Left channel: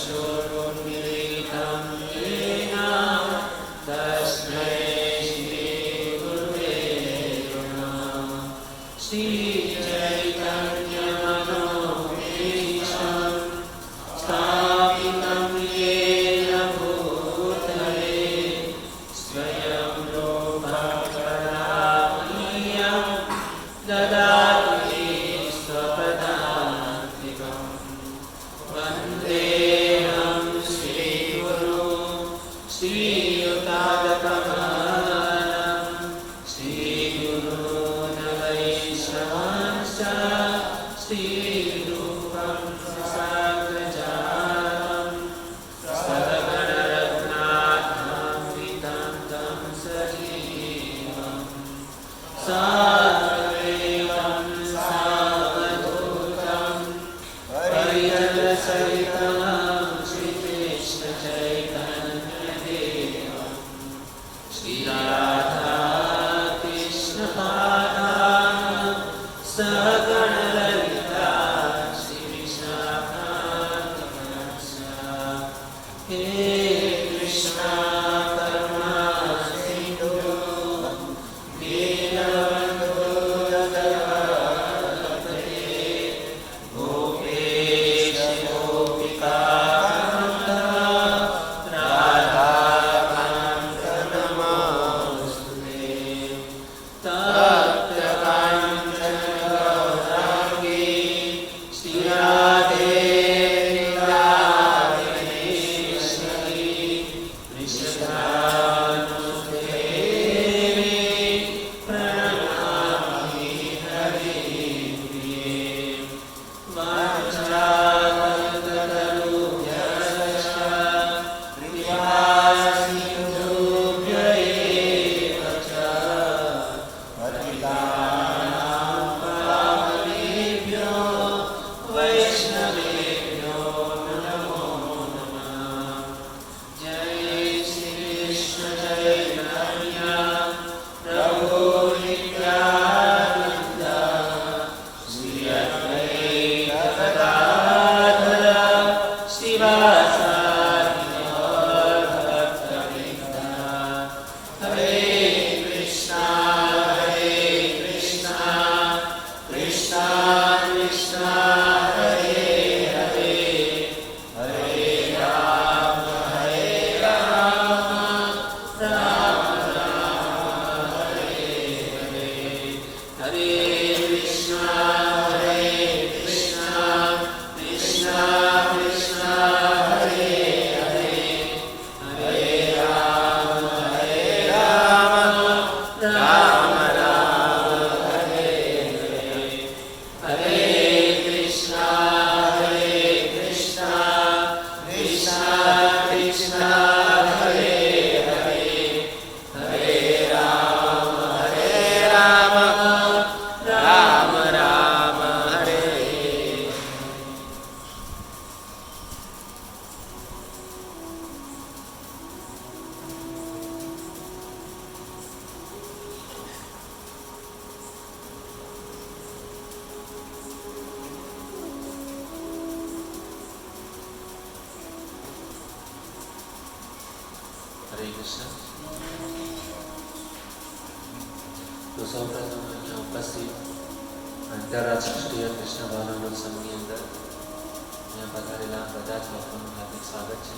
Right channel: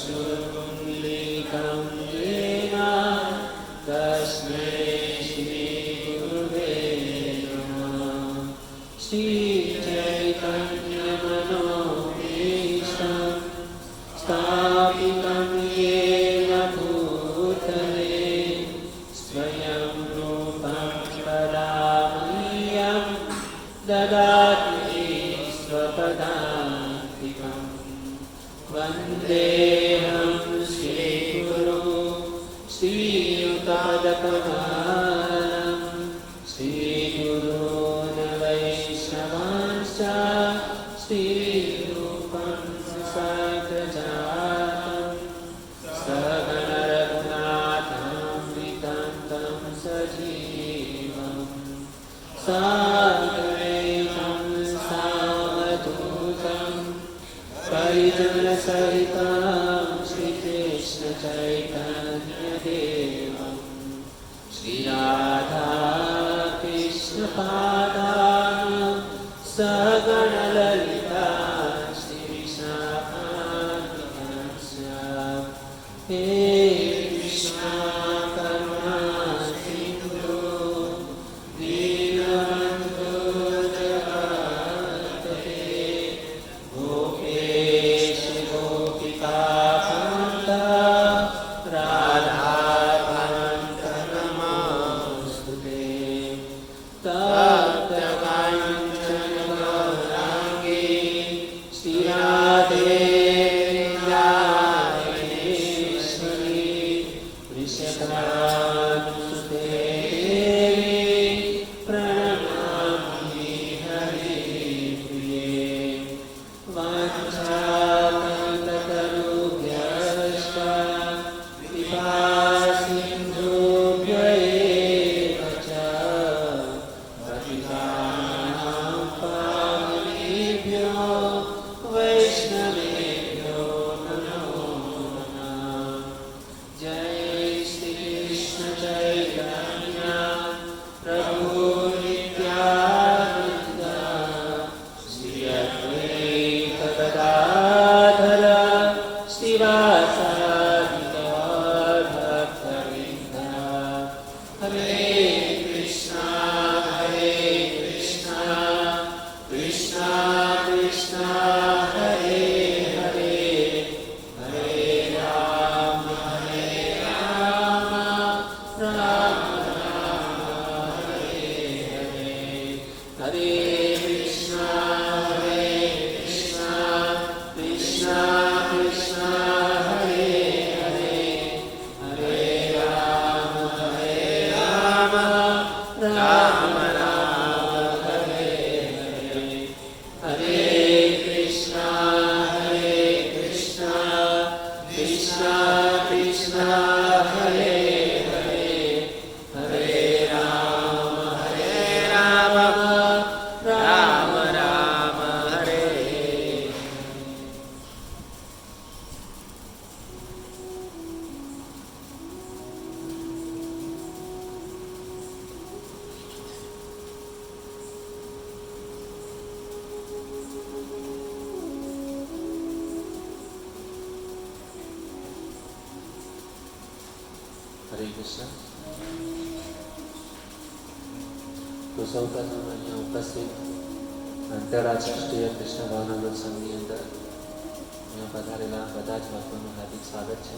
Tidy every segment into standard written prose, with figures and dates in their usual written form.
चक्षुरुन्मीलितं येन तस्मै श्रीगुरुवे नमः। श्रीचैतन्यमनोभीष्टं स्थापितं येन भूतले स्वयं रूपं कदामह्यं ददाति स्वपदान्तिकम्। वन्देऽहं श्रीगुरुं श्रीयुतागतपालं श्रीगुरून् वैष्णवांश्च श्रीरूपं साग्रजातं सहगणरत्नाथान्वितं तं सजीवम् साद्वैतं सावधूतं परिजनसहितं श्रीकृष्णचैतन्यदेवं श्रीराधाकृष्णपादान् सहगणललिता श्रीविशाखान्वितांश्च। हे कृष्णा करुणा सिन्धु दीनबन्धो जगत्पते गोपेश गोपिकान्त राधाकान्त नमोऽस्तुते। तप्तकाञ्चन गौराङ्गी श्रीराधे वृन्दावनेश्वरी वृषभानुसुते प्रणमामि हरिप्रिये। वाञ्छाकल्पतरुभ्यश्च कृपासिन्धुभ्य एव च पतितानां पावनेभ्यो वैष्णवेभ्यो नमो नमः। जय श्री कृष्ण चैतन्य प्रभु नित्यानन्द श्री अद्वैत गदाधर श्रीवासादि गौर भक्तवृन्द। हरे कृष्णा कृष्णा कृष्णा हरे हरे हरे राम राम राम हरे हरे। हरे कृष्णा कृष्णा कृष्णा हरे हरे हरे राम राम राम हरे हरे। हरे कृष्णा कृष्णा कृष्णा कृष्णा हरे हरे हरे राम राम राम हरे। हरे कृष्ण। तो સૌપ્રથમ અહીંયા ઉપસ્થિત આંતરરાષ્ટ્રીય કૃષ્ણ ભાવનામૃતસંઘની અંદર અહીંયા પધારેલા બધા જ લોકોનું હાર્દિક સ્વાગત છે.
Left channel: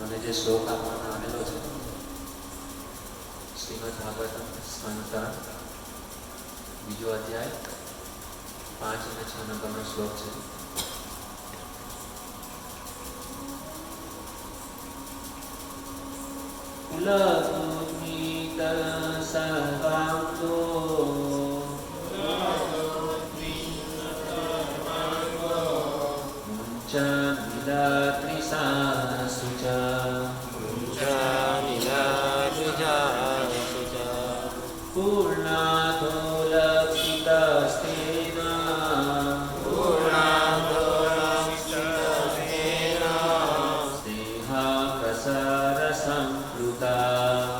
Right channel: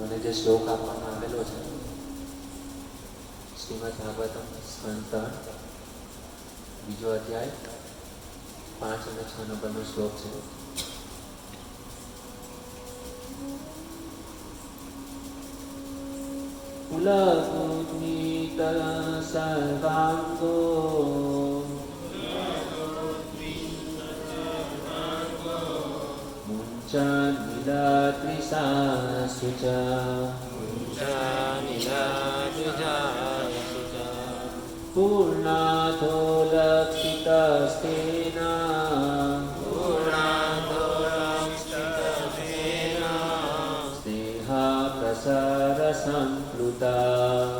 મને જે શ્લોક આપવામાં આવેલો છે શ્રીમદ ભાગવતમ સ્કંદ 3 બીજો અધ્યાય 5 અને 6 નંબરનો શ્લોક છે. कुलभूमितल सर्वांगो मुञ्चनिलत्रिसासु च पूर्णाथो लक्षितस्तेन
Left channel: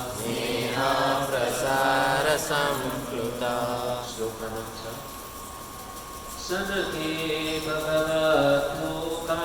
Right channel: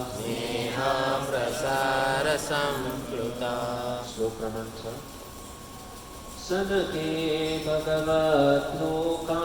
स्नेहा प्रसार संप्लुता। श्लोक क्रमांक 6। सनके भगवद्लोका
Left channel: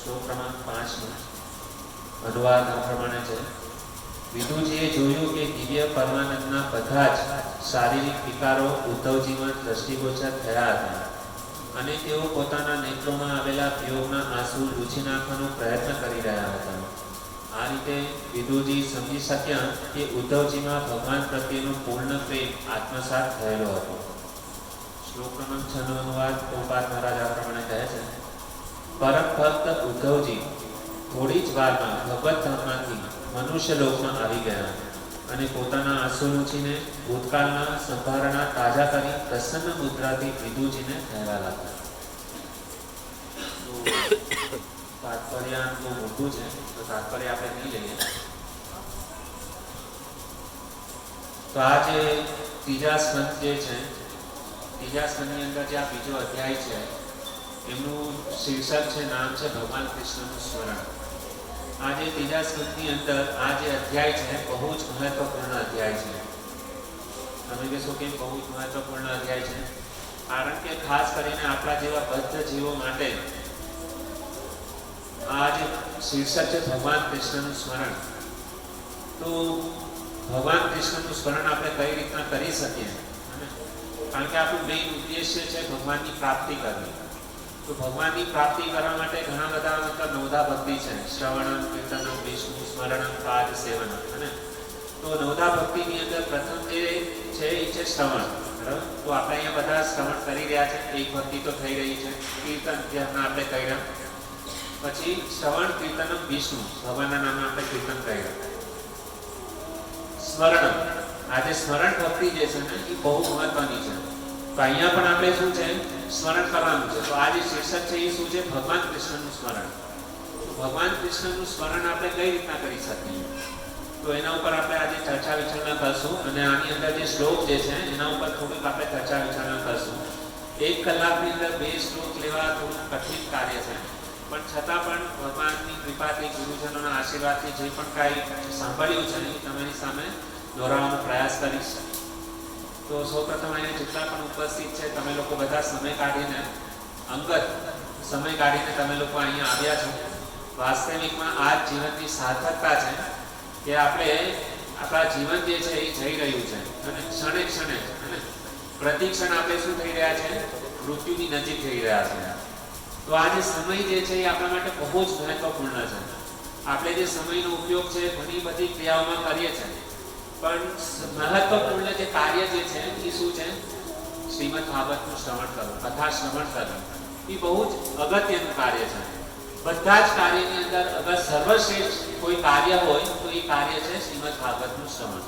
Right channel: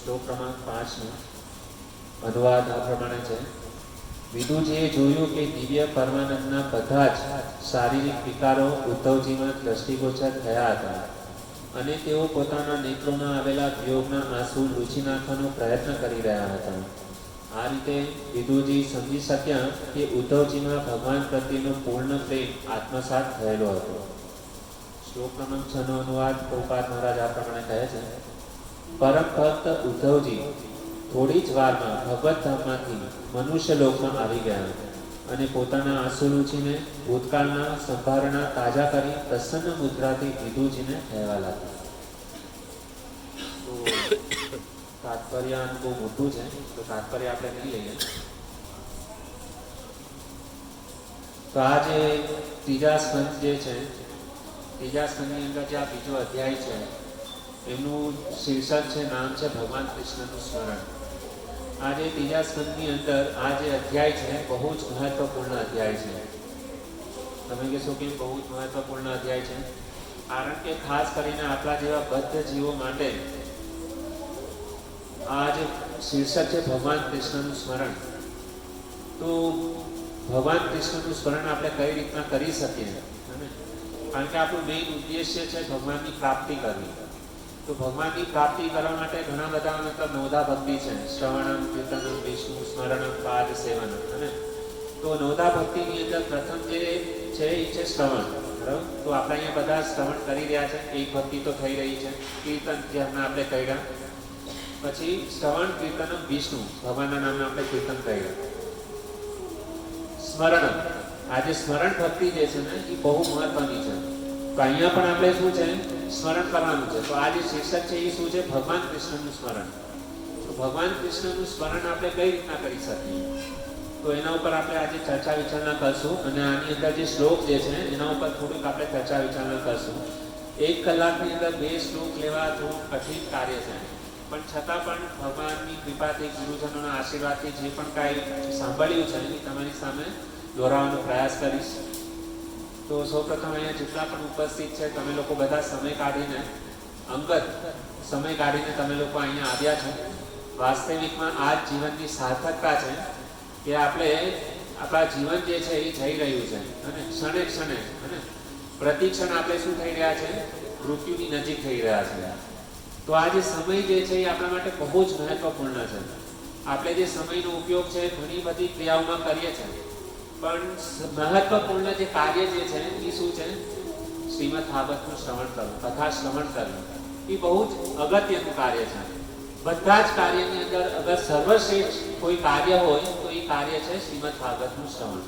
શ્લોક ક્રમાંક 5 નો અનુવાદ આ પ્રમાણે છે. વિદુજીએ જોયું કે દિવ્ય પરમાનંદના બધા જ શારીરિક વિકારો ઉદ્ધવજીમાં દ્રષ્ટિગોચર થયા હતા અને તેઓ પોતાના નેત્રોમાં આવેલા વિયોગના આંસુ લૂછી નાખવાનો પ્રયત્ન કરી રહ્યા હતા. આ રીતે વિદુજી સમજી શક્યા કે ઉદ્ધવજીમાં ભગવાન પ્રત્યેનો પૂર્ણ પ્રેમ આત્મસાત થયેલો હતો. શ્લોક ક્રમાંક 6 નો અનુવાદ પ્રભુપાદ મહારાજ આ પ્રમાણે કહે છે. પરમ ભક્ત ઉદ્ધવજી થોડી જ વારમાં ભગવત ધામમાંથી મનુષ્ય લોકમાં આવી ગયા અને પોતાના આંસુ લૂછીને ભૂતકાળના સંભારણા તાજા કરી પ્રસન્ન મુદ્રાથી વિદુજીને કહેવા લાગ્યા. તાત્પર્ય બહુ મોટું છે, તો તાત્પર્ય આપણે નહીં લઈએ. તો આ જે ત્રીજા સ્કંદ જે છે, ત્રીજા સ્કંદની અંદર જે આ બીજો અધ્યાય છે એમનું શીર્ષક છે, નામ છે ભગવાન કૃષ્ણનું સ્મરણ. આ જે ત્રીજા સ્કંદની અંદર આ જે અધ્યાય છે બહુ જ મહત્વપૂર્ણ અધ્યાય છે. તમે કહેશો કે બહુ જ મહત્વપૂર્ણ અધ્યાય છે કારણ કે ખાસ કરીને આપણા જેવા બદ્ધ જીવો માટે આ જે શીર્ષક છે ભગવાન કૃષ્ણનું સ્મરણ. તો ભગવાન કૃષ્ણનું સ્મરણ આપણે કઈ રીતના કરી શકીએ? કારણ કે આપણું મેઇન ઉદ્દેશ્ય છે ભગવાનની પ્રાપ્તિ કરવી. તો ભગવાનની પ્રાપ્તિ કરવા માટે ઘણા બધા મતલબ નવધા ભક્તિ છે. શ્રવણમ, કીર્તનમ, વિષ્ણુ સ્મરણમ, પાદ સેવનમ. અને તો નવધા ભક્તિની અંદર પ્રથમ જે છે એ છે શ્રવણ. બરાબર? તો આપણે અહીંયા બધા શ્રવણ કરી રહ્યા છે. એક ભક્તિ તો થઈ રહી છે. કીર્તન જે હમણાં આપણે કર્યા. પછી શ્રવણ, કીર્તનમ, વિષ્ણુ, ભગવાનના નામે આપણે કીર્તન કર્યા. સ્મરણમ, આજે સ્મરણ ભક્તિ જે છે ને એ બહુ મહત્વની છે. તો અહીંયા પણ આપણે શું છે સ્મરણ કરવાનું છે. તો આ જે શીર્ષક છે એ શું છે? ભગવાન કૃષ્ણનું સ્મરણ. તો ભગવાન કૃષ્ણનું સ્મરણ આપણે કઈ રીતના કરી શકીએ? તો એના ઉપર આપણે આજે ચર્ચા વિચારણા કરશું અને આની અંદર જે શ્લોક જે છે એના ઉપર થોડીક આપણે ચર્ચા વિચારણા કરશું. 1 કલાકની અંદર 2 શ્લોક લેવા થોડું કઠિન કાર્ય છે, પણ છતાં પણ ભગવાનની કૃપાથી, ગુરુજનોના આશીર્વાદથી જે પણ કાંઈ સાંભળ્યું છે એ તમારી સામે દોહરાવવાનો પ્રયાસ કરીશ. તો સૌપ્રથમ અહીંયા જેટલા પણ ઉપસ્થિત છે તમે લોકો બધા સમય કાઢીને, અંગત સમય કાઢીને તમે લોકો અહીંયા આવ્યા છો. વાસ્તવિકમાં આ જીવનની સાર્થકતા છે કે આપણે આપણા જીવન જે છે એ જઈ રહ્યું છે અને ક્ષણે ક્ષણે પ્રતિ ક્ષણ આપણે શું થઈ રહ્યા છે? મૃત્યુની નજીક થઈ રહ્યા છે. તો આ જે સમય જે છે એ આપણા માટે બહુ જ મહત્વપૂર્ણ છે. આપણે જે સમયનો ઉપયોગ છે ઘણી બધી ક્રિયાઓમાં કરીએ છીએ, પણ મહત્વપૂર્ણ જે કાર્ય જે છે એ શું છે? શ્રીમદ ભાગવતનું શ્રવણ કરવું, કથા શ્રવણ કરવું એ બહુ જ અગત્યનું કાર્ય છે. બધા જ કાર્યની અંદર અગર સર્વશ્રેષ્ઠ કોઈ કાર્ય હોય તો એ કાર્ય છે શ્રીમદ ભાગવતનું શ્રવણ.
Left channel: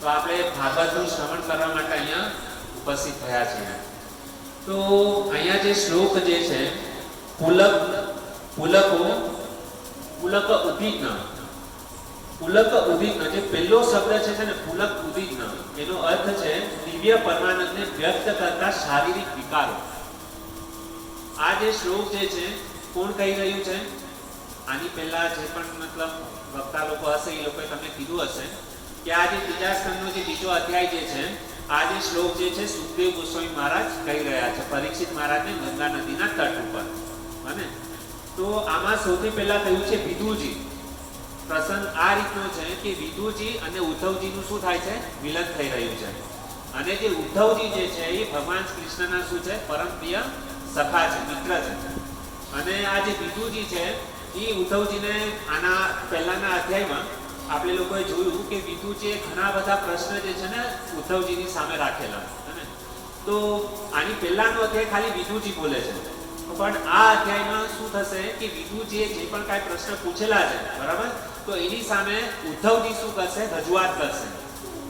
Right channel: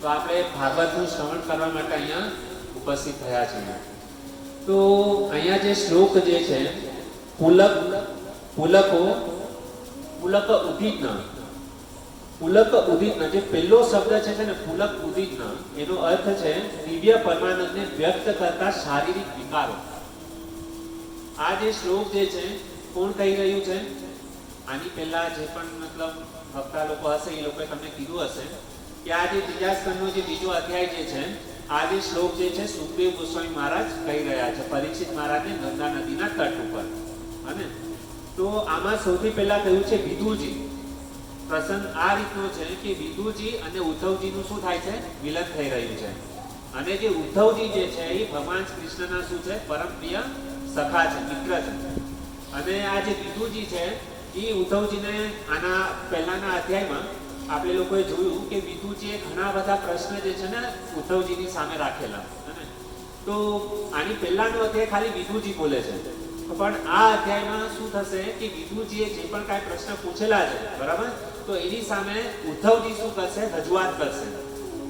તો આપણે ભાગવતનું શ્રવણ કરવા માટે અહીંયા ઉપસ્થિત થયા છીએ. તો અહીંયા જે શ્લોક જે છે પુલક ઉદીજ્ઞ, પુલક ઉદીજ્ઞ, જે પહેલો શબ્દ છે ને પુલક ઉદીજ્ઞ, એનો અર્થ છે દિવ્ય પરમાનંદને વ્યક્ત કરતા શારીરિક વિકારો. આ જે શ્લોક જે છે કોણ કહી રહ્યું છે? આની પહેલા જે પણ મતલબ વક્તા લોકો હશે એ લોકોએ તમને કીધું હશે કે આ જે ત્રીજા સ્કંદનો જે બીજો અધ્યાય જે છે, આ જે શ્લોક જે છે સુખદેવ ગોસ્વામી મહારાજ કહી રહ્યા છે પરીક્ષિત મહારાજને ગંગા નદીના તટ ઉપર. અને તો આમાં સૌથી પહેલા કહ્યું છે વિદુજી. પ્રસંગ આ રીતનો છે કે વિદુજી અને ઉદ્ધવજીનું શું થાય છે? મિલન થઈ રહ્યું છે. અને જે ઉદ્ધવજી જે છે એ ભગવાન કૃષ્ણના શું છે? પરમ પ્રિય સખા છે, મિત્ર છે. અને આ જે વિદુજી છે એ ઉદ્ધવજીને આના પહેલાના અધ્યાયમાં આપણે લોકોએ જોયું કે વિદુજીએ ઘણા બધા પ્રશ્ન જે છે ને ઉદ્ધવજીની સામે રાખેલા. તો આની પહેલાનો અધ્યાય ખાલી વિદુજી બોલે છે, પણ આ અધ્યાયમાં શું થશે કે વિદુજીએ જે પણ કાંઈ પ્રશ્ન પૂછેલા છે, બરાબર, તો એની સામે ઉદ્ધવજી શું કરશે? રજૂઆત કરશે.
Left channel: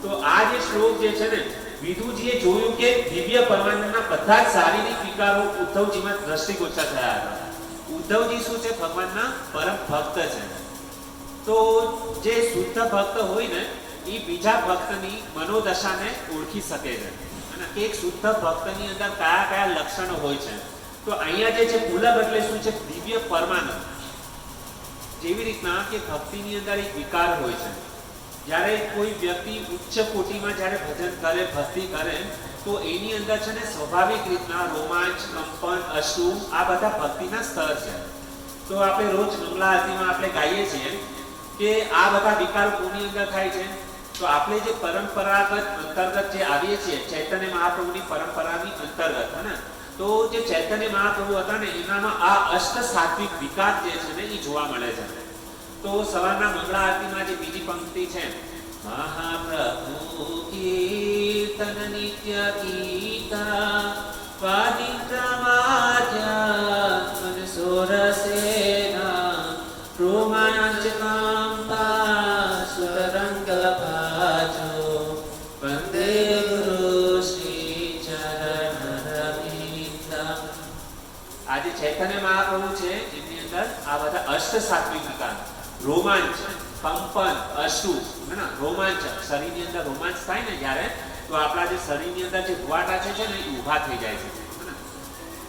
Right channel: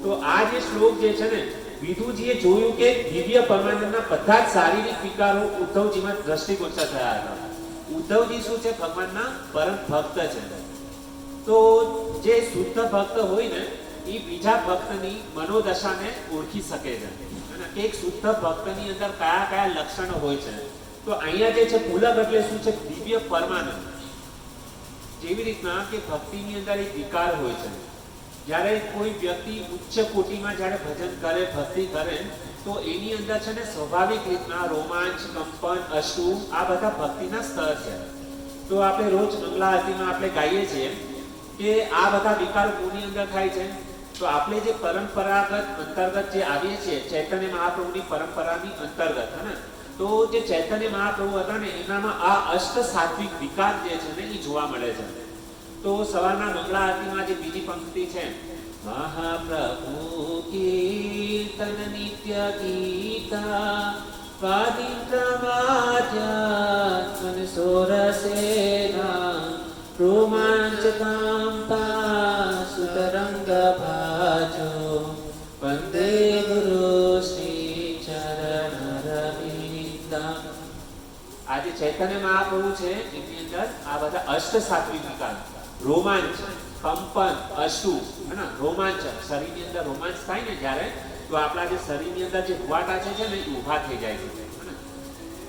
તો આ જે શ્લોક જે છે ને, વિદુજીએ જોયું કે દિવ્ય પરમાનંદના બધા જ શારીરિક વિકારો ઉદ્ધવજીમાં દ્રષ્ટિગોચર થયા હતા. ઉદ્ધવજી શું છે? ભગવાનના પરમ ભક્ત છે. તો જે શુદ્ધ ભક્ત હોય ને એ બીજા ભક્તની મનોદશાને ઓળખી શકે છે કે એક શુદ્ધ ભક્તની અંદર કયા કયા લક્ષણો હોય છે. તો અહીંયા જે છે પુલક એટલે શું છે? દિવ્ય પરમાનંદ. જેવી રીતના કે ભક્તિની અંદર એક વિકાર હોય છે. જ્યારે કોઈ વ્યક્તિ ઉચ્ચ કોટીમાં જ્યારે ભજન કરે, ભક્તિ કરે, તો એની અંદર છે ને સ્વાભાવિક રીતના રોમાંચ, કંપન, અશ્રુ આ બધા ભક્તિના સ્તર છે. તો આપણે રોજ મંગળા આરતીમાં આપણે ગાઈએ છીએ કે આ બધા વિકારો કોની અંદર થાય છે? તો આપણે જે પરંપરાગત અંતર્ગત જે આવીએ છીએ ચૈતન્ય મહાપ્રભુની પરંપરાની અંતર્ગત, હે ને, તો જે ચૈતન્ય મહાપ્રભુ હતા ને એનામાં આ અષ્ટ સાત્વિક વિકાર જે છે ને એ જોવા મળે છે. તો સવારના મંગળા આરતીમાં જે બીજી પંક્તિ છે, મહાપ્રભુ કીર્તન નિત્ય ગીતા વાદિત્રમાધ્યા સોરસેના રોમાંચકાંબા સુતરંગ ભાજો વંદે ગુરુ શ્રી ચરણ રવિન્દ્રમ. આ જે ચૈતન્ય મહાપ્રભુ છે એમની અંદર આ બધા અષ્ટ સાત્વિક વિકાર, રોમાંચ, કંપન, અશ્રુ, હે ને, રોમાંચ, શરીરની અંદર રોમાંચ થાય ને જ્યારે, તો આપણા જે શરીરની અંદર જે રૂવાટા છે ને એ ઊભા થઈ જાય છે, હે ને.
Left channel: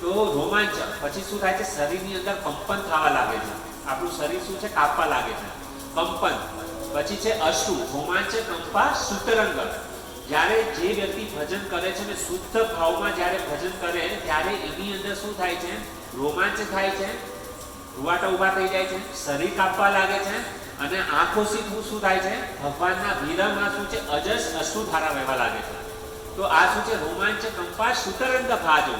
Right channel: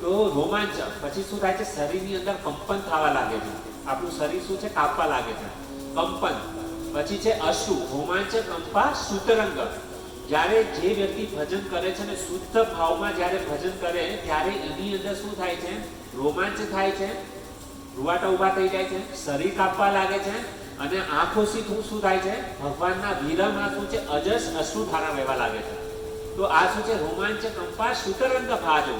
તો રોમાંચ પછી શું થાય છે? શરીરની અંદર કંપન થવા લાગે છે, આપણું શરીર શું છે? કાપવા લાગે છે, કંપન. પછી છે અશ્રુ, રોમાંચ, કંપા, સુતરંગ. જ્યારે જે વ્યક્તિ ભજન કરે છે ને શુદ્ધ ભાવમાં જ્યારે ભજન કરે ત્યારે એની અંદર શું થાય છે? રોમાંચ થાય છે, રૂવાટા ઊભા થઈ જાય છે, શરીર કાપવા લાગે છે, અને આંખોથી શું થાય છે? ભગવાનના વિરહમાં શું છે? અજસ અશ્રુ ધારા વહેવા લાગે છે. તો આ શું છે? રોમાંચ, કંપા, સુતરંગ ભાજો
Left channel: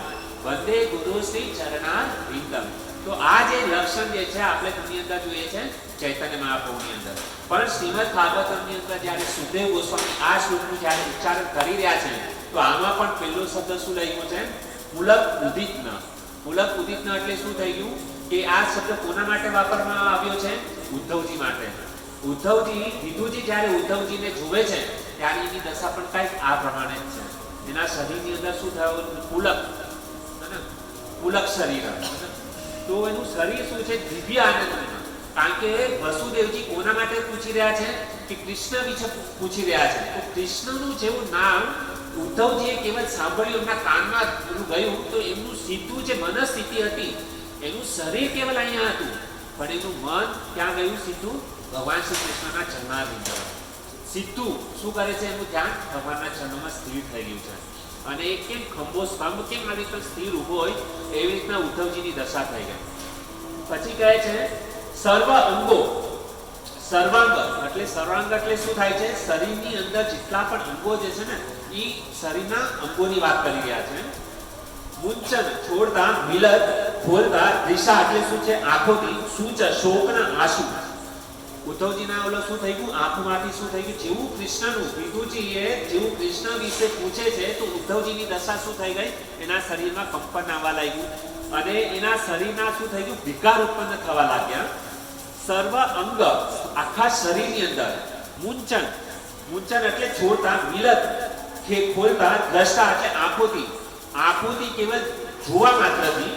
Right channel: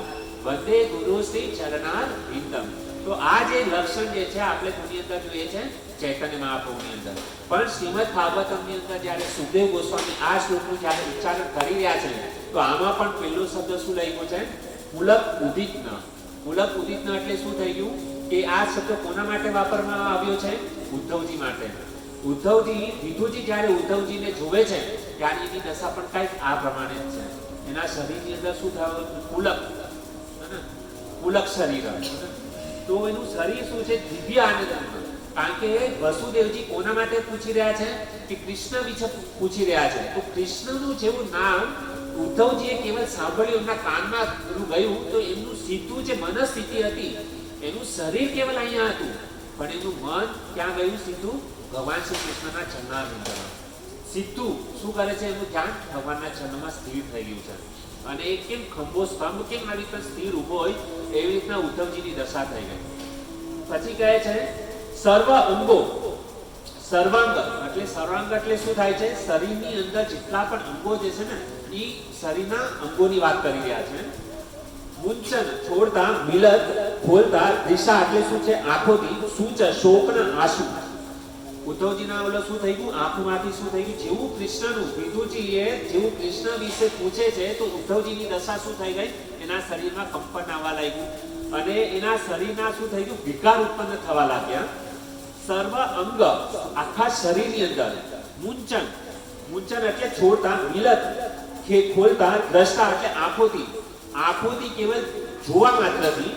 વંદે ગુરુ શ્રી ચરણારવિંદમ. તો આ જે લક્ષણ જે છે આપણે કોની અંદર જોઈએ છે? ચૈતન્ય મહાપ્રભુની અંદર. પણ શ્રીમદ ભાગવતમની અંદર જ્યારે સુખદેવ ગોસ્વામી આ શ્લોકનું જ્યારે ઉચ્ચારણ કરી રહ્યા છે તો આમાં પણ પહેલો શબ્દ શું લખ્યો છે? પુલક ઉદિતન. પુલક ઉદિતન એટલે શું થઈ ગયું કે આ શબ્દ કોના માટે વાપરવામાં આવ્યો છે? ઉદ્ધવજી માટે. ઉદ્ધવજી, વિદુજી જ્યારે ઉદ્ધવજીને જોવે છે ત્યારે એની દશા પણ કંઈક આ પ્રમાણે જ છે. એના શરીરની અંદર શું થયું? પુલક, પુલક શરીર. તો એનું શરીર શું છે? દિવ્ય આનંદમાં. કારણ કે વસુદેવજી કોના માટે પૂછી રહ્યા છે? કે કૃષ્ણ વિશે પૂછી રહ્યા છે. તો કૃષ્ણનું જેવું નામ ઉદ્ધવજીએ કેવલ સાંભળ્યું, એમના કાનમાં ગયું, તો એમનું સીધું જે મનસ્થિતિ હતી, એનું શરીર કેવલ અહીંયા હતું, પણ એનું મન ક્યાં ગયું? સીધું ભગવાન શ્રી કૃષ્ણના ચરણારવિંદમાં. સીધું શું કરે છે? એનું ધ્યાન ભગવાનના ચરણમાં સ્થિર થઈ ગયું છે. અને એ કેમ ખંભો સ્તંભ કેમ આવી રીતે સ્થિર ઊભો હોય એવી રીતના ઉદ્ધવજીની દશા થઈ ગઈ. પછી કહે છે સર્વ અંગો. સર્વાંગ એટલે સર્વાંગ એટલે શું થાય છે? શરીરની અંદર જેટલા પણ અંગો જે છે ને એ શરીરના અંગોની વાત કરી રહ્યા છે. મુંચન છોડતા, મિલત ખોલતા, દિશા એટલે શું છે? આંખોથી, સૂચ શોકના આંસુ. ઉદ્ધવજીના ઓલો શું થઈ ગયું? આંખોમાંથી શું થઈ ગયું? જેવું કૃષ્ણનું વિદુજીએ જેવું કૃષ્ણ વિશે પૂછે છે તો ઉદ્ધવજીની દશા શું થઈ ગઈ? એના શરીરમાં કંપન આવવા લાગ્યું અને એના શરીરના શું થઈ ગયું? વિકાર ઉત્પન્ન થવા લાગ્યા. સર્વ અંગ આખા શરીરની અંદર. મુંચન, મુંચન એટલે છોડતા, મિલત ખોલતા, દ્રષ્ટા એટલે આંખોથી, આંખોથી કેવલ જોવા માત્રથી.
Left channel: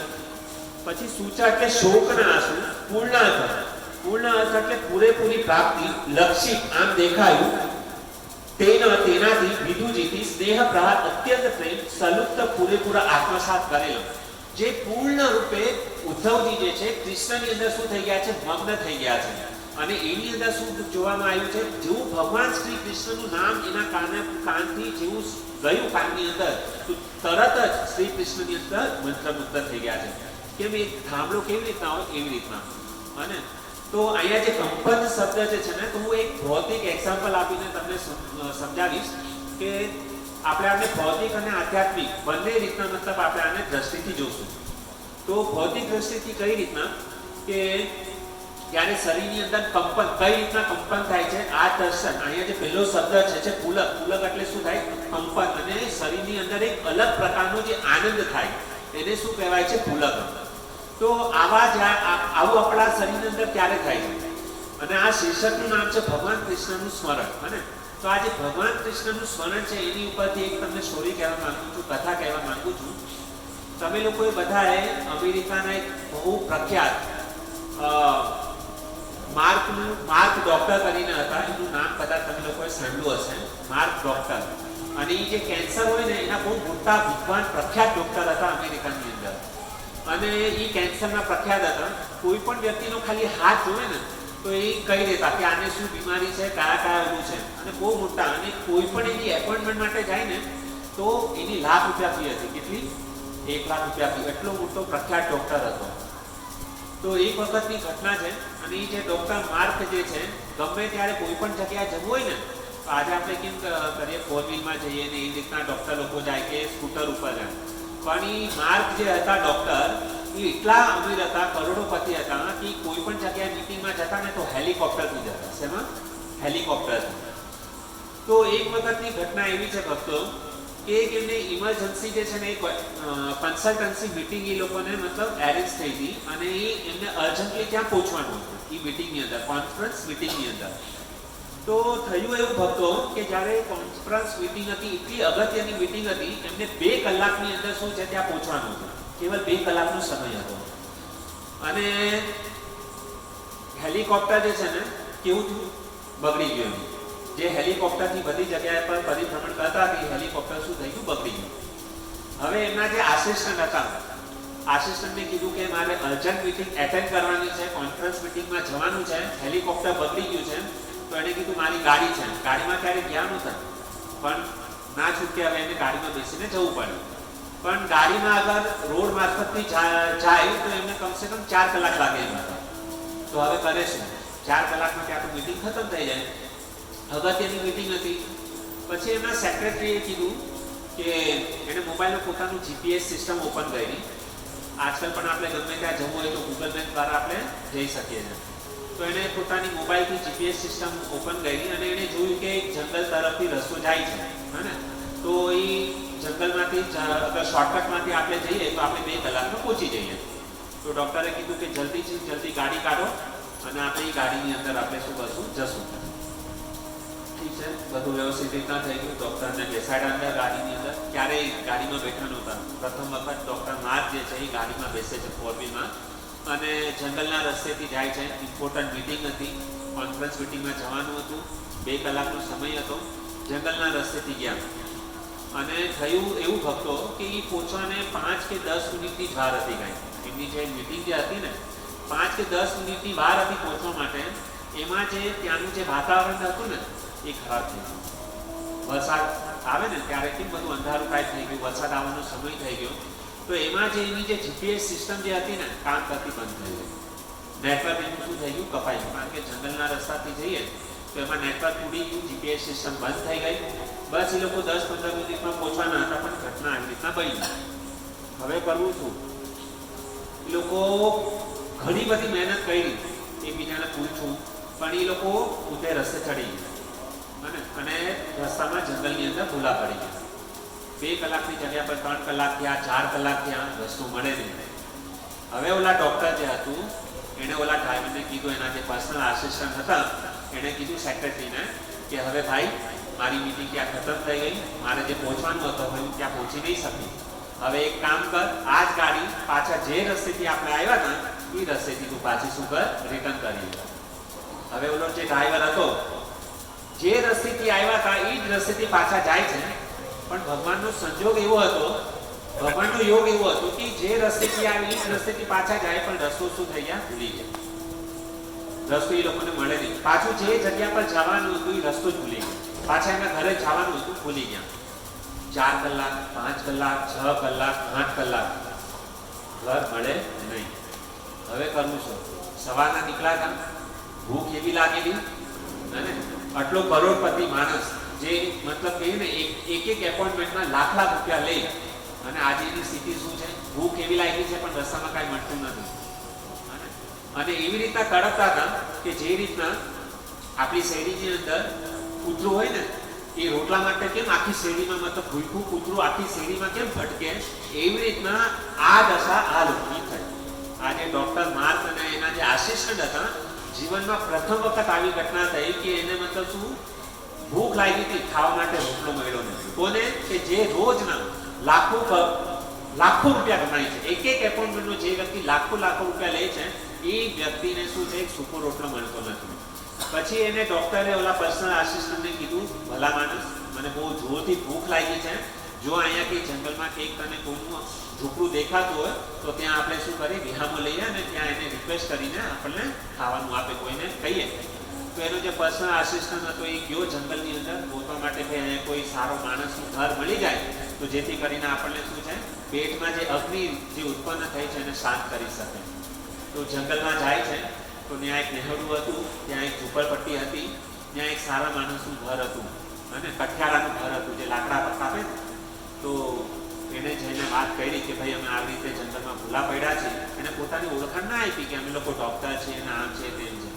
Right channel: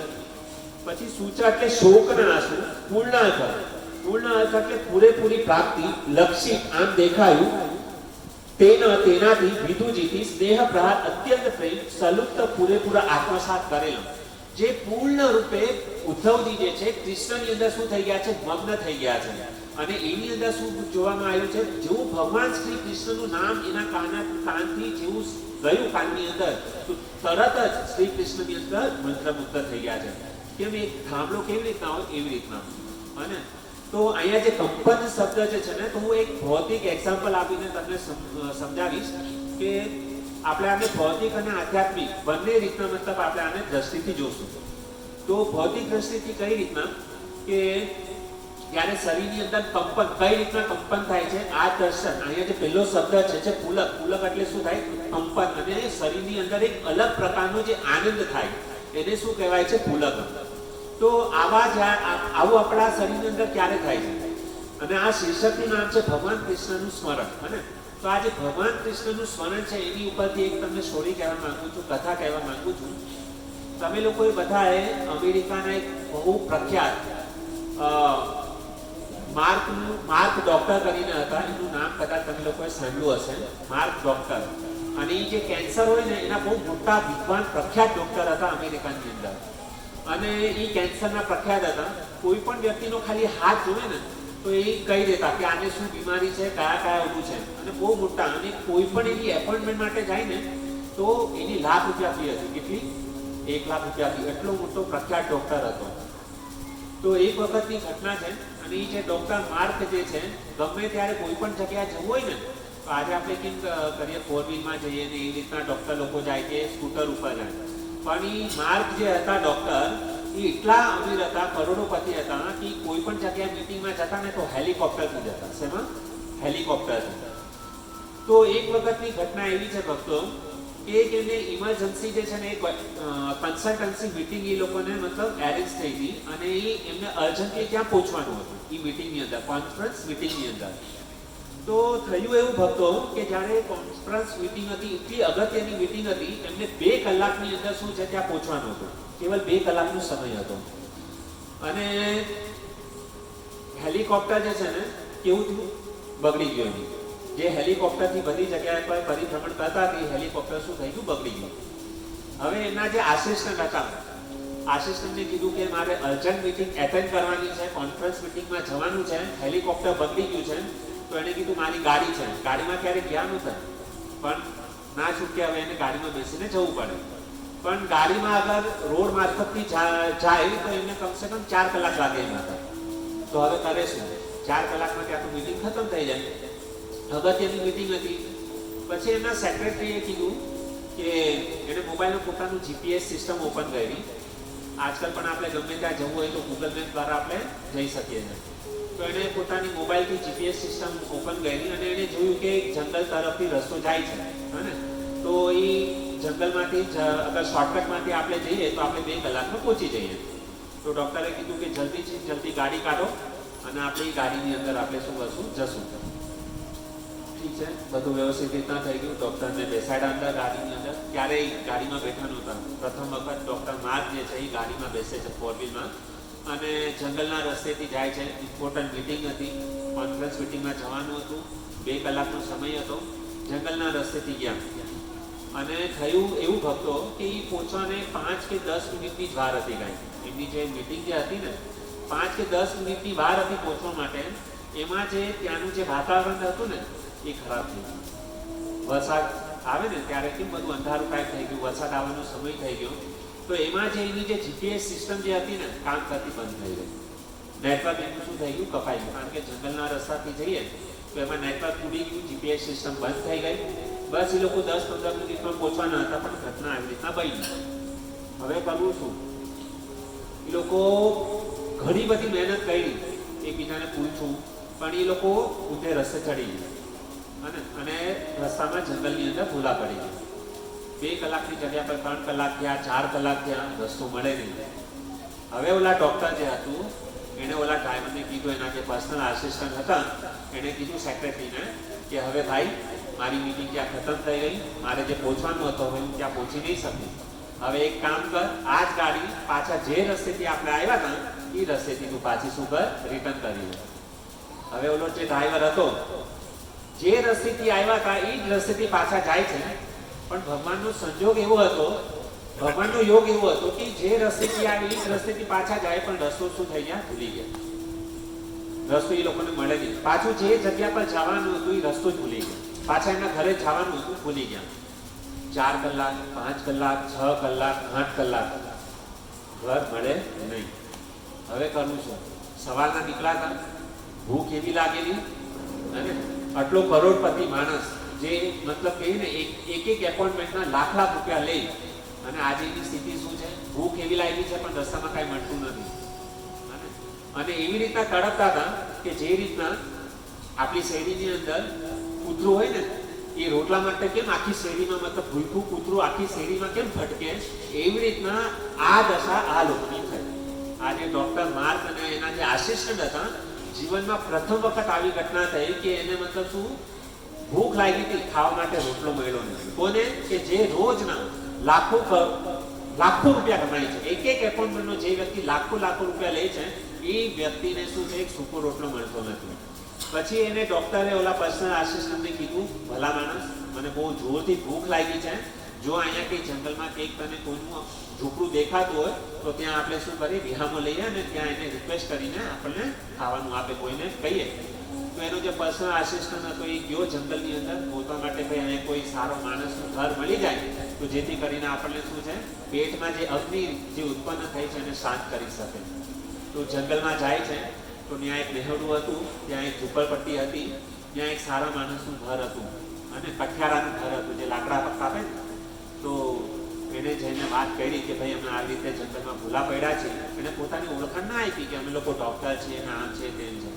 પછી સૂચા એટલે શોકના આંસુ. પૂર્ણ અર્થ, પૂર્ણ અર્થ એટલે પૂરેપૂરી પ્રાપ્તિ. લક્ષિત આમ દેખાયું. તેનાથી વિદુજીથી સ્નેહ પ્રહાર અત્યંત પ્રેમ સલુપ્ત પૂરેપૂરા આત્મસાત કરેલો. જે પૂર્ણ રૂપે ઉદ્ધવજી જે છે કૃષ્ણની અંદર શું થઈ ગયા છે? મગ્ન થઈ ગયા છે. અને એની અંદર શું જોવામાં આવ્યું છે? જેવું ભગવાન શ્રી કૃષ્ણનું નામ એના કાનથી જેવું ગયું કાનની અંદર, તો તરત જ શ્રી કૃષ્ણની અંદર મંત્રમુગ્ધ થઈ ગયા છે. કેમ? એક થાંભલો કેવી રીતના હોય એવી રીતના. અને તો અહીંયા જે કંપન શબ્દ જે છે ને, તો હું એક ભૌતિક એક્ઝામ્પલ આપીને તમને સમજાવીશ કે આપણે આને ભૌતિક અને આધ્યાત્મિક બંને રીતના મતલબ આપણે આને દ્રષ્ટિથી જોશું. તો ભૌતિક દ્રષ્ટિથી કઈ રીતના કે જ્યારે શરીરની અંદર કંપન, કઈ રીતના કંપન થાય છે આ દર્શન. અહીંયા જે પહેલો શબ્દ છે પુલક. પુલક એટલે શું થાય? કંપન. અને શરીરની અંદર એક અલગ પ્રકારનો જે આનંદ થાય એને શું કહેવાય છે? પુલક. તો આવું આપણા શરીરની અંદર ક્યારે થાય છે? અને આ શીર્ષકનું નામ છે ભગવાન કૃષ્ણનું સ્મરણ. હે ને? તો આ જે ભગવાન કૃષ્ણનું સ્મરણ છે એની ઉપરથી એક તમને સ્ટોરી કહેવા માંગુ છું, કથા કહેવા માંગુ છું. તમે લોકોએ બધાએ અમેરિકાના એક બહુ પ્રખ્યાત માર્ક ડોક્ટર કરીને હતા, એનું નામ કદાચ તમે લોકોએ સાંભળ્યું હશે, માર્ક ડોક્ટર. અને એ જે કેન્સર હોય ને એના બહુ મોટા વિદ્વાન પ્રખ્યાત ડોક્ટર હતા અમેરિકાની અંદર. અને એ કેન્સરના પ્રખ્યાત હતા. કોઈ પણ વ્યક્તિનો ખાલી હાથ જોવે ને તો એ કહી દેતા કે આને શું બીમારી છે, કયા ઓલું છે. અને બહુ મોટા, અને કોઈ પણ એની એપોઇન્ટમેન્ટ માટે જાય ને તો એની ₹1,00,000 ફી હતી. કેટલી? ₹1,00,000 ફી. એટલો મોટો પ્રખ્યાત ડોક્ટર હતો. તો એક વખતની ઘટના છે અને એ જે ડૉક્ટર માર્ક જે છે ગમે ત્યારે કોઈ પણ જગ્યાએ જવું હોય ને તો આજે આપણે કેમ કરીએ ફોર વ્હીલમાં જઈએ ને એ રીતના ડૉક્ટર લોકો જાય કે સ્કૂટર ઉપર જાય, પણ એ માર્ક જે હતા ડૉક્ટર એ એટલા અમીર હતા, કરોડોપતિ હતા કે કોઈ પણ જગ્યાએ મિટિંગમાં જતા ને તો હેલિકોપ્ટરથી જતા. શેમાં? હેલિકોપ્ટરથી. તો એક વખતની ઘટના એવી છે ભક્તો કે એક એમને ઇમરજન્સી જે છે ને એક કન્સલ્ટન્સી મિટિંગ એ લોકોને મતલબ એરેન્જ થઈ હતી અને એ એમને અર્જન્ટલી ત્યાં પહોંચવાનું હતું એ મિટિંગની અંદર, કોન્ફરન્સ મિટિંગની અંદર. તો થયું એવું ભક્તો કે જ્યારે કોન્ફરન્સ મિટિંગ હતી, એટલી અગત્યની મિટિંગ હતી, એમને 2 કલાકની અંદર શું છે ત્યાં પહોંચવાનું હતું, કેવલ 2 કલાકનો સમય હતો. અને હેલિકોપ્ટર જે છે ને કેવું થયું, બગડી ગયું. જે હેલિકોપ્ટરથી બધી જગ્યાએ પર પરિભ્રમણ કરતા હતી, હેલિકોપ્ટર શું થઈ ગયું, બગડી ગયું. હવે એમના જે આસિસ્ટન્ટ હતા, આસિસ્ટન્ટને કીધું કે મારે અર્જન્ટ મિટિંગ એટેન્ડ કરવાની છે, કોન્ફરન્સ મિટિંગમાં જવાનું છે, હેલિકોપ્ટર બગડી ગયું છે. તો એને કીધું મારી ગાડી છે, ગાડીમાં ક્યારેક ગયા નહોતા પણ ના છૂટકે હવે એને ગાડીમાં બેસીને જવું પડે. પણ ગાડીમાં અગર રોડ મારફતથી જાય તો એમને કમસે કમ 4 કલાક લાગે એમ હતા. તો હવે કરે શું, 4 કલાકમાં કે આપણું મિટિંગ ખતમ થઈ જાય. અગત્યની મિટિંગ હતી. પછી એમના સેક્રેટરીએ કીધું કે એને મોબાઈલમાં પોતાનું જીપીએસ સિસ્ટમ ઓપન કરી. આજકાલ પણ આપણે ગમે ત્યાં જવું હોય તો ગૂગલ મેપ દ્વારા આપણે જઈ શકીએ છીએ. તો એને પોતાની મોબાઈલથી જીપીએસ સિસ્ટમ ઓપન કરી અને એને જોયું કે એક જંગલ તરફથી રસ્તો જાય છે, હે. તો એ જંગલમાંથી અગર શોર્ટકટમાંથી આપણે જઈએ તો આપણે 2 કલાકમાં પહોંચી જઈએ. તો ડૉક્ટરે કીધું કે જલ્દીથી જલ્દી ગાડી કાઢો અને આપણે એ ગાડીની અંદર આપણે શું કરશું, જશું. ઠીક છે, બધું વ્યવસ્થિત રીતના થઈ ગયું. ડૉક્ટરને બેસાડ્યા અંદર ગાડીની અંદર. ક્યારેય ગાડીમાં બેઠા નહોતા. પ્રથમ વખત ડૉક્ટર માર્ક જે છે એ ગાડીમાં બેસે છે ફોર વ્હીલમાં અને જંગલના રસ્તેથી જાય છે. ઇમ્પોર્ટન્ટ મિટિંગ હતી, કોન્ફરન્સ મિટિંગમાં જવાનું હતું, 2 કલાકનો સમય હતો. જંગલના રસ્તેથી ગયા અને થયું એવું ભક્તો કે એ પહોંચવાને 5 કે 10 મિનિટની જ વાર હતી. કાંઈ એમની જે મિટિંગ જે હતી ને 5 કે 10 મિનિટની વાર હતી પહોંચવા માટે. એમાં જે ત્યાંનું જે વાતાવરણ હતું ને એ ખરાબ થઈ ગયું. વરસાદ આવે ને ત્યારે કેમ બધું અંધારું ટાઈપ થઈ ગયું, વરસાદ આવવાનો સમય થઈ ગયો. તો એમાં જે એની જે જીપીએસ સિસ્ટમ જે હતી ને કામ કરતી બંધ થઈ ગઈ. નેટવર્ક એનું શું થઈ ગયું, કપાઈ ગયું. કારણ કે જંગલના રસ્તાથી જઈએ તો એમાં નેટવર્ક તૂટી ગયું, જીપીએસ સિસ્ટમ બંધ થઈ ગઈ. બસ એ લોકો 10-15 મિનિટમાં પહોંચવાના હતા પણ ઘટના આવી રીતના બની. હવે કરવું શું, એ લોકો ઘણી બધી મહેનત કરી, એકબીજાને પૂછું, પણ એ લોકો પોતે રસ્તે ચડી ગયા અને રસ્તામાં જંગલની અંદર ભૂલા પડી ગયા. 2 કલાકની જગ્યા પર 3 કલાક થયા, 4 કલાક થયા, રસ્તો મળે નહીં. હવે ઓલા ડૉક્ટર જે હતું એણે ઓલા ડ્રાઈવરને કીધું, એના જે પર્સનલ આસિસ્ટન્ટ હતા એણે કીધું સેક્રેટરીને કે હવે ભાઈ મારી મીટિંગ ત્યાં ખતમ થઈ ગઈ, મારે જે પહોંચવાનું હતું હવે હું ત્યાં પહોંચી નહીં શકું. હવે એક કામ કર, આ જ ગાડી પાછા જે રસ્તેથી આપણે આવ્યા હતા એ રસ્તેથી તું પાછી શું કર, રિટર્ન કરી. હવે ઓલો જે ડ્રાઈવર હતો જે રસ્તેથી આવ્યા હતા એ જ રસ્તેથી પાછા જાય છે. પણ ભગવાનનો સંજોગ એવો હતો, ભગવાનનો યોગ એવો હતો કે જે રસ્તેથી આવી એ જ રસ્તેથી પાછા જાય પણ રસ્તો શું થઈ ગયા, ભૂલી ગયા. રસ્તો એ લોકોને મળે નહીં. પાછું જે જગ્યા પર જવાનું હતું એ રસ્તો જ ભૂલી ગયા. પાછા એના ઘરે જવાનું હતું, ભૂલી ગયા. 4 કલાક, 5 કલાક, 6 કલાક, 8 કલાક ઘર મળે નહીં. હવે કરવું શું? સવારના નીકળ્યા, ભૂખ એવી લાગેલી અને આટલો કરોડપતિ માણસ જે મતલબ કે ને એક એપોઇન્ટમેન્ટના લાખ રૂપિયા લે અને આજે એની સ્થિતિ શું છે, ભૂખ એવી લાગી છે પણ રસ્તામાં કાંઈ મળતું નથી. અને એવી રીતના તડપતા હતા કે જે રીતના આપણી શેરીની અંદર કૂતરું હોય ને એ રોટલા માટે કેમ આખી શેરીમાં મતલબ ભૂલકું કૂતરું આખી શેરીમાં કેમ ભટકે, એવી રીતના આ દશા આ લોકોની થઈ. આજે ડૉક્ટર માર્ક અને એના જે આસિસ્ટન્ટ હતા, જીવનમાં પ્રથમ વખત આવી ઘટના થઈ કે એને મતલબ શું ભૂખ લાગી હતી, ખાવા માટે રોટલો મળ્યો નથી. કોને કે જે રોજના લાખો રૂપિયા કમાય છે, એક એપોઇન્ટમેન્ટનો જે વ્યક્તિ લાખો રૂપિયા લે છે એ વ્યક્તિને શું છે, એક સૂકો રોટલો મળતો નથી. પછી એને ડૉક્ટરે ઓલા પર્સનલ આસિસ્ટન્ટને કીધું, ભલા માણસ મને બહુ જોરથી ભૂખ લાગી છે, જો અહીંયા કંઈ જંગલમાં કંઈક તને કોઈનું ઝૂંપડું દેખાતું હોય તો ત્યાં આપણે શું કરીએ, વિહામો લઈએ અને ત્યાં એને રિક્વેસ્ટ કરીને આપણને ખાવાનું આપે, કોઈને કહીએ. તો એનો જે પર્સનલ આસિસ્ટન્ટ હતો એ ગયો જંગલની અંદર ગોતવા માટે ભાઈ અહીંયા કોઈ સારો માણસનું ઘર મળી જાય તો જેથી કરીને આપણને શું છે, પેટમાં જે અગ્નિ જે ઉત્પન્ન થઈ છે એને શાંત કરી શકે. તો જંગલમાં જાય છે તો ત્યાં એક નેહડું હતું, ત્યાં એક ઝૂંપડપટ્ટી હતી, ત્યાં એક સારા માણસનું ઘર હતું અને કઠિયારાનું ઘર હતું જે લાકડા પર કાપે ને. તો એને જઈને વાત કરી કે ભાઈ અમે આવી રીતે જંગલમાં ભૂલા પડ્યા છે. એને પોતાની ઓળખાણ ના આપી કે અમે લોકો ડૉક્ટર છે ને આમ છે તેમ છે.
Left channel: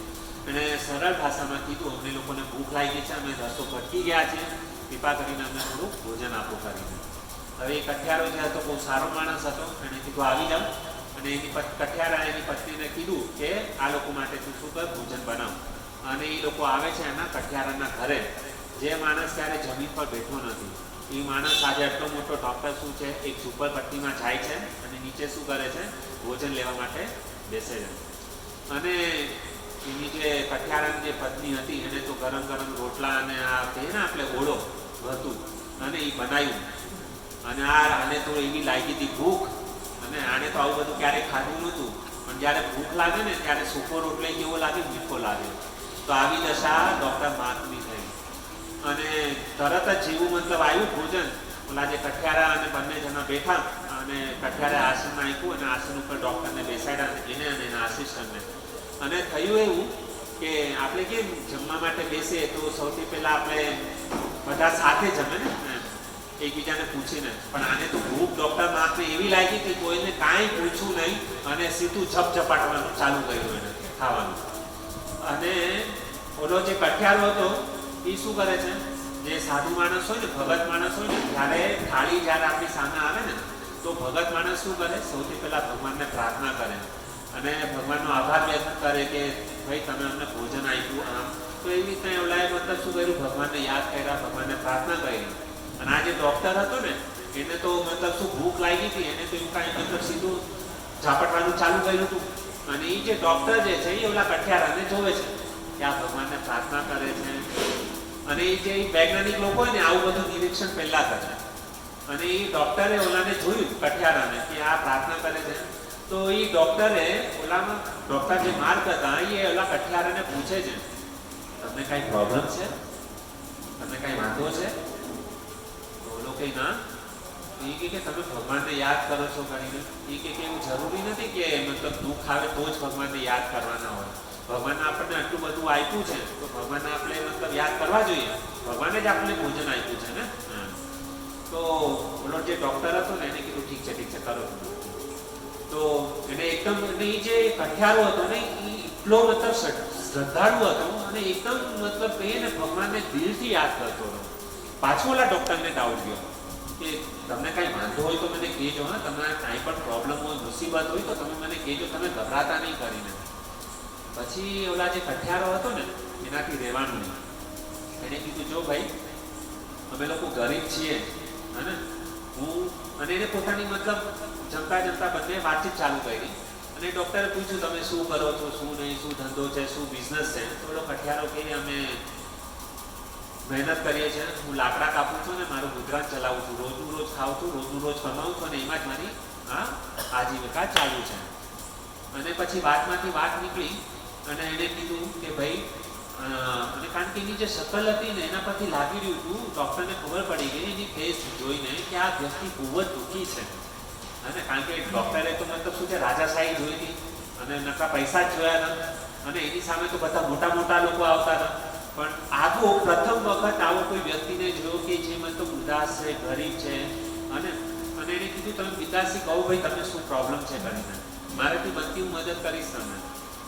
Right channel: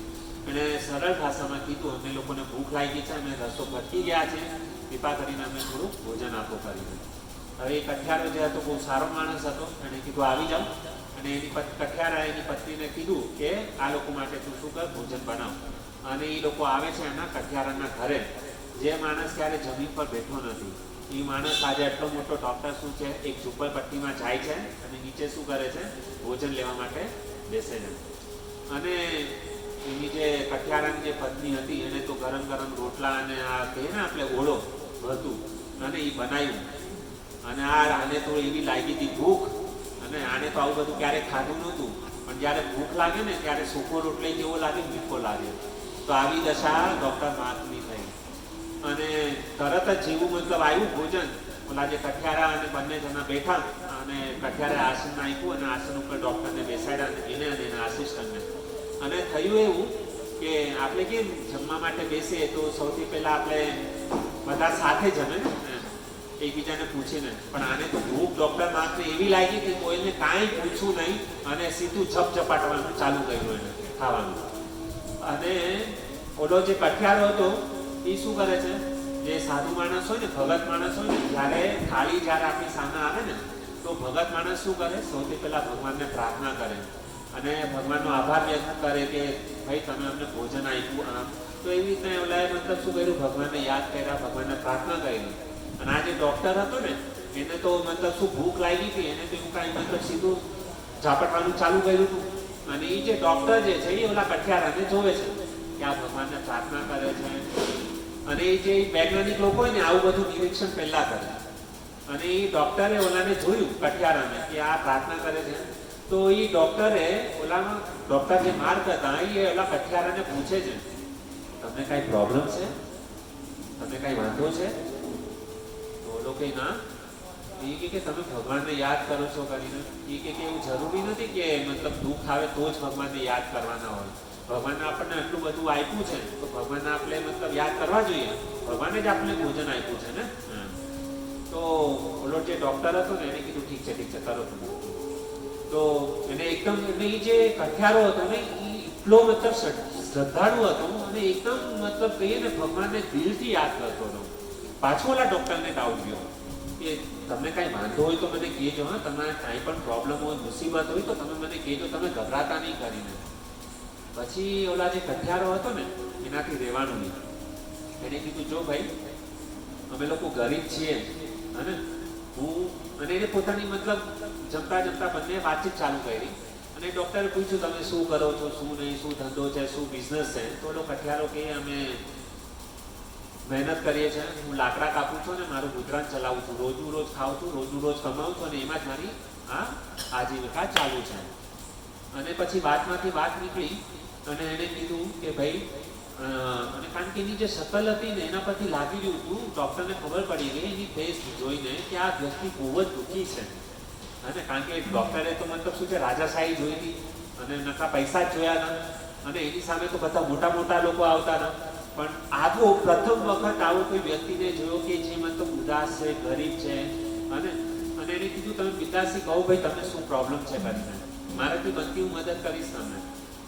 એણે સરળ ભાષામાં કીધું અમને લોકોને ભૂખ લાગી છે, અમે રસ્તો ભટકી ગયા છે, કૃપા કરીને અમને થોડુંક ભોજન આપો કરીને. હવે એ કઠિયારો જે હતો બહુ સારો માણસ હતો. એણે કીધું આવી જાઓ. અને એની કઠિયારા એની પત્નીને કીધું કે આ લોકો માટે તું શું કર, ભોજન બનાવ. અને એ લોકો આવે છે એના કઠિયારાના ઘરે. જે માણસ ક્યારે જમીન પર બેઠો નથી એ માણસ આજે આટલો મોટો ડૉક્ટર શું છે, એક ઝૂંપડપટ્ટીમાં જાય છે અને નીચે શું કરે છે, ભોજન લેવા માટે બેસે છે. અને એની જે કઠિયારાની જે પત્ની હતી એને તો ગરમ ગરમ રોટલા અને આ કહે ને આપણે ઓળો હતું અને એ બનાવ્યું. અને આને તો એવી લાગી હતી ભૂખ, અને આને તો આવું બધું ક્યારેય ખાધું નહોતું. પણ જ્યારે ભૂખ લાગે ને ત્યારે સૂકો રોટલો કેવો લાગે, મીઠો લાગે. તો આવી દશા ડૉક્ટર માર્કની થઈ. અને તરત જ જેવું મતલબ આવ્યું ભોજન, ઓલા જે કઠિયારા અને બંને જણા બેઠા અને કઠિયારે આસન નાખ્યું અને આસન ઉપર ડૉક્ટરને બેસાડ્યા, એને અને એના આસિસ્ટન્ટને. અને થયું એવું કે આપણે કેમ જમવા માટે બેસીએ તો સૌથી પહેલાં આપણે બધા સાથે જમે ને એકબીજાને પૂછીને. પણ આને તો ભૂખ ડૉક્ટર માર્કને એવી લાગી હતી, કોઈને કાંઈ પૂછ્યું નહીં અને સીધું ઝપઝપાટવાનું ચાલુ કર્યું એને ખાવાનું. અને ઓલો જે કઠિયારો હતો એ શું કરે છે, જે સાધુ માણસ હોય ને, ભગત માણસ હોય ને, જ્યારે થાળી જ્યારે આપણી સામે આવે ને તો ભગત માણસ શું કરે, સૌથી પહેલાં ભગવાનને પ્રાર્થના કરે અને ભગવાનનો આભાર વ્યક્ત કરે કે ભાઈ તમે અમને ભોજન આપ્યું આમ. તો એવી રીતે ઓલાએ મતલબ શું કર્યું, ભગવાનને યાદ કર્યા, ભગવાનને પ્રાર્થના કરી. અને આ જે ડૉક્ટર હતો ને એને તો મતલબ શું ભૂખ લાગી હતી, એને તો એવું કાંઈ મતલબ સીધું ઝાપટવાનું ચાલુ કર્યું હતું. અને એ જે ડૉક્ટર જે છે એ ઓલા કઠિયારાને જોવે છે કે આ ભગવાનને પ્રાર્થના કરે છે. અને એ જે વૈજ્ઞાનિક લોકો હોય ને આવું બધું નિરીક્ષણ પહેલાં કરે. અને એ ડૉક્ટરે ઓલાને જોયું કઠિયારાને કે આ પ્રાર્થના કરે છે. તો એ ડૉક્ટરે ઓલામાં ડૉક્ટર જે માર્ક હતા એ ઓલા કઠિયારાને પૂછે છે તમને કાંઈ પ્રોબ્લેમ છે, તમને કાંઈ વાંધો છે? તો ઓલો કંઈ ના. એ કે તમે ભગવાનને યાદ કરો છો કરીને. એ કે એવું જરૂરી નથી કે મતલબ દુઃખ આવે તો જ ભગવાનને યાદ કરવાના હોય. ભગવાનને આપણને આટલું બધું આપ્યું છે તો ભગવાનને આપણે મતલબ યાદ કરવા જોઈએ. ભગવાને જ આપણને ભોજન આપ્યું છે ને. તો ઓલો જે ડૉક્ટર હતો ને એને કીધું ઠીક છે કરો તમે. તો એને એકદમ એ જે કઠિયારો હતો ને એ એટલો મતલબ શ્રદ્ધાળુ હતો અને એકદમ મતલબ કહીએ ને ભગવાનને દિલથી યાદ કરતો હતો. પાછું ઓલા ડૉક્ટરને ડાઉટ ગયો કે તમને કાંઈ વાંધો હોય તો મને કહેજો. હા, તમને કાંઈ પણ પ્રોબ્લેમ હોય, મુસીબત હોય તો તમે મને કહેજો, તમે ગભરાતા નહીં કરીને. પછી ઓલા જે કઠિયારો હતો ને એનાથી રહેવાનું નહીં. એને કીધું જો ભાઈ અમે લોકો ગરીબ છીએ અને હું અને એને પોતાની મતલબ જમતા જમતા બંને વાતચીત ચાલુ કરી. અને ડૉક્ટરે પૂછ્યું તમે શું કરો છો, શું નહીં, શું ધંધો છે, શું બિઝનેસ છે? તો ઓલો કઠિયારો કહે અમે મહેનત કરીએ છીએ, હું લાકડા કાપું છું ને મારું ગુજરાન ચલાવું છું, રોજનું રોજ ખાઉં છું, રોજનું રોજ કમાઉં છું અને એમાં જ મારી આજીવિકા ચાલુ છે. અને પછી વાતમાંથી વાત નીકળી અને એણે કીધું કે ભાઈ અને કારણ કે એની જે શકલ હતી ને એના પરથી લાગી રહ્યું હતું, ડૉક્ટરને ખબર પડી ગઈ એની ફેસ જોઈને કે આ વ્યક્તિ બહુ જ દુઃખી છે. અને કારણ કે ડૉક્ટરે તો મતલબ શું છે રાજાશાહી જોઈ હતી અને નકા પૈસા જ જોયા હતા અને એની સામે તો બધા મોટા મોટા લોકો આવતા હતા. પણ આવો પ્રથમ વખત આવો કોઈ વ્યક્તિને જોયો કે જે મતલબ ઉદાસ છે, ગરીબ છે. અને એને કીધું તમે પિતાશ્રી કહો ભાઈ તમને શું પ્રોબ્લેમ છે કરીને, મારાથી બનતી હું મદદ કરીશ તમને.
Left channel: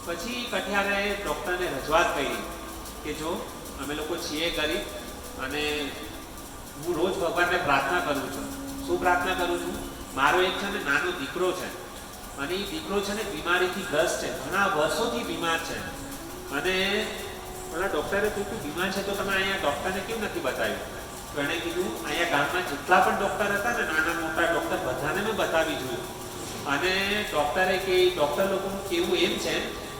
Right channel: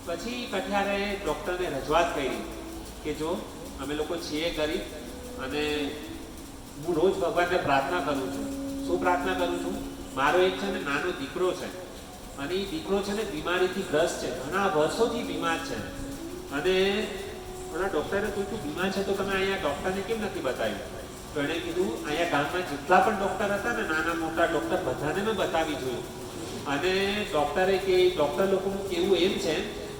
પછી કઠિયારાએ ડૉક્ટરને રજૂઆત કરી કે જો અમે લોકો છીએ ગરીબ અને હું રોજ ભગવાનને પ્રાર્થના કરું છું. શું પ્રાર્થના કરું છું? મારો એક છે ને નાનો દીકરો છે અને એ દીકરો છે ને બીમારીથી ગ્રસ્ત છે, ઘણા વર્ષોથી બીમાર છે. અને પેલા ડૉક્ટરે પૂછ્યું બીમાર છે તો તમે અહીંયા ડૉક્ટરને કેમ નથી બતાવ્યું? તો એણે કીધું અહીંયા ગામમાં જેટલા પણ ડૉક્ટર હતા ને નાના મોટા ડૉક્ટર બધાને મેં બતાવી જોયું. અને ડૉક્ટરે કે ડૉક્ટર લોકોનું કહેવું એમ છે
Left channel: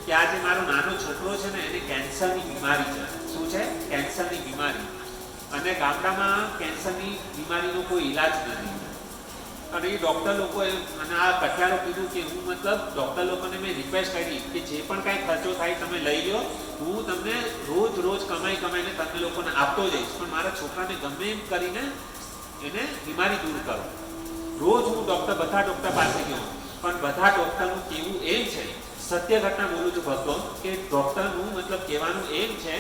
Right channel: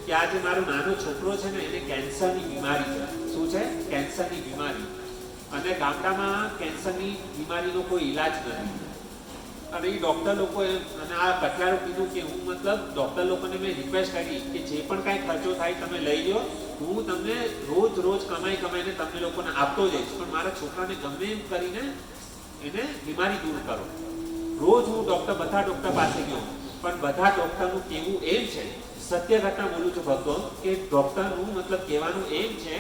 કે આ જે મારો નાનો છોકરો છે ને એને કેન્સરની બીમારી છે. શું છે? કેન્સરની બીમારી. અને ગામડામાં કેન્સરની બીમારીનો કોઈ ઈલાજ નથી. અને એ ડૉક્ટર લોકોએ અને આ કઠિયારો કીધું કે હું મતલબ ડૉક્ટર લોકોને મેં રિક્વેસ્ટ કરી કે જે પણ કાંઈ ખર્ચો થાય તમે લઈ લો, હું તમને રોજ કમાઈને તમને લોકોને આપતો જઈશ, પણ મારા છોકરાને ગમે એમ કરીને એને બીમારી દૂર કરો. રોજ હું બધા ડૉક્ટર પાસે ગયો પણ બધા ડૉક્ટરનું કહેવું એમ છે સત્ય ઘટના બોલું છું ભક્તો કે ડૉક્ટરનું મતલબ કહેવાનું એમ છે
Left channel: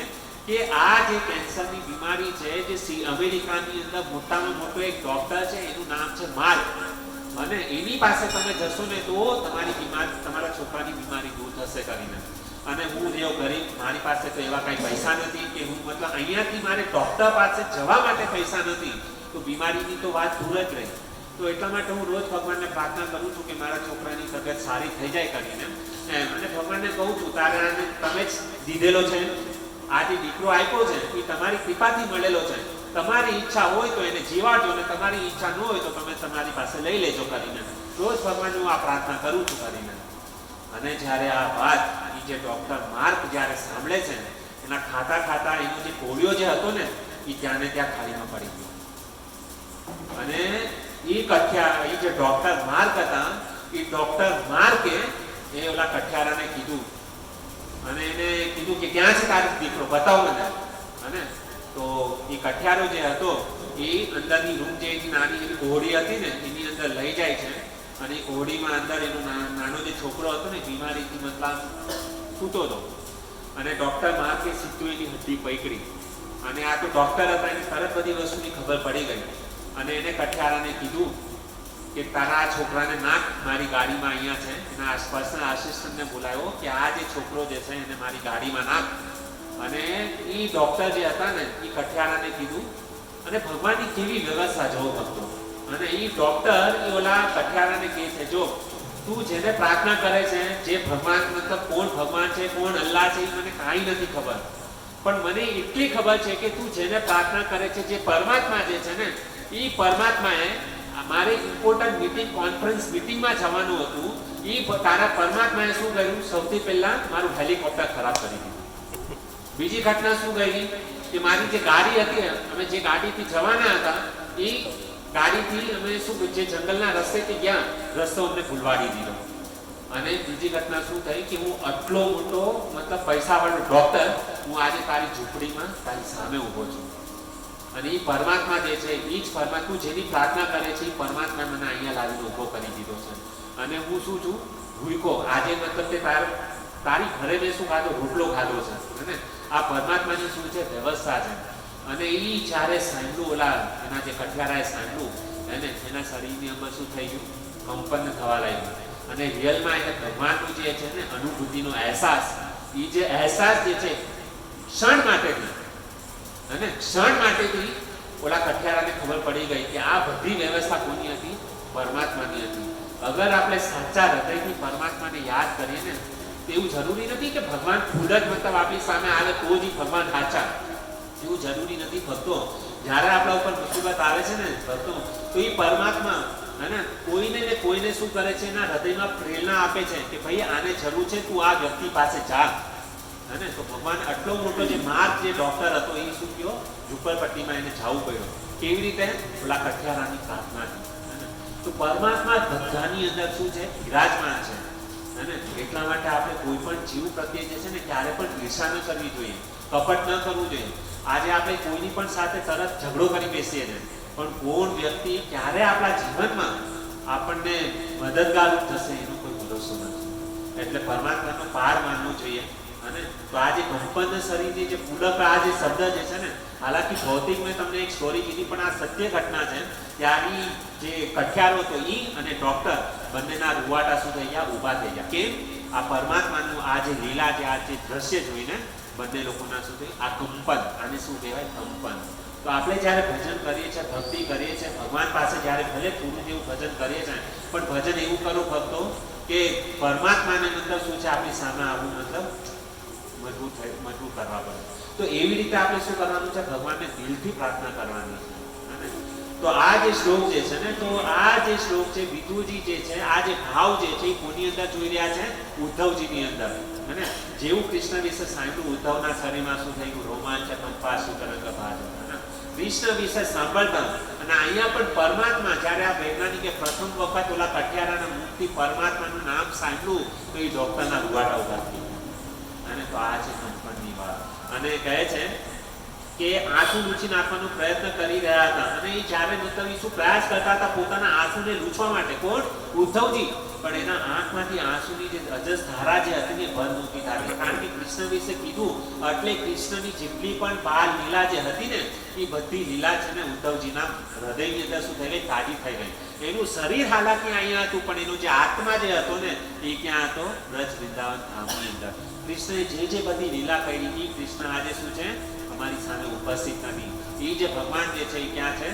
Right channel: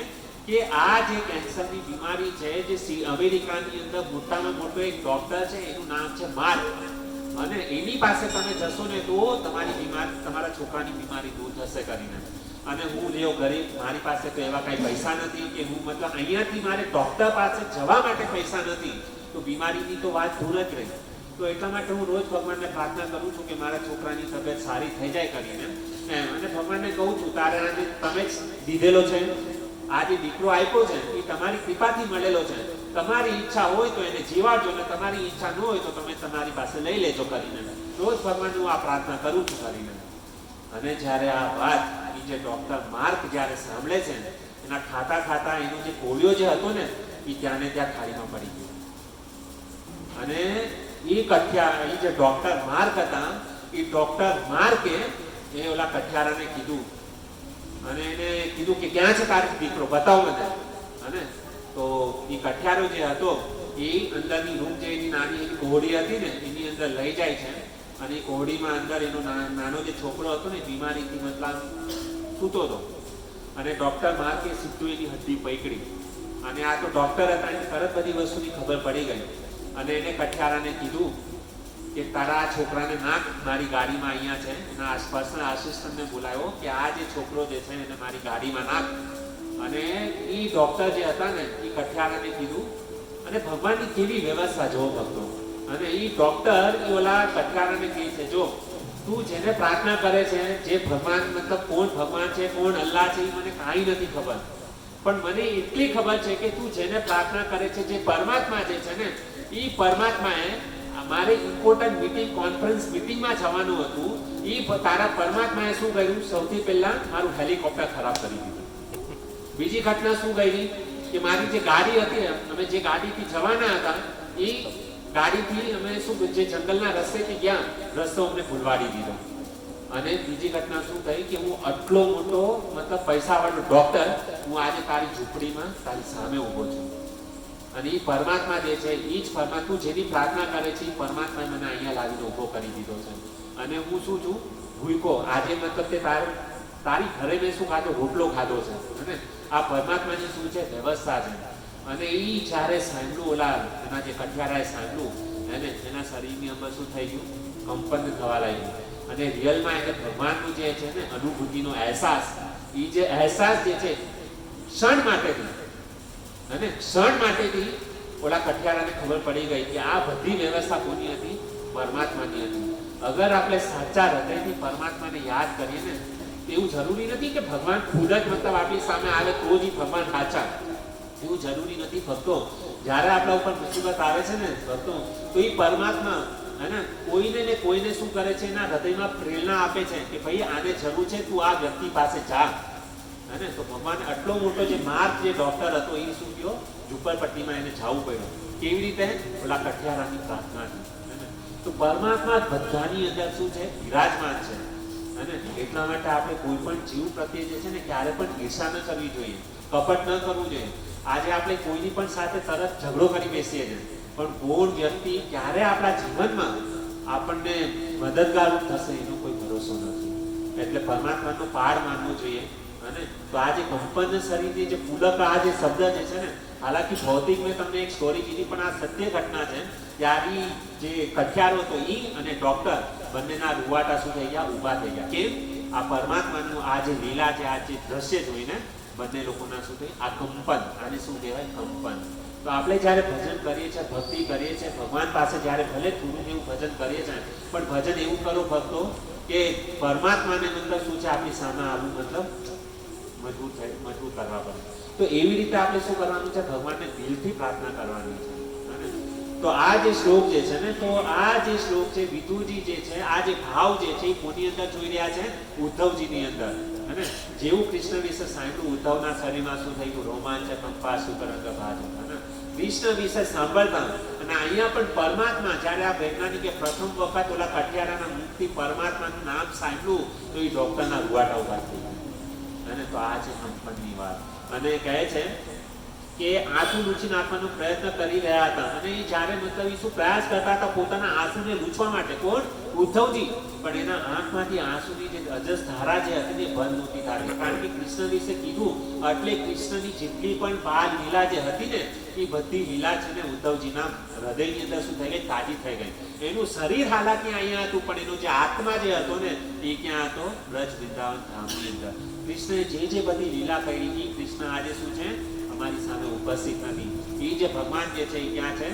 કે આ જે કેન્સરની બીમારી છે, જે અમેરિકાની અંદર મોટામાં મોટો એક ડૉક્ટર છે, એનું નામ છે માર્ક, અને એની પાસે તમે જશો ને તો તમારા છોકરાની બીમારી દૂર થશે કરીને. અને હું રહ્યો ગરીબ, મારી પાસે તો એવા કાંઈ પૈસા નથી કે હું મતલબ અહીંયાથી મારે ડૉક્ટર પાસે જવા માટે પૈસા નથી, તો બીમારીની તો વાત દૂર જ રહી. તો એટલા માટે હું રોજ ભગવાનને પ્રાર્થના કરું છું કે મારા છોકરાની તબિયત સારી થઈ જાય કરીને એમ. અને ભગવાનને કહું છું તારે આને તમે જ દીધેલો છે, આ જે દીકરો આપ્યો છે એ તમારી કૃપાથી મળેલો છે, તમારી ઈચ્છા હોય તો એને જીવાડજો, અને તમારી ઈચ્છા ન હોય તો તમે તમારી પાસે લઈ લેજો કરીને રોજ ભગવાનને હું આ પ્રાર્થના કરું છું કરીને. અને જ્યારે આ વાત એ જે ડૉક્ટર માર્ક જ્યારે સાંભળે છે, એના ખાતા ખાતા એનો જે કોળિયો જે હતો ને એ ત્યાં ને ત્યાં ખાડીમાં પડી ગયો. અને એ જે ડૉક્ટર માર્ક હતા, એ ડૉક્ટર માર્કે એ ઓલા કઠિયારાને કીધું, અને એને કીધું કે ક્યાં છે તારો દીકરો, બતાવો મને. અને તો એ કઠિયારો જે હતો એ અંદરની રૂમ જે એની નાની એની કોહડી હતી ને એની અંદર લઈ જાય છે, અને એ કોહડીમાં અંદર એનો નાનો જે છોકરો હતો ને બીમારીથી મતલબ સૂતો હતો, અને ડૉક્ટર માર્કે સીધું એની હડ્ડી પકડી, અને આ તો ડૉક્ટર હતા, એને તરત બધી વસ્તુની ખબર પડી ગઈ. અને એને કઠિયારાને કીધું કે તારા આ છોકરાને નાખ મારી ગાડીમાં, અહીંયા છે. એના પર્સનલ આસિસ્ટન્ટને બોલાવ્યો કે આ જે છોકરો જે છે એને મારી ગાડીમાં નાખ. અને એ ડૉક્ટર જે હતા ને એ કઠિયારાને કીધું, અને ભગવાનની કેવી વ્યવસ્થા જોવો ભક્તો. અને એ ડૉક્ટર એ ઓલા કઠિયારાને કહે છે, જો તું જેને પ્રાર્થના કરે છે, જે ભગવાન મતલબ કોણ ભગવાન છે, કોણ અલ્લાહ છે, એ મને કાંઈ નથી ખબર, પણ મને એટલી ખબર છે કે તું જેને પ્રાર્થના કરે છે, જે પરમાત્મા જે છે ને એ પરમાત્માએ મારે ઇમ્પોર્ટન્ટ મીટિંગ કોન્ફરન્સ મિટિંગમાં જવાનું હતું, એ તારા પરમાત્માએ શું કર્યું, સૌથી પહેલા મારું હેલિકોપ્ટર ખરાબ કરી દીધું. બીજી ઘટના શું ગઈ કે મારી જે ગાડી હતી, અમે જે ગાડીથી જવાના હતા એ ગાડીથી અમે શું જે જંગલના રસ્તેથી ગયા, રસ્તો અમને ભૂલવાડી દીધો. અને બીજી ઘટના શું થઈ કે હું આટલો મોટો મતલબ પૈસાવાળો ડૉક્ટર, હું આજે તારી ઝૂંપડીમાં તારી સામે ઊભો છું, અને એ પરમાત્મા જે છે એ જ પરમાત્મા જેની પ્રાર્થના કરે છે એ પરમાત્મા મને અહીંયા લાવીને ઊભો કરી દીધો છે. અને હું શું છું, ભૂકો આજે મતલબ તે તારી ઘરે મેં શું ખાધો, રોટલો ખાધો છે. અને આ પરમાત્માની શું છે વ્યવસ્થા છે. અને એ જ્યારે સાંભળ્યું, ઓલા એના જે કઠિયારાએ સાંભળ્યું, એને એના શરીરની અંદર શું થઈ ગયું, કંપન થવા લાગ્યું. અને રિયલમાં એને ભગવાનનું જે છે ને અનુભૂતિનો અહેસાસ, એ જે અહેસાસ જે છે ક્ષણ માટેથી, અને ક્ષણ માટેથી ઓલા કઠિયારાને ખબર પડી ગઈ કે આ બધી વ્યવસ્થા કોની હતી, પરમાત્માની હતી. અગર આપણે સાચા હૃદયથી પરમાત્માને યાદ કરીએ ને, એવું જરૂરી નથી કે ભગવાન ખુદ જ મતલબ આપણી સામે આવે તો જ ભગવાન સાચા, એવું જરૂરી નથી. ભક્તો જ્યારે આપણા ઉપર મુસીબત આવે છે ને ભક્તો, તો એ પરમાત્મા અને કોઈને શું કરે છે, એના હૃદયમાં પ્રેરણા આપે છે કે ભાઈ આને જરૂર છે, તું આ વ્યક્તિ પાસે જા. અને તો ભગવાન આટલો મોટો જે માર્ક જે ડૉક્ટર હતો એ શું કહ્યો, ઝુંપડપટ્ટીમાં એને જવું પડ્યું. કેવી રીતે, ઓલા કઠિયારાની પ્રાર્થનાથી. તો પરમાત્મા બધાની અંદર શું છે, વિરાજમાન છે. અને એટલા માટે આપણે કોઈ પણ જીવ પ્રત્યે જે છે ને ક્યારે પણ ઈર્ષા ન કરવી જોઈએ, કપટ ન કરવું જોઈએ. આજે આપણે કોઈની પણ સાથે તરત ઝઘડો કરી બેસીએ છીએ, પણ કોણ વ્યક્તિ ક્યારે આપણા જીવનમાં આપણને મદદગાર થશે એનો કોઈ ભરોસો નથી. એટલે પરમાત્માનો પાર માનવો જોઈએ. અને તો આ જે કંપન શરીરની જે પુલક આ જે શબ્દ જે છે ને, હાલાકી ભૌતિક મેં તમને એક સ્ટોરી કીધી, પણ આ સત્ય ઘટના છે. ત્યારે જે કઠિયારો હતો એ અને ડૉક્ટર બંનેના રૂવાટા શું થઈ ગયા, ઊભા થઈ ગયા. કેમ, આ પરમાત્માનું આ જે લીલા જે આ જે દ્રશ્ય જોઈને બંને લોકોના શું થઈ, આ કંપન, આને શું કહેવાય, કંપન. તો આપણે જ્યારે ભજન કરીએ છીએ, ભક્તિ કરીએ છીએ, ભગવાન પાસે જ્યારે ભલે થોડું જેવું ભજન કરીએ છીએ, પણ ભજન એવું કરો ભક્તો કે પરમાત્માને મતલબ શું છે, આપણી સામે આવવું મતલબ મજબૂત કરવા પડે. તો એવી રીતે આપણે શું કરવાનું છે, ભગવાનને દિલથી પ્રાર્થના કરવાની છે. તો આ જે શ્લોક જે છે ને, તો આ જે શ્લોક છે, વિદુજી જે છે, આ જે ભાવ જે છે એ કોની અંદર જોઈ રહ્યા છે, ઉદ્ધવજીની અંદર. અને જેવું કૃષ્ણ વિશે સાંભળ્યું, ઉદ્ધવના શરીરમાં શું થઈ ગયું, રોમાંચ કંપા સુતરંગ ભાજ. કૃષ્ણ વિશે સાંભળતા, અને અહીંયા પણ પરમાત્મા જ્યારે આ વૈજ્ઞાનિકે પ્રથમ વખત ઓલા કઠિયારાના મુખથી પરમાત્માનું નામ સાંભળ્યું, તો એ ડૉક્ટરના રૂવાટા ઉભા થઈ ગયા. અને તો આ છે કંપનની વાત. અને કહે છે કે આંસુ લૂછી નાખવાનો પ્રયત્ન કરી રહ્યા હતા અને એ જ્યારે મતલબ ઈસુ પ્રયાસ કરતા હતા પોતાના આંસુને લૂછવા માટે. કોણ? ઉદ્ધવજી. પણ એના આંખમાંથી આંસુની જે અજસ ધારા જે હતી ને બંધ નહોતી થતી, કારણ કે કૃષ્ણ વિશે કીધું એટલે કૃષ્ણની જેટલી પણ બાલ લીલા જે હતી ને એ બધી લીલા છે ને ઉદ્ધવજીના હૃદયની અંદર શું થઈ ગઈ? તાજી થઈ ગઈ. એનું શરીર હાલાકી અહીંયા હતું પણ એનો જે આત્મા જે હતો ને એ ક્યાં હતો? બ્રજ વૃંદાવન ધામની અંદર. કૃષ્ણએ જે બધી લીલા કરી એ કૃષ્ણ આજે શું છે? અમારી સામે ઉપસ્થિત નથી. એ જે ભગવાન જે છે એ ક્યાં છે?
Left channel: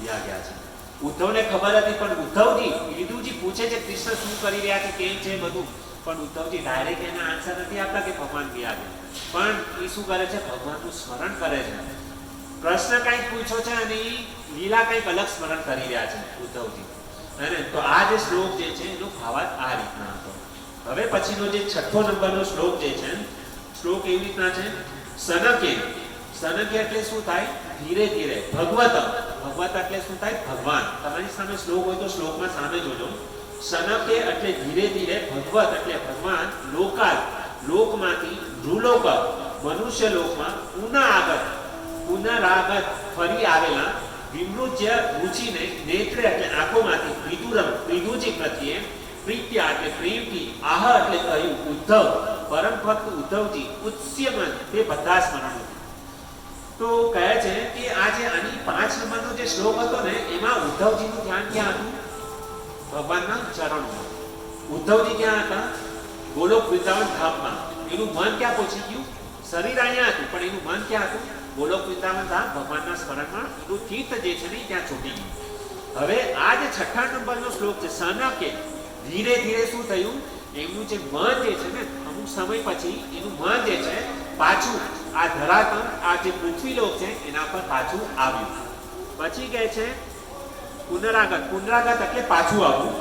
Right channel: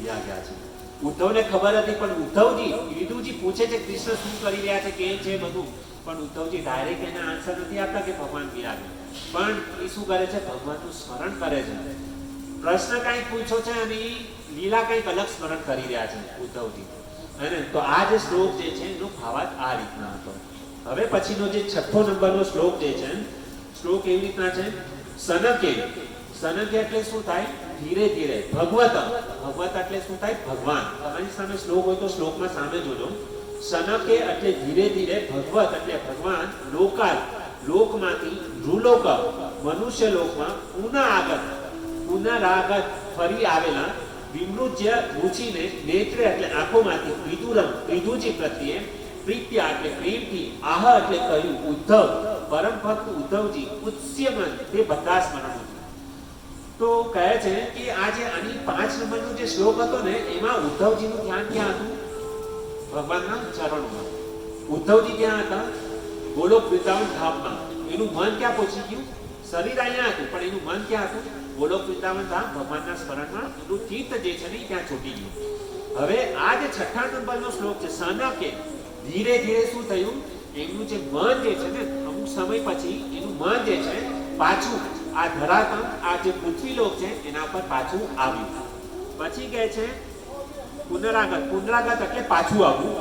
ગયા ગયા છે. ઉદ્ધવને ખબર હતી પણ ઉદ્ધવજી વિદુજી પૂછે છે કૃષ્ણ શું કરી રહ્યા છે, કેમ છે બધું, પણ ઉદ્ધવજી ડાયરેક્ટ એના આન્સર નથી આપતા કે ભગવાન ગયા ગયા, પણ એ શું કરે છે? ભગવાનનું સ્મરણ કરે છે. પ્રશ્ન કંઈક પૂછ્યો છે અને એ લીલા કંઈક અલગ સ્મરણ કરી રહ્યા છે ઉદ્ધવજી. અને તો આ જે શ્લોક જે છે એનો ભાવાર્થ આ રીતના હતો. હવે પછીનો જે 6થો નંબરનો શ્લોક જે છે, શ્લોક એવી રીતના છે, સનકે. સનકે એટલે શું થાય? ધીરે ધીરે. ભગવત. ભગવત એટલે શું થાય? ભગવાન. તમારી સામે શ્લોક હોય તો શ્લોકમાં સામે જોજો. સનકે એટલે ધીરે ધીરે, ભગવત એટલે ભગવાન, લોકાલ લોકમાંથી, નૃલોક મનુષ્ય લોકમાં, પુનરાગત ફરી આવેલા, વિમૃજ્ય રૂચિને, નેત્રે એટલે આંખોમાંથી, વિદુરમ વિદુજી પ્રત્યે, પ્રીત્યા એટલે પ્રેમથી, આહ એટલે કહ્યું, ઉદ્ધવ પરમ ભક્ત ઉદ્ધવજી, ઉત્સ્યમન તે બધા સ્મરણો. તો કહે છે કે આ જે આની 5 નંબરનો જે શ્લોક હતો ને એમાં ઉદ્ધવજીનું ધ્યાન ક્યાં હતું? ભગવાનના ચરણોમાં. ઉદ્ધવજી ક્યાં હતા? ગોલોક વૃંદાવન ધામમાં. એનું મન ક્યાં પહોંચી ગયું? શરીર અહીંયા હતું પણ એનું મન ક્યાં હતું? ગોલોક વૃંદાવન ધામ ભગવાનના સ્મરણમાં. એનું ચિત્ત જે છે ને ત્યાં છૂટી ગયું. હવે આ જે 6થા નંબરનો શ્લોક છે, સનકે ધીરે ધીરે શું થયું? એમનું જે મન જે છે ને અમુક સમય પછી એનું મન જે છે પાછું આ ધરાતલ, આ જે પૃથ્વીલોક છે એના પર પાછું આવ્યું. પછી કહે છે પુનરાગત. પુનરાગત એટલે પાછું આવવું.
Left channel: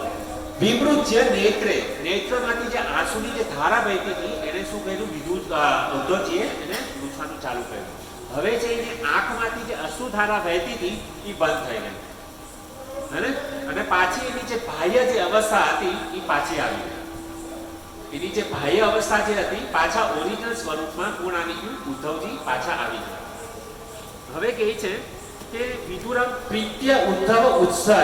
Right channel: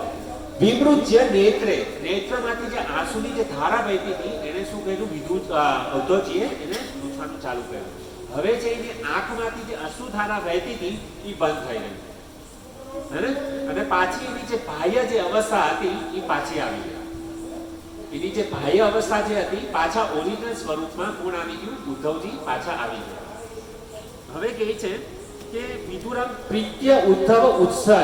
વિમૃજ્ય નેત્રે. નેત્રમાંથી જે આંસુની જે ધારા વહેતી હતી એને શું કર્યું? ઉદ્ધવજીએ એને લૂછવાનું ચાલુ કર્યું. હવે જે એની આંખમાંથી જે અશ્રુ ધારા વહેતી હતી એ બંધ થઈ ગઈ. અને પાછી એની જે બાહ્ય જે અવસ્થા હતી એ પાછી આવી ગઈ. એની જે બાહ્ય અવસ્થા જે હતી પાછા ઓરિજિનલ સ્વરૂપમાં કોણ આવી ગયું? ઉદ્ધવજી પાછા આવી ગયા. હવે કહે છે કે વિદુરમ પ્રીત્ય ઉદ્ધવ ઉત્સય.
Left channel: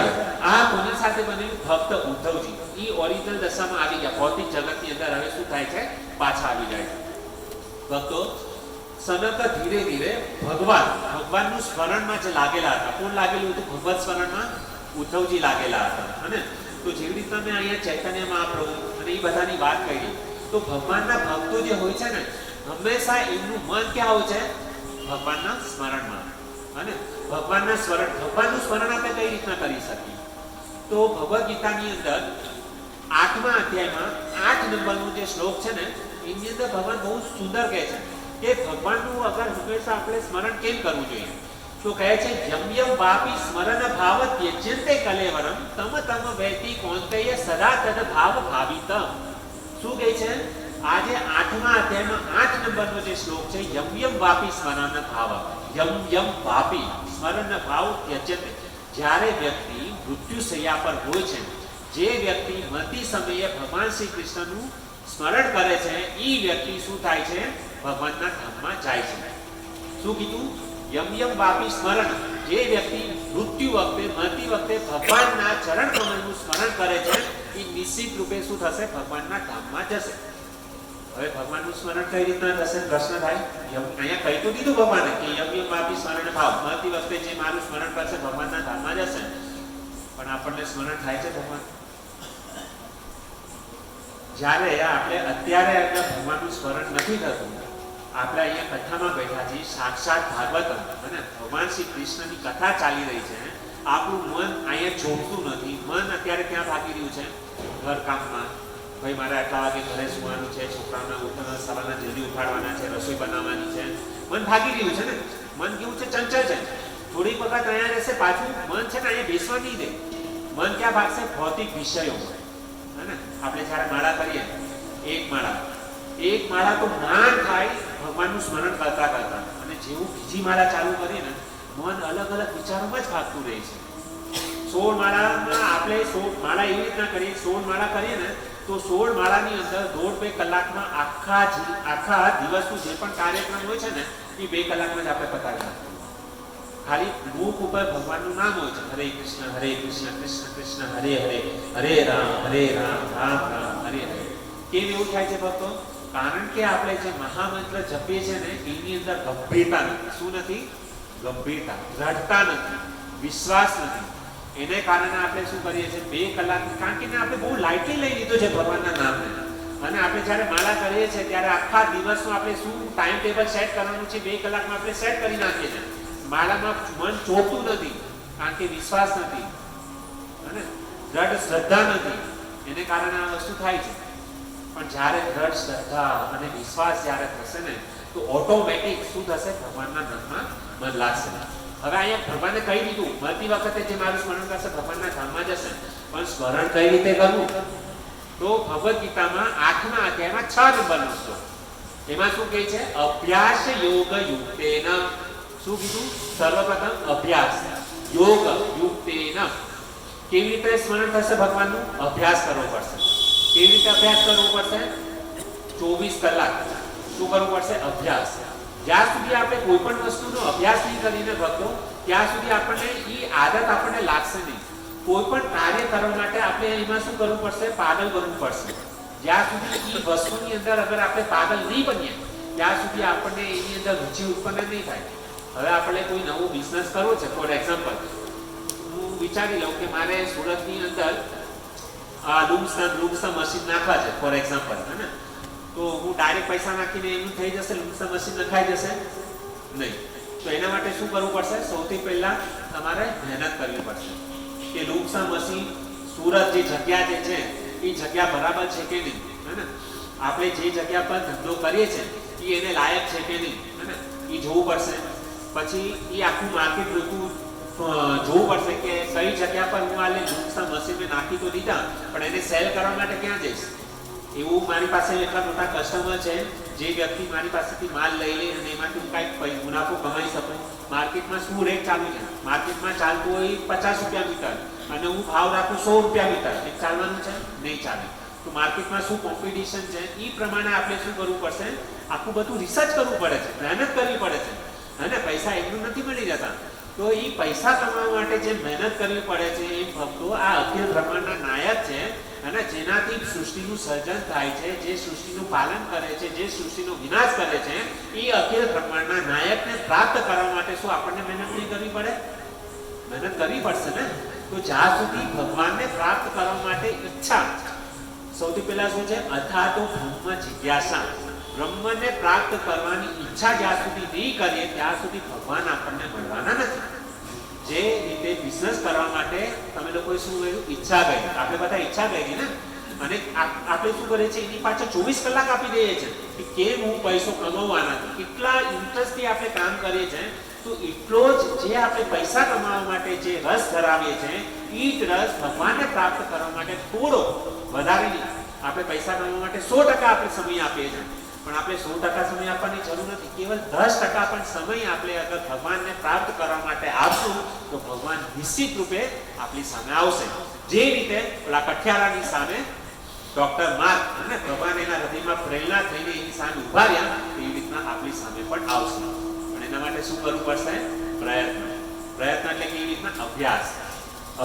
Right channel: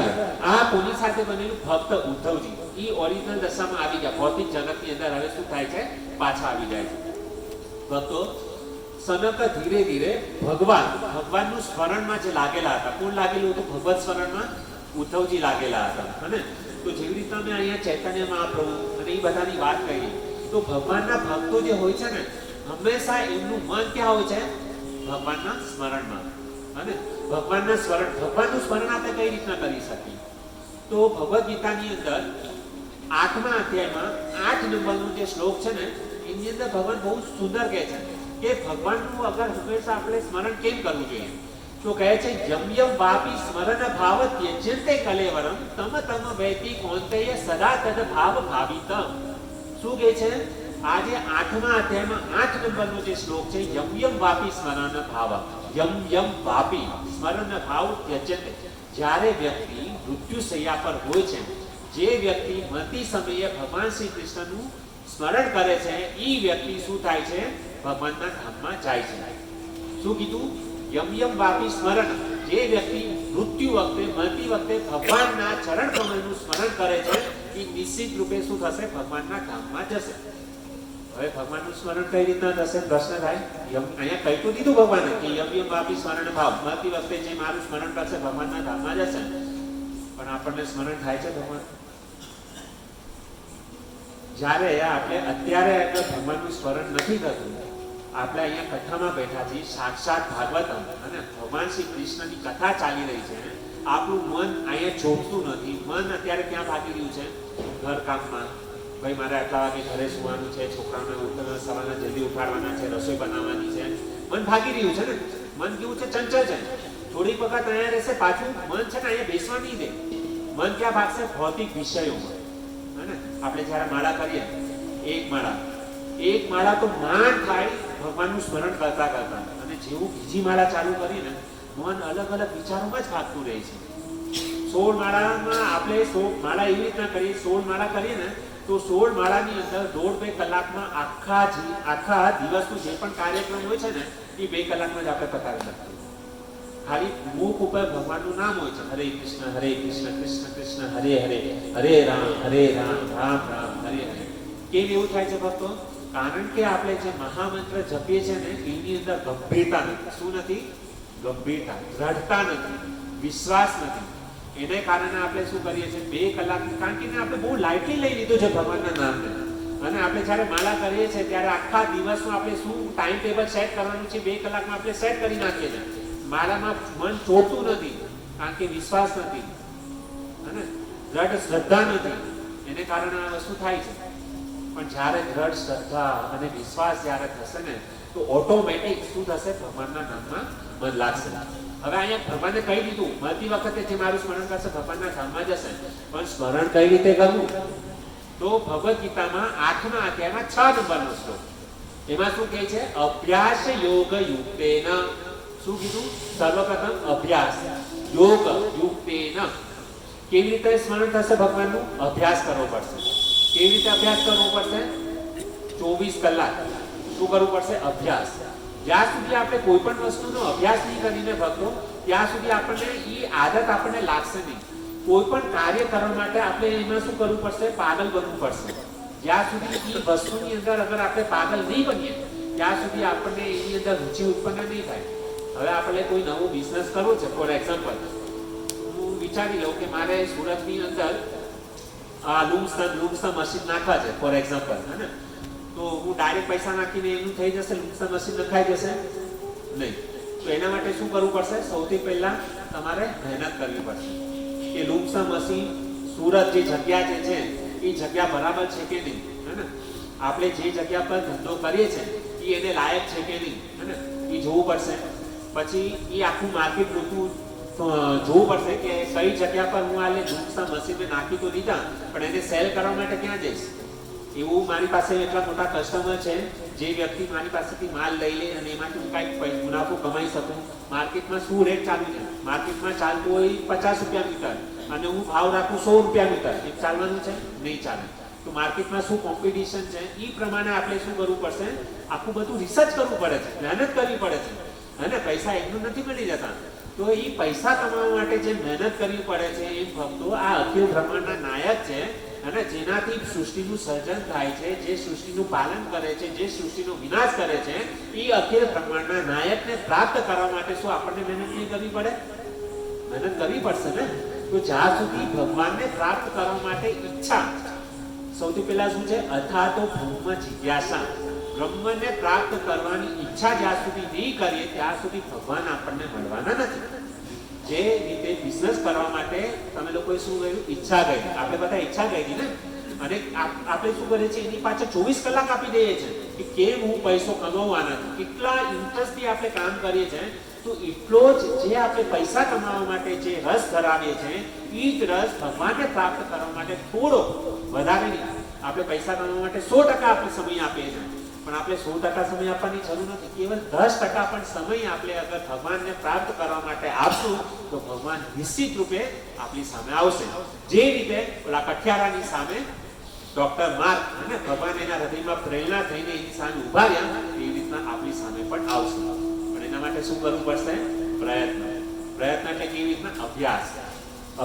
આ કોની સાથે બનેલું? ભક્ત ઉદ્ધવજી. એ ઓરિજિનલ દશામાં આવી ગયા. ભૌતિક જગતની અંદર હવે શું થાય છે? પાછા આવી જાય છે ભક્તો. સનક ધીરે ધીરે ભગવાનનું સ્મરણમાં જે લાગેલા હતા. કોણ લાગેલું હતું? ભગવત સ્મરણમાં ઉદ્ધવજી લાગેલા હતા. અને તો જેવી રીતના મેં અહીંયા ચૈતન્ય મહાપ્રભુ અને એ બધાની વાત કરી, તો ભગવાનના ભક્તો જે હોય છે ને હંમેશા એમનું મન ક્યાં હોય છે? ભગવાનના સ્મરણમાં. અને ભગવાનનું સ્મરણ આપણે કઈ રીતના કરી શકીએ? તો ભગવદ્ ગીતાની અંદર 8મા અધ્યાયમાં 8 નંબરનો જે શ્લોક છે ને એની અંદર ભગવાન બહુ સુંદર કહે છે કે ભગવાનનું અગર હંમેશા આપણે સ્મરણ કેમ કરવું જોઈએ? તો કહે છે યમ યમ વાપી સ્મરણ ભાવ ત્યજ્યંતે કલેવરમ તમ તમ વૈતિ કૌંતેય સદા તદ ભાવ ભાવિતમ. શું કહે છે? આજે 8મા અધ્યાયમાં 8 નંબરનો જે શ્લોક છે, યમ યમ વાપી સ્મરણ ભાવ. યમ યમ વાપી સ્મરણ ભાવ ત્યજ્યતે. જ્યારે વ્યક્તિ મૃત્યુશૈયા પર હોય છે, જે વ્યક્તિ મરતી સમયે ભગવાન શ્રી કૃષ્ણનું સ્મરણ કરે છે એ વ્યક્તિ શું થાય છે? ભગવાનના ધામમાં જાય છે. શું કીધું? યમ યમ વાપી સ્મરણ. જે વ્યક્તિ મૃત્યુ વખતે, મરતી વખતે ભગવાનના ચરણ કમળનું સ્મરણ કરે છે એ નિશ્ચિત રૂપે શું થશે? ભગવાનના ધામમાં જશે. હવે ભગવાનનું સ્મરણ કઈ રીતના થશે? પ્રશ્ન થાય. અહીંયા કહી તો દીધું ભગવાને કે યમ યમ વાપી સ્મરણ ભાવ. મરતી વખતે જે મારું સ્મરણ કરશે ભગવાનના ધામમાં જશે. પણ આપણને સ્મરણ થાય છે ભગવાન? જ્યારે આપણે અત્યારે ભગવાનનું સ્મરણ નથી થતું, આપણે અહીંયા કથામાં બેઠા છીએ, સાક્ષાત ભાગવતમ અને ભગવાન શ્રી કૃષ્ણની કથા ચાલી રહી છે, આપણું મન અહીંયા જોમતું નથી. મન અત્યારે ક્યાં ભાગી રહ્યું છે? ઘરકામમાં. ભાઈ મારે આટલા વાગે ઘરે સુવાનું છે, છોકરાઓને સવારના જલ્દી ઉઠાડવાના છે, રસોઈ બનાવવાની છે. મન ભાગી રહ્યું છે ને. મન કેવું છે? ચંચળ છે. થોડીક વખત અહીંયા રહેશે, પાછું મન છે ને અહીંયા બેસવા નહીં દે. મન ક્યાં ભાગશે? ભૌતિક વિષયોમાં. હે ને? આપણે જ્યારે માળા કરીએ, એક માળા તો જ્ઞાન થાય ભગવાનનું સ્મરણ કરતા કરતા, અને જેવું બીજી માળા ચાલુ કરીએ ને મન અલગ અલગ વિચારોમાં જ ભાગતું રહે છે. 16 માળામાં આપણે 16 માળા એવી રીતના કરીએ, 16 માળા કરીએ ને તો 16 માળાની અંદર 1.5-2 કલાકમાં આખા દિવસનું જે પણ કાર્યક્રમ હોય છે ને એ 2 કલાકમાં જ આપણે પતાવી નાખીએ. ખાલી મુખ ઉપર ભગવાનનું નામ હોય છે, હરે કૃષ્ણ કૃષ્ણ કૃષ્ણ હરે હરે, હરે રામ રામ રામ હરે હરે. કેમ એવું થાય છે ભક્તો? કારણ કે આપણે જે મહામંત્ર જપીએ છીએ ને એની અંદર ગંભીરતા નથી. શું નથી? ગંભીરતા, દ્રઢતા નથી, વિશ્વાસ નથી. એને કારણે આપણે શું કરીએ છીએ? 2 કલાકની, કારણ કે આપણે બહુ લાઇટલી લઈ લીધું છે ભગવાનના નામને. અને આપણે જ્યારે માળા કરીએ છીએ ત્યારે આખા દિવસનું આપણે શું ટાઈમ ટેબલ સેટ કરવાનું છે 2 કલાકમાં આપણે સેટ કરી નાખીએ છીએ. માળામાં મન ચોટતું નથી કારણ કે વિશ્વાસ નથી અને દ્રઢ શ્રદ્ધા નથી. એને કારણે આ વસ્તુ થાય છે. પણ જ્યારે દ્રઢ શ્રદ્ધા અને વિશ્વાસ જ્યારે થશે ને તો ઓટોમેટિક શું થશે? ભગવાનના નામમાં મન લાગશે. હવે અહીંયા ભગવાને કહી દીધું, મળતી વખતે જે મારું સ્મરણ કરશે ભગવાનના ધામમાં જશે. પણ સ્મરણ કઈ રીતે કરવું? તો ભગવદ્ ગીતામાં 8મા અધ્યાયમાં 6 નંબરનો શ્લોક, એમાં શું કહે છે? અભ્યાસ યોગ યુક્તેન. શું કીધું? સર્વપ્રથમ અભ્યાસ યોગ યુક્તેન. કેવી રીતે સ્મરણ થશે ભગવાનનું? અભ્યાસ કરવો પડશે. કેવી રીતે અભ્યાસ કરવો પડશે? 24 કલાક શું કરવું પડશે? અભ્યાસ. જ્યાં સુધી આપણે કોઈ પણ વસ્તુનો અભ્યાસ નહીં કરીને ભક્તો, ત્યાં સુધી આપણને એ આદત આપણને લાગશે નહીં. કોઈ પણ કાર્ય કરવા માટે આપણે એમાં શું કરવું પડશે? પાગલ બનવું પડશે. જ્યાં સુધી એ વસ્તુની અંદર અગર આપણે પાગલ નહીં બનીએ ત્યાં સુધી આપણને એની અંદર રુચિ ઉત્પન્ન નહીં થાય. હવે આપણે કોઈ નવું બિઝનેસ કરવો છે, ફોર એક્ઝામ્પલ હું વિચારી લઉં કે મારે સુરતની અંદર આ લૂમ્સના મશીન નાખવા છે, ફોર એક્ઝામ્પલ, હે ને? તો હું ડાયરેક્ટ પૈસા નાખીને એમનું થઈ જશે? લૂમ્સના મશીન નખાઈ જશે? નહીં. તો એના માટે શું કરવું પડશે? સૌથી પહેલા તમારે મહેનત કરવી પડશે કે લૂમ્સના મશીન સુરત જે જગ્યા જે છે એ જગ્યા બરાબર છે કે નહીં, હે ને? આપણે જે જગ્યા પર ધંધો કરીએ છીએ એ એને લાયક છે કે નહીં, હે ને? એ જોવું પડશે. પછી એ આખું માર્કેટ જોવું પડશે કે કઈ જગ્યા પર હું આ લૂમ્સના મશીન મેં નાખી તો દીધા પણ એને સેલ કરવા માટે ક્યાં જઈશ? એવું મારી પાસે એટલા મોટા કસ્ટમર છે જે વ્યક્તિ મારી પાસેથી માલ લઈ લે અને એમાંથી હું કાંઈક મુનાફો કમાઈ શકું. માર્કેટમાં શું રેટ ચાલુ છે? માર્કેટમાં ચાલતું હોય 50 રૂપિયા મીટર અને હું ભાવ રાખું 100 રૂપિયા મીટર. એ ચાલવાનું છે? નહીં ચાલે. તો માર્કેટમાં શું કોમ્પિટિશન છે એ પ્રમાણે આપણે શું કરવું પડશે? આખું બધું રિસર્ચ કરવું પડે છે, મહેનત કરવી પડે છે. અને પૈસા એકદમ નથી મળી જતા. તો એ પૈસા કમાવા માટે જે મહેનત કરવી પડે છે એ ભક્તો આ અખિલ બ્રહ્માંડના નાયક છે. અને જેનાથી સૃષ્ટિનું સર્જન થાય છે, જે સૃષ્ટિનું પાલન કરે છે, જે સૃષ્ટિનો વિનાશ કરે છે, એ અખિલ બ્રહ્માંડના નાયકને પ્રાપ્ત કરવા માટે શું આપણને મહેનત નહીં કરવી પડે? મહેનત કરવી પડશે ને. તો જ્યાં સુધી ભગવાનને પ્રાપ્ત કરવા માટે ઈચ્છા, સૌથી પહેલા શું છે? અથાતો બ્રહ્મ જિજ્ઞાસા. બ્રહ્મને પ્રાપ્ત કરવાની ઈચ્છા જ્યાં સુધી નહીં કરીએ ત્યાં સુધી ભગવાન આપણને મળવાના નથી. જે રીતે બિઝનેસ કરવા માટે તમે લોકોએ શું કર્યું? ઈચ્છા કરી. આપણે બધા ઈચ્છા કરી ને, અને આપણે શું કરીએ છીએ? એની પાછળ 24 કલાક આપી દઈએ છીએ કે કેમ હું પૈસો કમાવવાના છે. કેટલા ઇન્ટરેસ્ટથી આપણે કામ કરીએ છીએ. તો એટલો જ જે આપણે પૈસા કમાવા માટે જે રસ ધરાવીએ છીએ એ જ રસ ભગવાનને પ્રાપ્ત કરવા માટે થોડો વધારે નહીં. આપણે પૈસા કમાવા માટે 100% આપણે સમય આપીએ છીએ પણ આપણે 100% સમય આપવાની જરૂર નથી. કેવલ 10% પણ સમય આપણે અગર ભગવાનને પ્રાપ્ત કરવા માટે આપશું તો ભગવાન નિશ્ચિત રૂપે આપણી સામે આવશે. જે રીતે ઓલા કઠિયારાની સામે ડોક્ટર માર્ક અને ભગવાન એના હૃદયમાં પ્રેરણા થઈને એની સામે ઉભા રહ્યા એવી રીતના આપણી સામે પણ આવશે. પણ એના માટે શું કરવું પડશે? પ્રયત્ન. પ્રયત્ન એટલે કેવી રીતના? અભ્યાસ.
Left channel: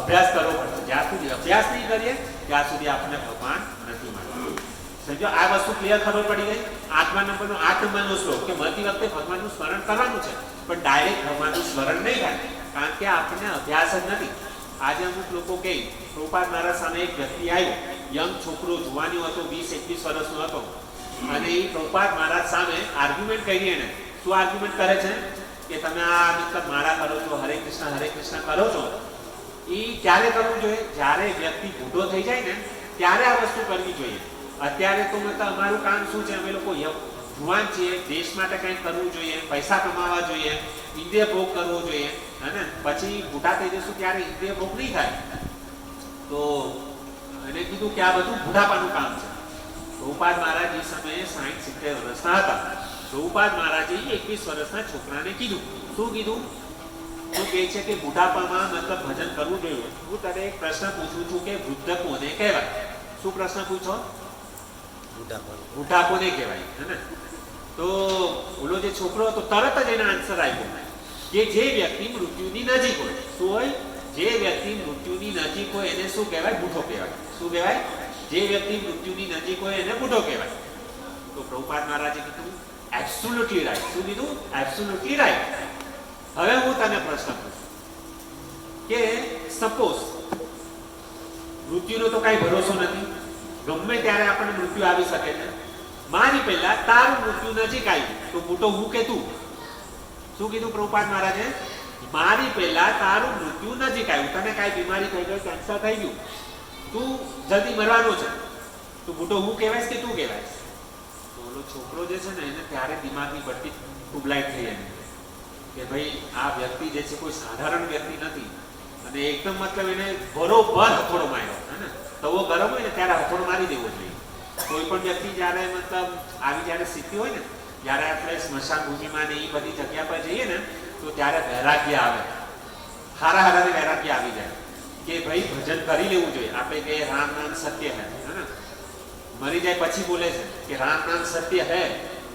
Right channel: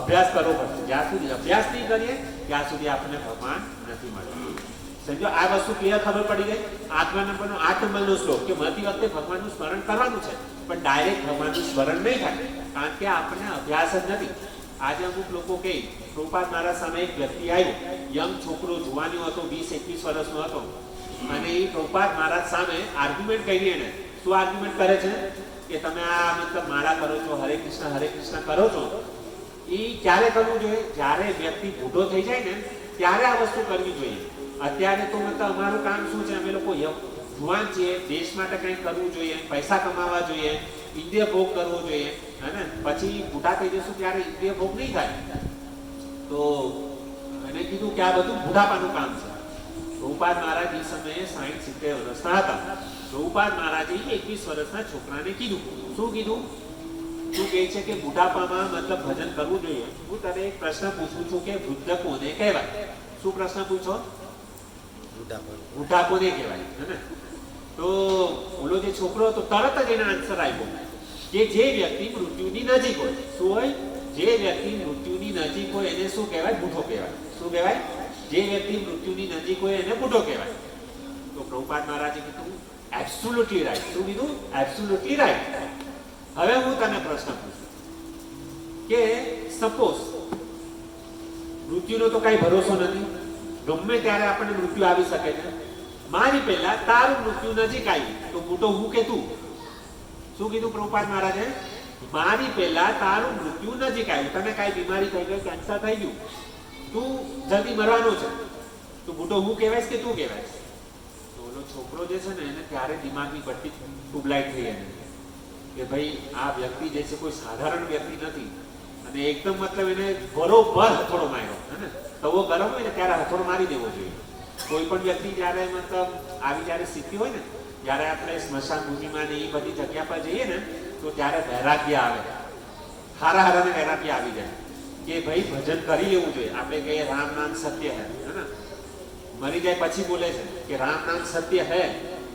અભ્યાસ કરવો પડશે. જ્યાં સુધી અભ્યાસ નહીં કરીએ ત્યાં સુધી આપણને ભગવાન નથી મળવાનું. સમજો? આ વસ્તુ ક્લિયર ખબર પડી ગઈ? 8મા નંબરનો શ્લોક કે મળતી વખતે ભગવાનનું સ્મરણ કરવાનું છે પણ ડાયરેક્ટ ભગવાનનું સ્મરણ નહીં થાય કારણ કે આપણને અભ્યાસ જ નથી. આજે અમુક લોકો કહે, પ્રભુપાદ મારા સામે એક વ્યક્તિ આવ્યો, યંગ છોકરો, જુવાનીઓ હતો, 20-21 વર્ષનો હતો અને એ પ્રભુપાદ મહારાજ સામે આર્ગ્યુમેન્ટ કરી. એને શું આર્ગ્યુમેન્ટ કરે છે? કે તમે આ મતલબ માળા કરો છો, હરે કૃષ્ણ કરો છો, એ ક્યારે કરવું જોઈએ? જ્યારે વ્યક્તિ બુઢો થઈ જાય ને ત્યારે આ વસ્તુ કરવી જોઈએ. અત્યારે તો મતલબ અમારું કામ શું છે? અમે લોકો જુવાન છીએ, દેશ માટે કંઈક કરવું જોઈએ, પૈસા કમાવા જોઈએ, ઇન્દ્રિય ભોગ કરવો જોઈએ, હે ને? પછી બુઢા થઈ જશું ત્યારે ઇન્દ્રિય ભોગ નહીં થાય. તો એને કીધું કે આ બધું બુઢાપાનું કામ છે. પ્રભુપાદ મહારાજ એ સમયે 60-70 વર્ષના હતા. પ્રભુપાદ મહારાજે 21 વર્ષના છોકરાને કીધું. શું કીધું? શું કહે છે કે બુઢાપામાં મતલબ ભજન કરવું જોઈએ. હું તને એક પ્રશ્ન પૂછું છું કે વૃદ્ધ કોને કહેવાય? શું પ્રશ્ન પૂછો? બુઢાપો નહીં કહેવાય, હે ને? તો ઓલો જે છોકરો હતો તરત જ એને આન્સર આપ્યો કે જે વ્યક્તિ મૃત્યુની નજીક હોય, શું હોય? જે વ્યક્તિ મૃત્યુની નજીક હોય એને શું કહેવાય? બુઢો કહેવાય. શું કહેવાય? જે વ્યક્તિ મૃત્યુની નજીક હોય એને બુઢો કહેવાય. તો પ્રભુપાદ મહારાજે કીધું એબ્સોલ્યુટલી રાઈટ. શું કીધું? Absolutely right. હવે હું તને પ્રશ્ન પૂછું કે સપોઝ મૃત્યુનો તો કઈ ભરોસો નથી, ગમે ત્યારે આપણને મૃત્યુ આવી શકે છે. મારી પહેલા તારું મૃત્યુ નજીક આવ્યું તો બુઢો હું કે તું? શું કીધું પ્રભુપાદ મહારાજે? મારી પહેલા તારું મૃત્યુ નજીક આવ્યું, તને કઈ બીમારી થઈ ગઈ, કેન્સર થઈ ગયું, તું જલ્દી મરવાનો છે, તો બુઢો હું કહેવાય કે તું કહેવાય? તો ઓલો છોકરો જે છે ને એને ત્યારે દિમાગની બત્તી ટ્યુબલાઇટ થઈ એને કે ભાઈ આ વ્યક્તિ જે છે કોઈ સાધારણ વ્યક્તિ નથી, અને એકદમ મતલબ એને બરોબર હથોડો માર્યો, હે ને? તવો ગરમ હોય ને ત્યારે હથોડો મારી દેવો જોઈએ. કોઈ પણ વ્યક્તિ જ્યારે મતલબ આવી જ્યારે સ્થિતિ હોય ને, જ્યારે આપણે સ્મશાન ભૂમિમાં ને એ બધી જગ્યા પર જઈએ ને તો ત્યારે વૈરાગ્ય આવે, હારા હારાને વૈરાગ્ય આવી જાય કે ભાઈ ભજન કરી લેવું જોઈએ. આપણે કહીએ રામ નામ સત્ય હે ને? મરી જાય પછી બોલે છે કે રામ નામ સત્ય હે,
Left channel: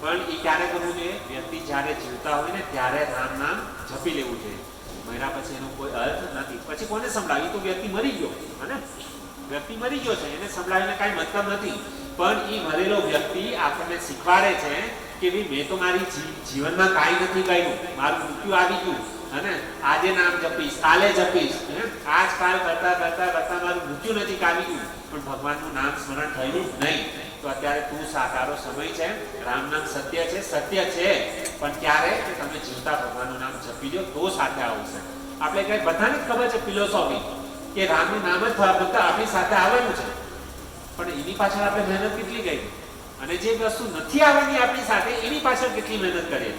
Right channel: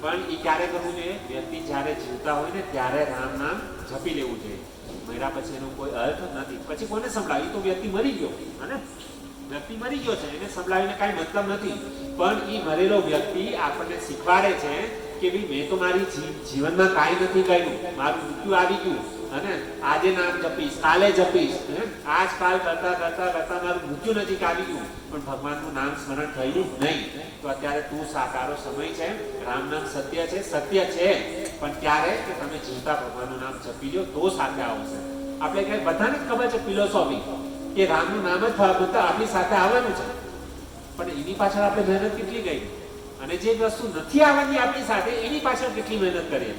પણ એ ક્યારે કરવું જોઈએ? વ્યક્તિ જ્યારે જીવતા હોય ને ત્યારે રામ નામ જપી લેવું જોઈએ. મર્યા પછી એનો કોઈ અર્થ નથી. પછી કોને સંભળાવી? તો વ્યક્તિ મરી ગયો, હે? વ્યક્તિ મરી ગયો છે, એને સંભળાવીને કાંઈ મતલબ નથી. પણ એ મરેલો વ્યક્તિ આપણને શીખવાડે છે કે ભાઈ મેં તો મારી જીવનમાં કાંઈ નથી કર્યું, મારું મૃત્યુ આવી ગયું, અને આજે નામ જપીશ, કાલે જપીશ, આજકાલ કરતા કરતા કરતા મારું મૃત્યુ નજીક આવી ગયું, પણ ભગવાનનું નામ સ્મરણ થયું નહીં. તો અત્યારે તું તારો સમય છે, રામ નામ સત્ય છે, સત્ય છે, પણ ક્યારે કે તમે જીવતા ભગવાનનું નામ જપી લો તો સાથે આવશે. આપણે કઈ બધાને જ ખબર છે ફિલોસોફી કે રામનું નામ જ ફક્ત આપણી સાથે આવવાનું છે, પણ એની પાછળ આપણે મહેનત કેટલી ગઈ, અને જે વસ્તુ નથી આવવાની આપણી સાથે એની પાછળ કેટલી મહેનત કરીએ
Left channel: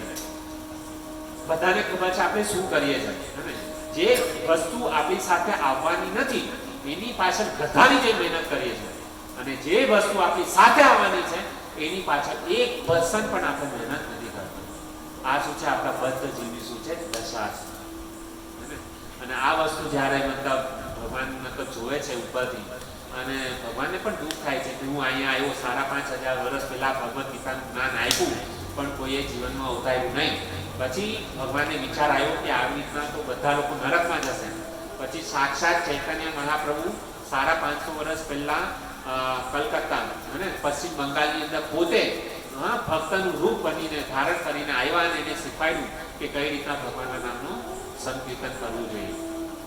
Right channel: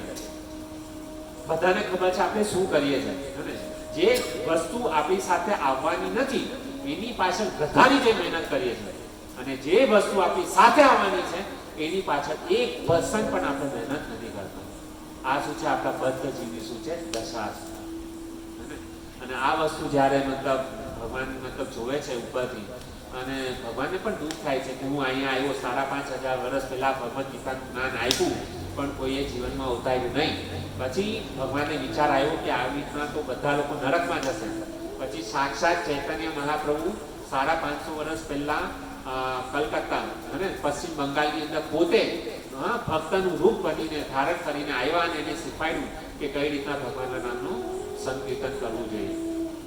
બધાને ખબર છે આપણે શું કરીએ છીએ. જે વસ્તુ આપણી સાથે આવવાની નથી એની પાછળ ગધાની જે મહેનત કરીએ છીએ, અને જે વસ્તુ આપણી સાથે આવવાની છે એની પાછળ 1% પણ આપણે મહેનત નથી કરતા. આ શું છે? આપણા બદ્ધ જીવની શું છે? દશા છે. અને આ વસ્તુ જ્યારે મતલબ ભગવાન મતલબ જોવે છે ઉપરથી, અને ભગવાનને પણ દુઃખ થાય છે કે હું અહીંયા આવ્યો, 5,500 વર્ષ પહેલા ભગવદ્ ગીતાનું જ્ઞાન આપ્યું, પણ કોઈએ જીવનમાં ઉતાર્યું નહીં. પછી ભગવાનને વિચાર આવ્યો કે આવી રીતના તો બધા લોકો નરકમાં જશે. પછી સાક્ષાત ચૈતન્ય મહાપ્રભુ 550 વર્ષ પહેલા કલકત્તા અને પશ્ચિમ બંગાળની અંદર પોતે ભક્તનું રૂપ બનીને ધારણ કરીને આવ્યા, અને એને શીખવાડ્યું કે કઈ રીતના ભગવાનના નામનું સંકીર્તન કરવું જોઈએ.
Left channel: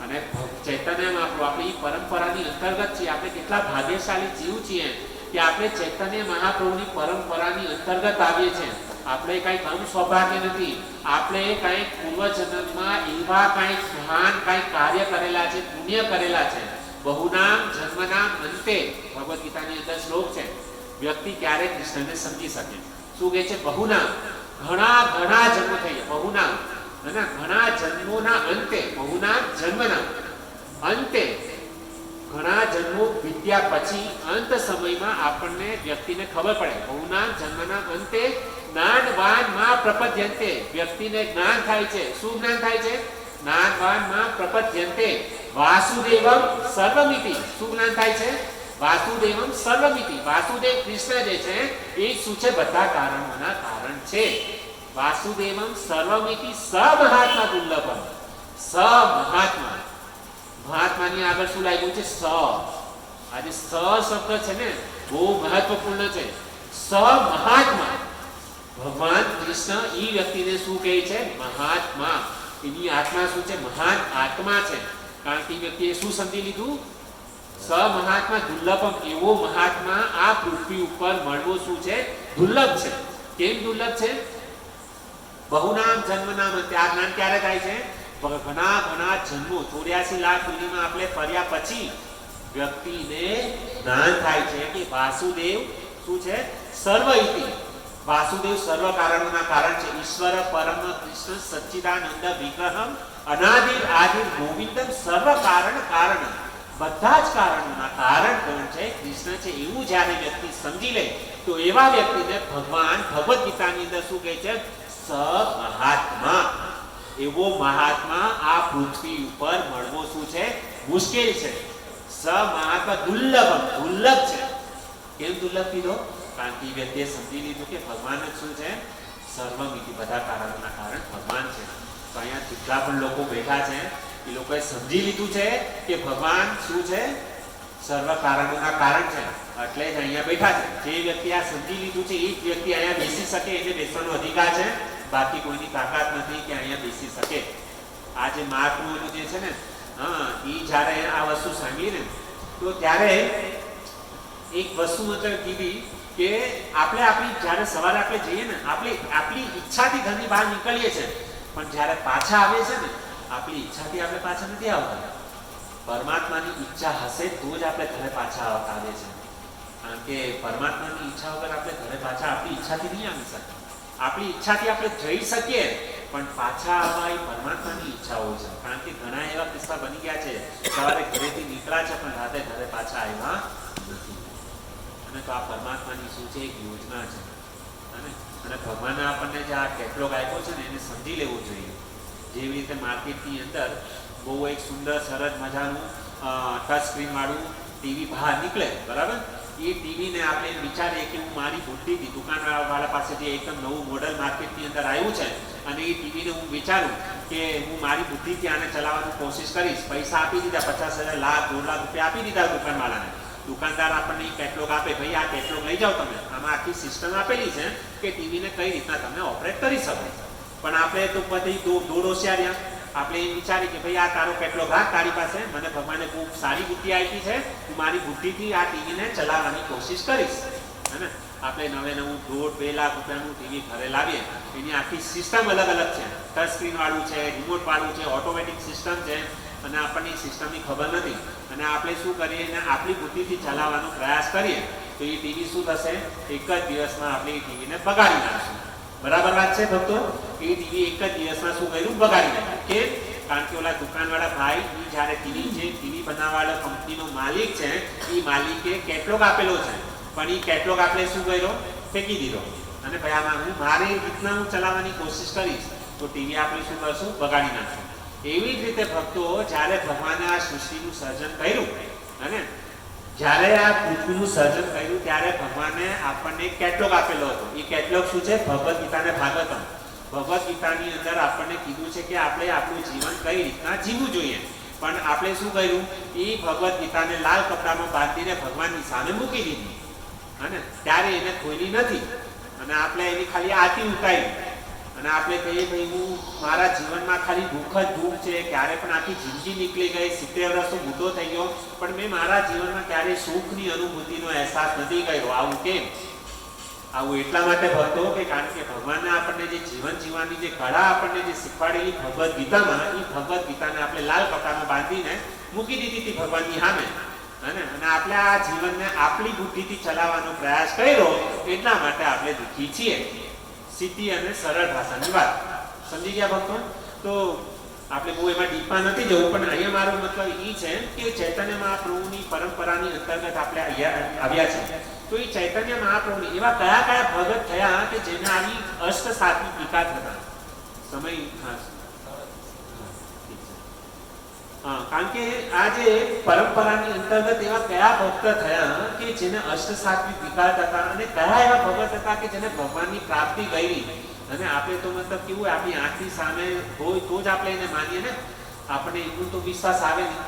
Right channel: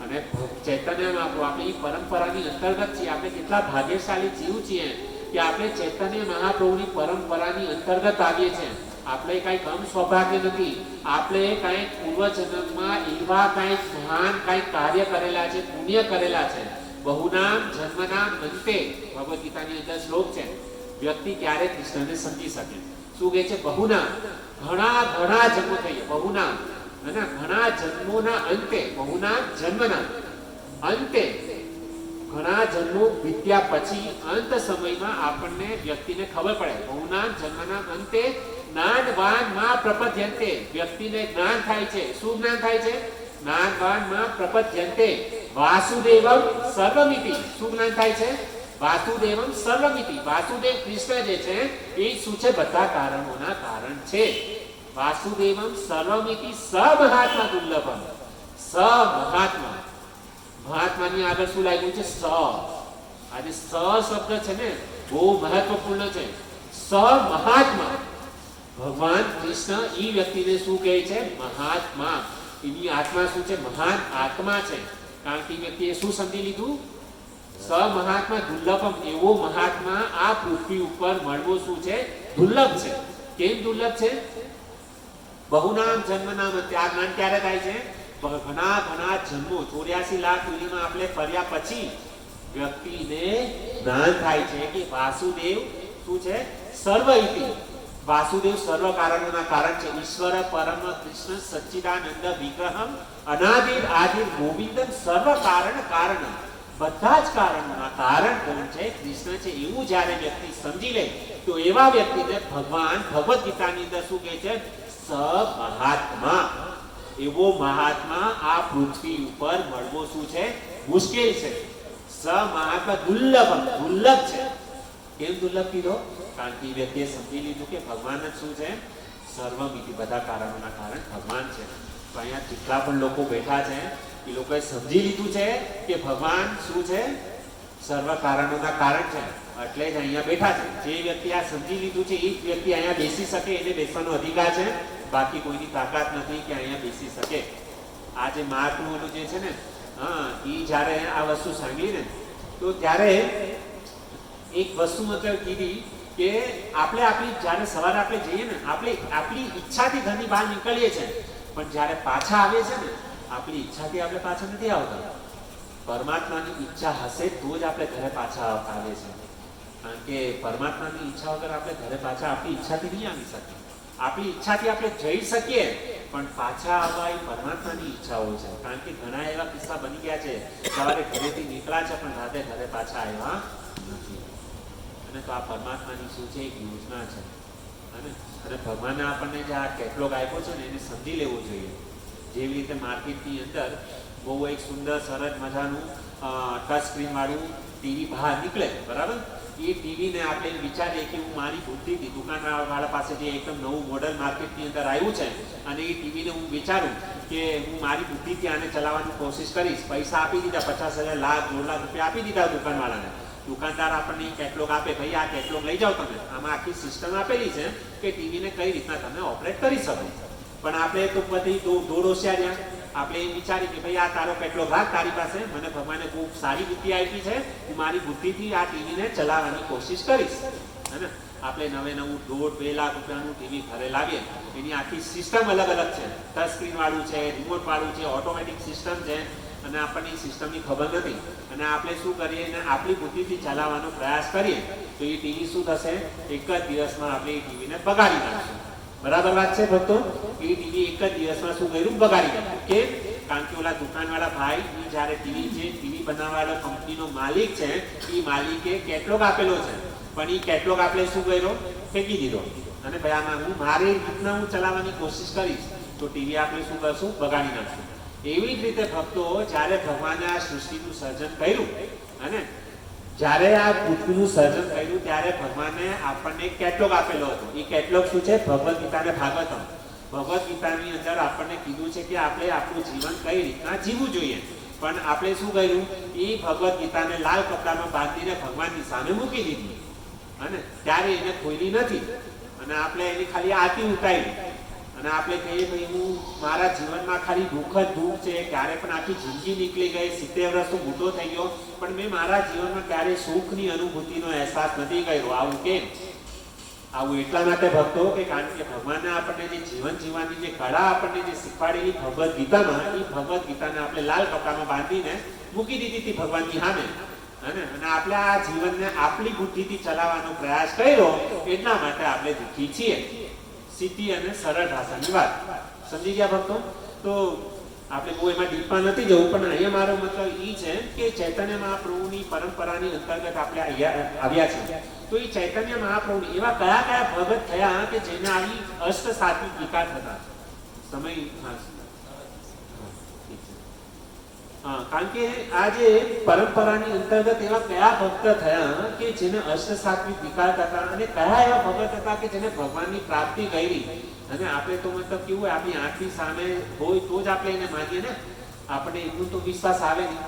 અને ચૈતન્ય મહાપ્રભુ આપણી પરંપરાની અંતર્ગત છીએ. આપણે કેટલા ભાગ્યશાળી જીવ છીએ કે આપણે ચૈતન્ય મહાપ્રભુની પરંપરાની અંતર્ગત આવીએ છીએ. આપણે કઈ કમ સૌભાગ્ય નથી, આપણે કઈ પૂર્વજન્મમાં એવા કઈ મહાન કઈ કાર્ય કરેલા છે, પુણ્ય કરેલા છે. બહુનામ જન્મનામ અંતે ભગવદ્ ગીતાની અંદર શ્લોક છે. વ્યક્તિ ક્યારે કૃષ્ણને સમજી શકે? શું કહે છે? બહુનામ, ઘણા ઘણા જન્મ થઈ ગયા. બહુનામ અને ઘણા જન્મોના અંતે, બહુનામ જન્મના અંતે, ઘણા જન્મો વીત્યા પછી અંત સમયમાં આપણને વ્યક્તિને ખબર પડે. બહુનામ જન્મના અંતે જ્ઞાનવાન માં પ્રપદ્યંતે, વ્યક્તિને જ્ઞાન થાય છે. શું જ્ઞાન થાય છે? જ્ઞાનવાન માં પ્રપદ્યંતે વાસુદેવમ સર્વમિતિ. શું જ્ઞાન થાય છે? વાસુદેવમ સર્વમિતિ. વાસુદેવ કૃષ્ણ જે છે એ શું છે? બધા કારણોના કારણ છે. વાસુદેવમ સર્વમિતિ સ મહાત્મા દુર્લભમ. સ મહાત્મા, મહાત્માની આગળ શું લાગ્યું છે? સ. આજે સ શબ્દ છે ને બહુ મહત્વપૂર્ણ છે. સ મહાત્મા, ભગવાન કૃષ્ણ ઈ વ્યક્તિને શું કહે છે? મહાત્મા. એની આત્મા શું છે? મહાન આત્મા છે. કારણ કે વ્યક્તિએ શું સમજી લીધું? સ મહાત્મા દુર્લભમ. એવો મહાત્મા આ પૃથ્વી ઉપર મળવો શું છે? દુર્લભ છે. કેમ દુર્લભ છે? બહુનામ જન્મનામ અંતે. આ જ્ઞાન ક્યારે થાય છે? ઘણા ઘણા જન્મો, 84 લાખ યોનિમાં આપણે ફર્યા પછી વ્યક્તિને જ્ઞાન થાય છે કે વાસુદેવ શું છે? સર્વ ઇતિ. વાસુદેવ સર્વ કારણોના કારણ છે. ઈશ્વર પરમ કૃષ્ણ સચ્ચિદાનંદ વિગ્રહમ અનાદિર આદિર ગોવિંદમ સર્વ કારણ કારણ. બધા જ કારણોના કારણ કોણ છે? કૃષ્ણ છે. એવું જ્યારે વ્યક્તિ સમજી લે તો એવા વ્યક્તિને ભગવાન ભગવદ્ ગીતાની અંદર શું કહે છે? સ મહાત્મા. એવો મહાત્મા આ પૃથ્વી ઉપર મળવો શું છે? મુશ્કેલ છે. સ સ મહાત્મા દુર્લભમ, દુર્લભ છે. કેમ દુર્લભ કીધો? કારણ કે એ વ્યક્તિએ સમજી લીધું કે ભગવાન જ શું છે? સર્વમિતિ, બધા કારણોના કારણ ભગવાન છે. તો અહીંયા જેટલા પણ લોકો બેઠા છે એ લોકોએ સમજી લીધું છે કે ભગવાન શું છે? સર્વ કારણોના કારણ છે. એટલે જ અહીંયા બેઠા છે. જે વ્યક્તિ આ સમજી લીધું છે એ જ વ્યક્તિ અહીંયા બેસી શકે, એને બેસવાનો અધિકાર છે. બાકી કોઈની તાકાત નથી કે અહીંયા બેસી શકે. આ જે મહાત્માઓનું જે છે ને, એ જ્યારે આ વસ્તુ સાંભળી ને તો ત્યારે એક વસ્તુ મતલબ કીધી કે આપણે આપણી જ્યારે સવારે આપણે જઈએ ને, આપણી ઈચ્છાથી ઘરની બહાર નીકળીએ છીએ, પણ જ્યારે પાછા આવીએ છીએ ને, આપણી ઈચ્છાથી આપણે પાછા નથી આવતા. પરમાત્માની ઈચ્છા હશે તો જ આપણે ઘરે પાછા આવીએ છીએ. કારણ કે પરમાત્માની ઈચ્છા વગર આપણે ઘરે પાછા આપણી ઈચ્છાથી નહીં આવી શકીએ. આપણી ઈચ્છાથી આપણે જઈ શકીએ, પણ પાછા આવવા એ પરમાત્માની ઈચ્છા હોય છે. કારણ કે ઘણા એવા કિસ્સા બની ગયા છે, સવારે ઘરેથી નીકળ્યા છે પણ રાતે ઘરે પાછા આવ્યા નથી. અને તો આ પરમાત્માની શું છે? એક યોજના છે. અને ભગવાને આપણને જે આ કેટલોગ આપ્યો છે ને, એને સમજી લેવું જોઈએ. જેવી રીતે માર્કેટની અંદર બહુ એક સુંદર સરસ મજાનું ટચ સ્ક્રીન વાળું ટીવી બહાર નીકળે, બરાબર? એ ટીવીને આપણે વિચારીએ કે હું મારી બુદ્ધિથી દુકાનવાળા પાસે જે એકદમ નવું મોડલ માર્કેટની અંદર આવ્યું છે, અને એ ટીવીને હું વિચારું કે હું મારી બુદ્ધિથી આને ચલાવવાની કોશિશ કરીશ. પૈસા આપી દીધા, 50,000, લાખ, 2 લાખ રૂપિયા આપી દીધા દુકાનવાળાને. દુકાનદાર આપણને એ કેટલોગ આપે, ભાઈ આ કેટલોગ લઈ જાઓ તમે. આમાં આખી સિસ્ટમ આપેલી છે કે ટીવીને કઈ રીતના તમે ઓપરેટ કરી શકો. પણ આપણે તો બધી દોડ હોશિયાર્યા. આપણે એમ વિચારી કે ભાઈ આ તારો કેટલોગ રાખ તારી પાસે, મને ભગવાને ખૂબ સારી બુદ્ધિ આપી છે, હું મારી બુદ્ધિથી આ ટીવીને ચલાવવાની કોશિશ કરીશ. હે ને? આપણે નવું 1.5-2 લાખ રૂપિયાનું ટીવી ઘરે લાવીએ, એની આખી સિસ્ટમ અલગ અલગ છે. ટચ સ્ક્રીન વાળું છે, રિમોટ વાળું છે, ઓટોમેટિક સિસ્ટમ છે, અને આપણને એ સિસ્ટમની ખબર નથી. અને આપણે શું કરીએ અને આપણી બુદ્ધિથી ચલાવવાનો પ્રયાસ કરીએ તો એ ટીવી શું થશે? એક જ દિવસમાં આપણે એ ટીવીને બગાડી નાખશું. બરાબર વાત છે ભક્તો? એ ટીવી એક જ દિવસમાં શું કર્યું? બગાડી નાખ્યું. કે કારણ કે ઓલા દુકાનવાળા ભાઈ એ જ્યારે ટીવી બનાવવાળો કંપનીનો માલિક છે, એ માલિકે કેટલોગ આપેલો છે, પણ એ કેટલોગ આપણે શું કર્યો? ફેંકી દીધો. અને ભાઈ આમાં હું મારી રીતના હું ચલાવવાની કોશિશ કરીશ તો ટીવી આપણે શું કરશું? બગાડી નાખશું. એવી જ રીતે ભક્તો, જ્યારે ભગવાને આ સૃષ્ટિનું સર્જન કર્યું, અને જ્યારે આ પૃથ્વીનું સર્જન કર્યું ત્યારે ભગવાને આપણને કેટલોગ આપેલો હતો. એ કેટલોગ શું છે? ભગવદ્ ગીતા અને ભાગવતમ. ભગવદ્ ગીતાની અંદર આપણને કીધું છે કે આપણે આપણું જીવન કઈ રીતના જીવવું જોઈએ. પણ આપણે શું કર્યું? એ ભગવદ્ ગીતાને લાલ કપડામાં બાંધીને ભગવાનની સામે મૂકી દીધી, અને ત્યારે એને ખોલી નથી, અને આપણે એની ખાલી આરતી ઉતારી. અને આપણે કહીએ ભાઈ હું મારા જીવનમાં ખાલી દુઃખ જ દુઃખ છે, ક્યારે પણ આખી જિંદગી નીકળી ગઈ, 70 વર્ષ તો મોટો થઈ ગયો, પણ મેં મારા જીવનમાં ક્યારેય સુખની અનુભૂતિનો અહેસાસ નથી કર્યો. આવું કેમ? આવું એટલા માટે ભક્તો કે કારણ કે ભગવાને આપણને જે જીવન જીવવાની જે કળા આપણને જે શીખવાડેલી ભગવદ્ ગીતામાં, એ ભગવદ્ ગીતાને આપણે લાલ કપડામાં બાંધીને મૂકી દીધી હતી ભગવાનની સામે. અને આપણે આ જીવનને આપણી બુદ્ધિથી ચલાવવાનો પ્રયાસ કર્યો, એટલા માટે આપણે દુઃખી છીએ. સીધી અને સરળ ભાષાની વાત. સમજી ગયા ભક્તો? તો આપણે બહુ એમાં ડીપમાં નથી જવું, પણ અહીંયા મારો મતલબ એ છે કે ચૈતન્ય મહાપ્રભુની પરંપરાની અંતર્ગત આપણે આવ્યા છે. તો એ ચૈતન્ય મહાપ્રભુની એવા કયા કયા ભગત થયા કે જેને આવી અષ્ટ સાત્વિક વિકાર થતા? સમય કારણ કે આ જે પરંપરાની અંતર્ગત એવા કયા ભક્ત થયા કે જેને અષ્ટ સાત્વિક વિકાર થતા, અને કયા એવા ભગત હતા કે જેને ભગવાનની પ્રાપ્તિ કરી? અને આપણે તો મતલબ કેવું હોય, આપણી આંખની સામે હોય તો જ આપણે એને માનીએ ને, આપણે એટલું તો વિશ્વાસ આવે નહીં.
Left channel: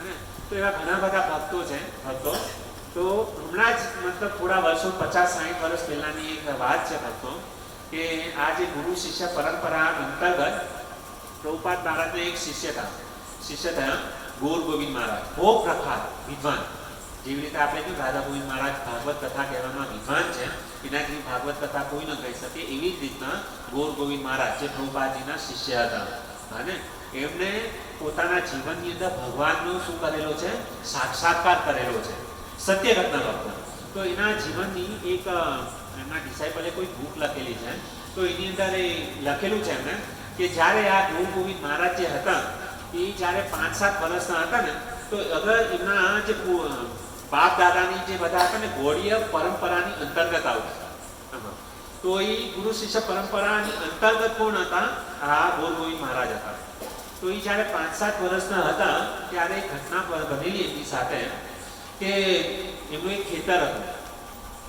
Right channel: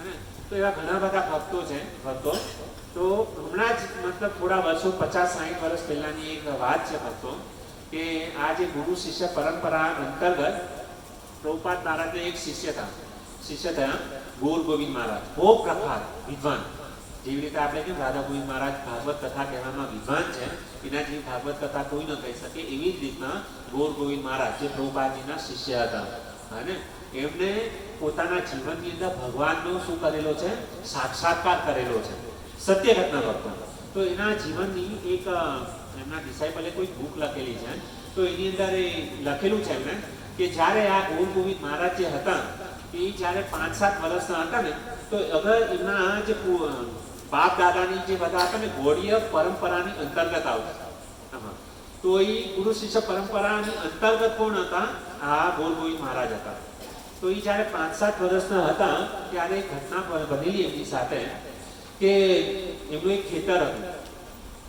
અને તો એવા ઘણા બધા ભક્તો છે. તો હમણાં જ મતલબ થોડા વર્ષો 50-60 વર્ષ પહેલાની એક વાત છે ભક્તો, કે આ જે ગુરુ શિષ્ય પરંપરા અંતર્ગત પ્રભુપાદ મહારાજના એક શિષ્ય થયા ગોર ગોવિંદ મહારાજ. બહુ પ્રખ્યાત વિદ્વાન. જેવી રીતે આપણે કે રાધા ગોવિંદ મહારાજ ભાગવત કથા કહેવામાં વિદ્વાન છે, એના જેવી ભાગવત કથા કોઈ ન કહી શકે, એવી જ રીતના ગોર ગોવિંદ મહારાજ જે પ્રભુપાદજીના શિષ્ય હતા, અને એમને પોતાના જીવનની અંદર ભગવાનનો શું કરેલો છે? સાક્ષાત્કાર કરેલો છે. સત્ય ઘટના ભક્તો. તો એના જીવનની એક એમના ડિસાઇપલે કોઈ બુક લખેલી છે. તો એની અંદર એ લખેલું છે એમને કે જ્યારે આ ગોર ગોવિંદ મહારાજ જે હતા એ જ્યારે 5-7 વર્ષના હતા ને, તો અગર એમના જે બાપ દાદાની જે બધા હતા ને ગૌડીય પરંપરાની અંતર્ગત આવતા, તો એ ગુરુ શિષ્ય પરંપરાની અંતર્ગત કોણ હતા? આ ગોર ગોવિંદ મહારાજ હતા. તો એ જ્યારે 5-7 વર્ષના હતા ત્યારે એક ઘટના બનેલી એમની સાથે કે એમનું એક ખેતર હતું,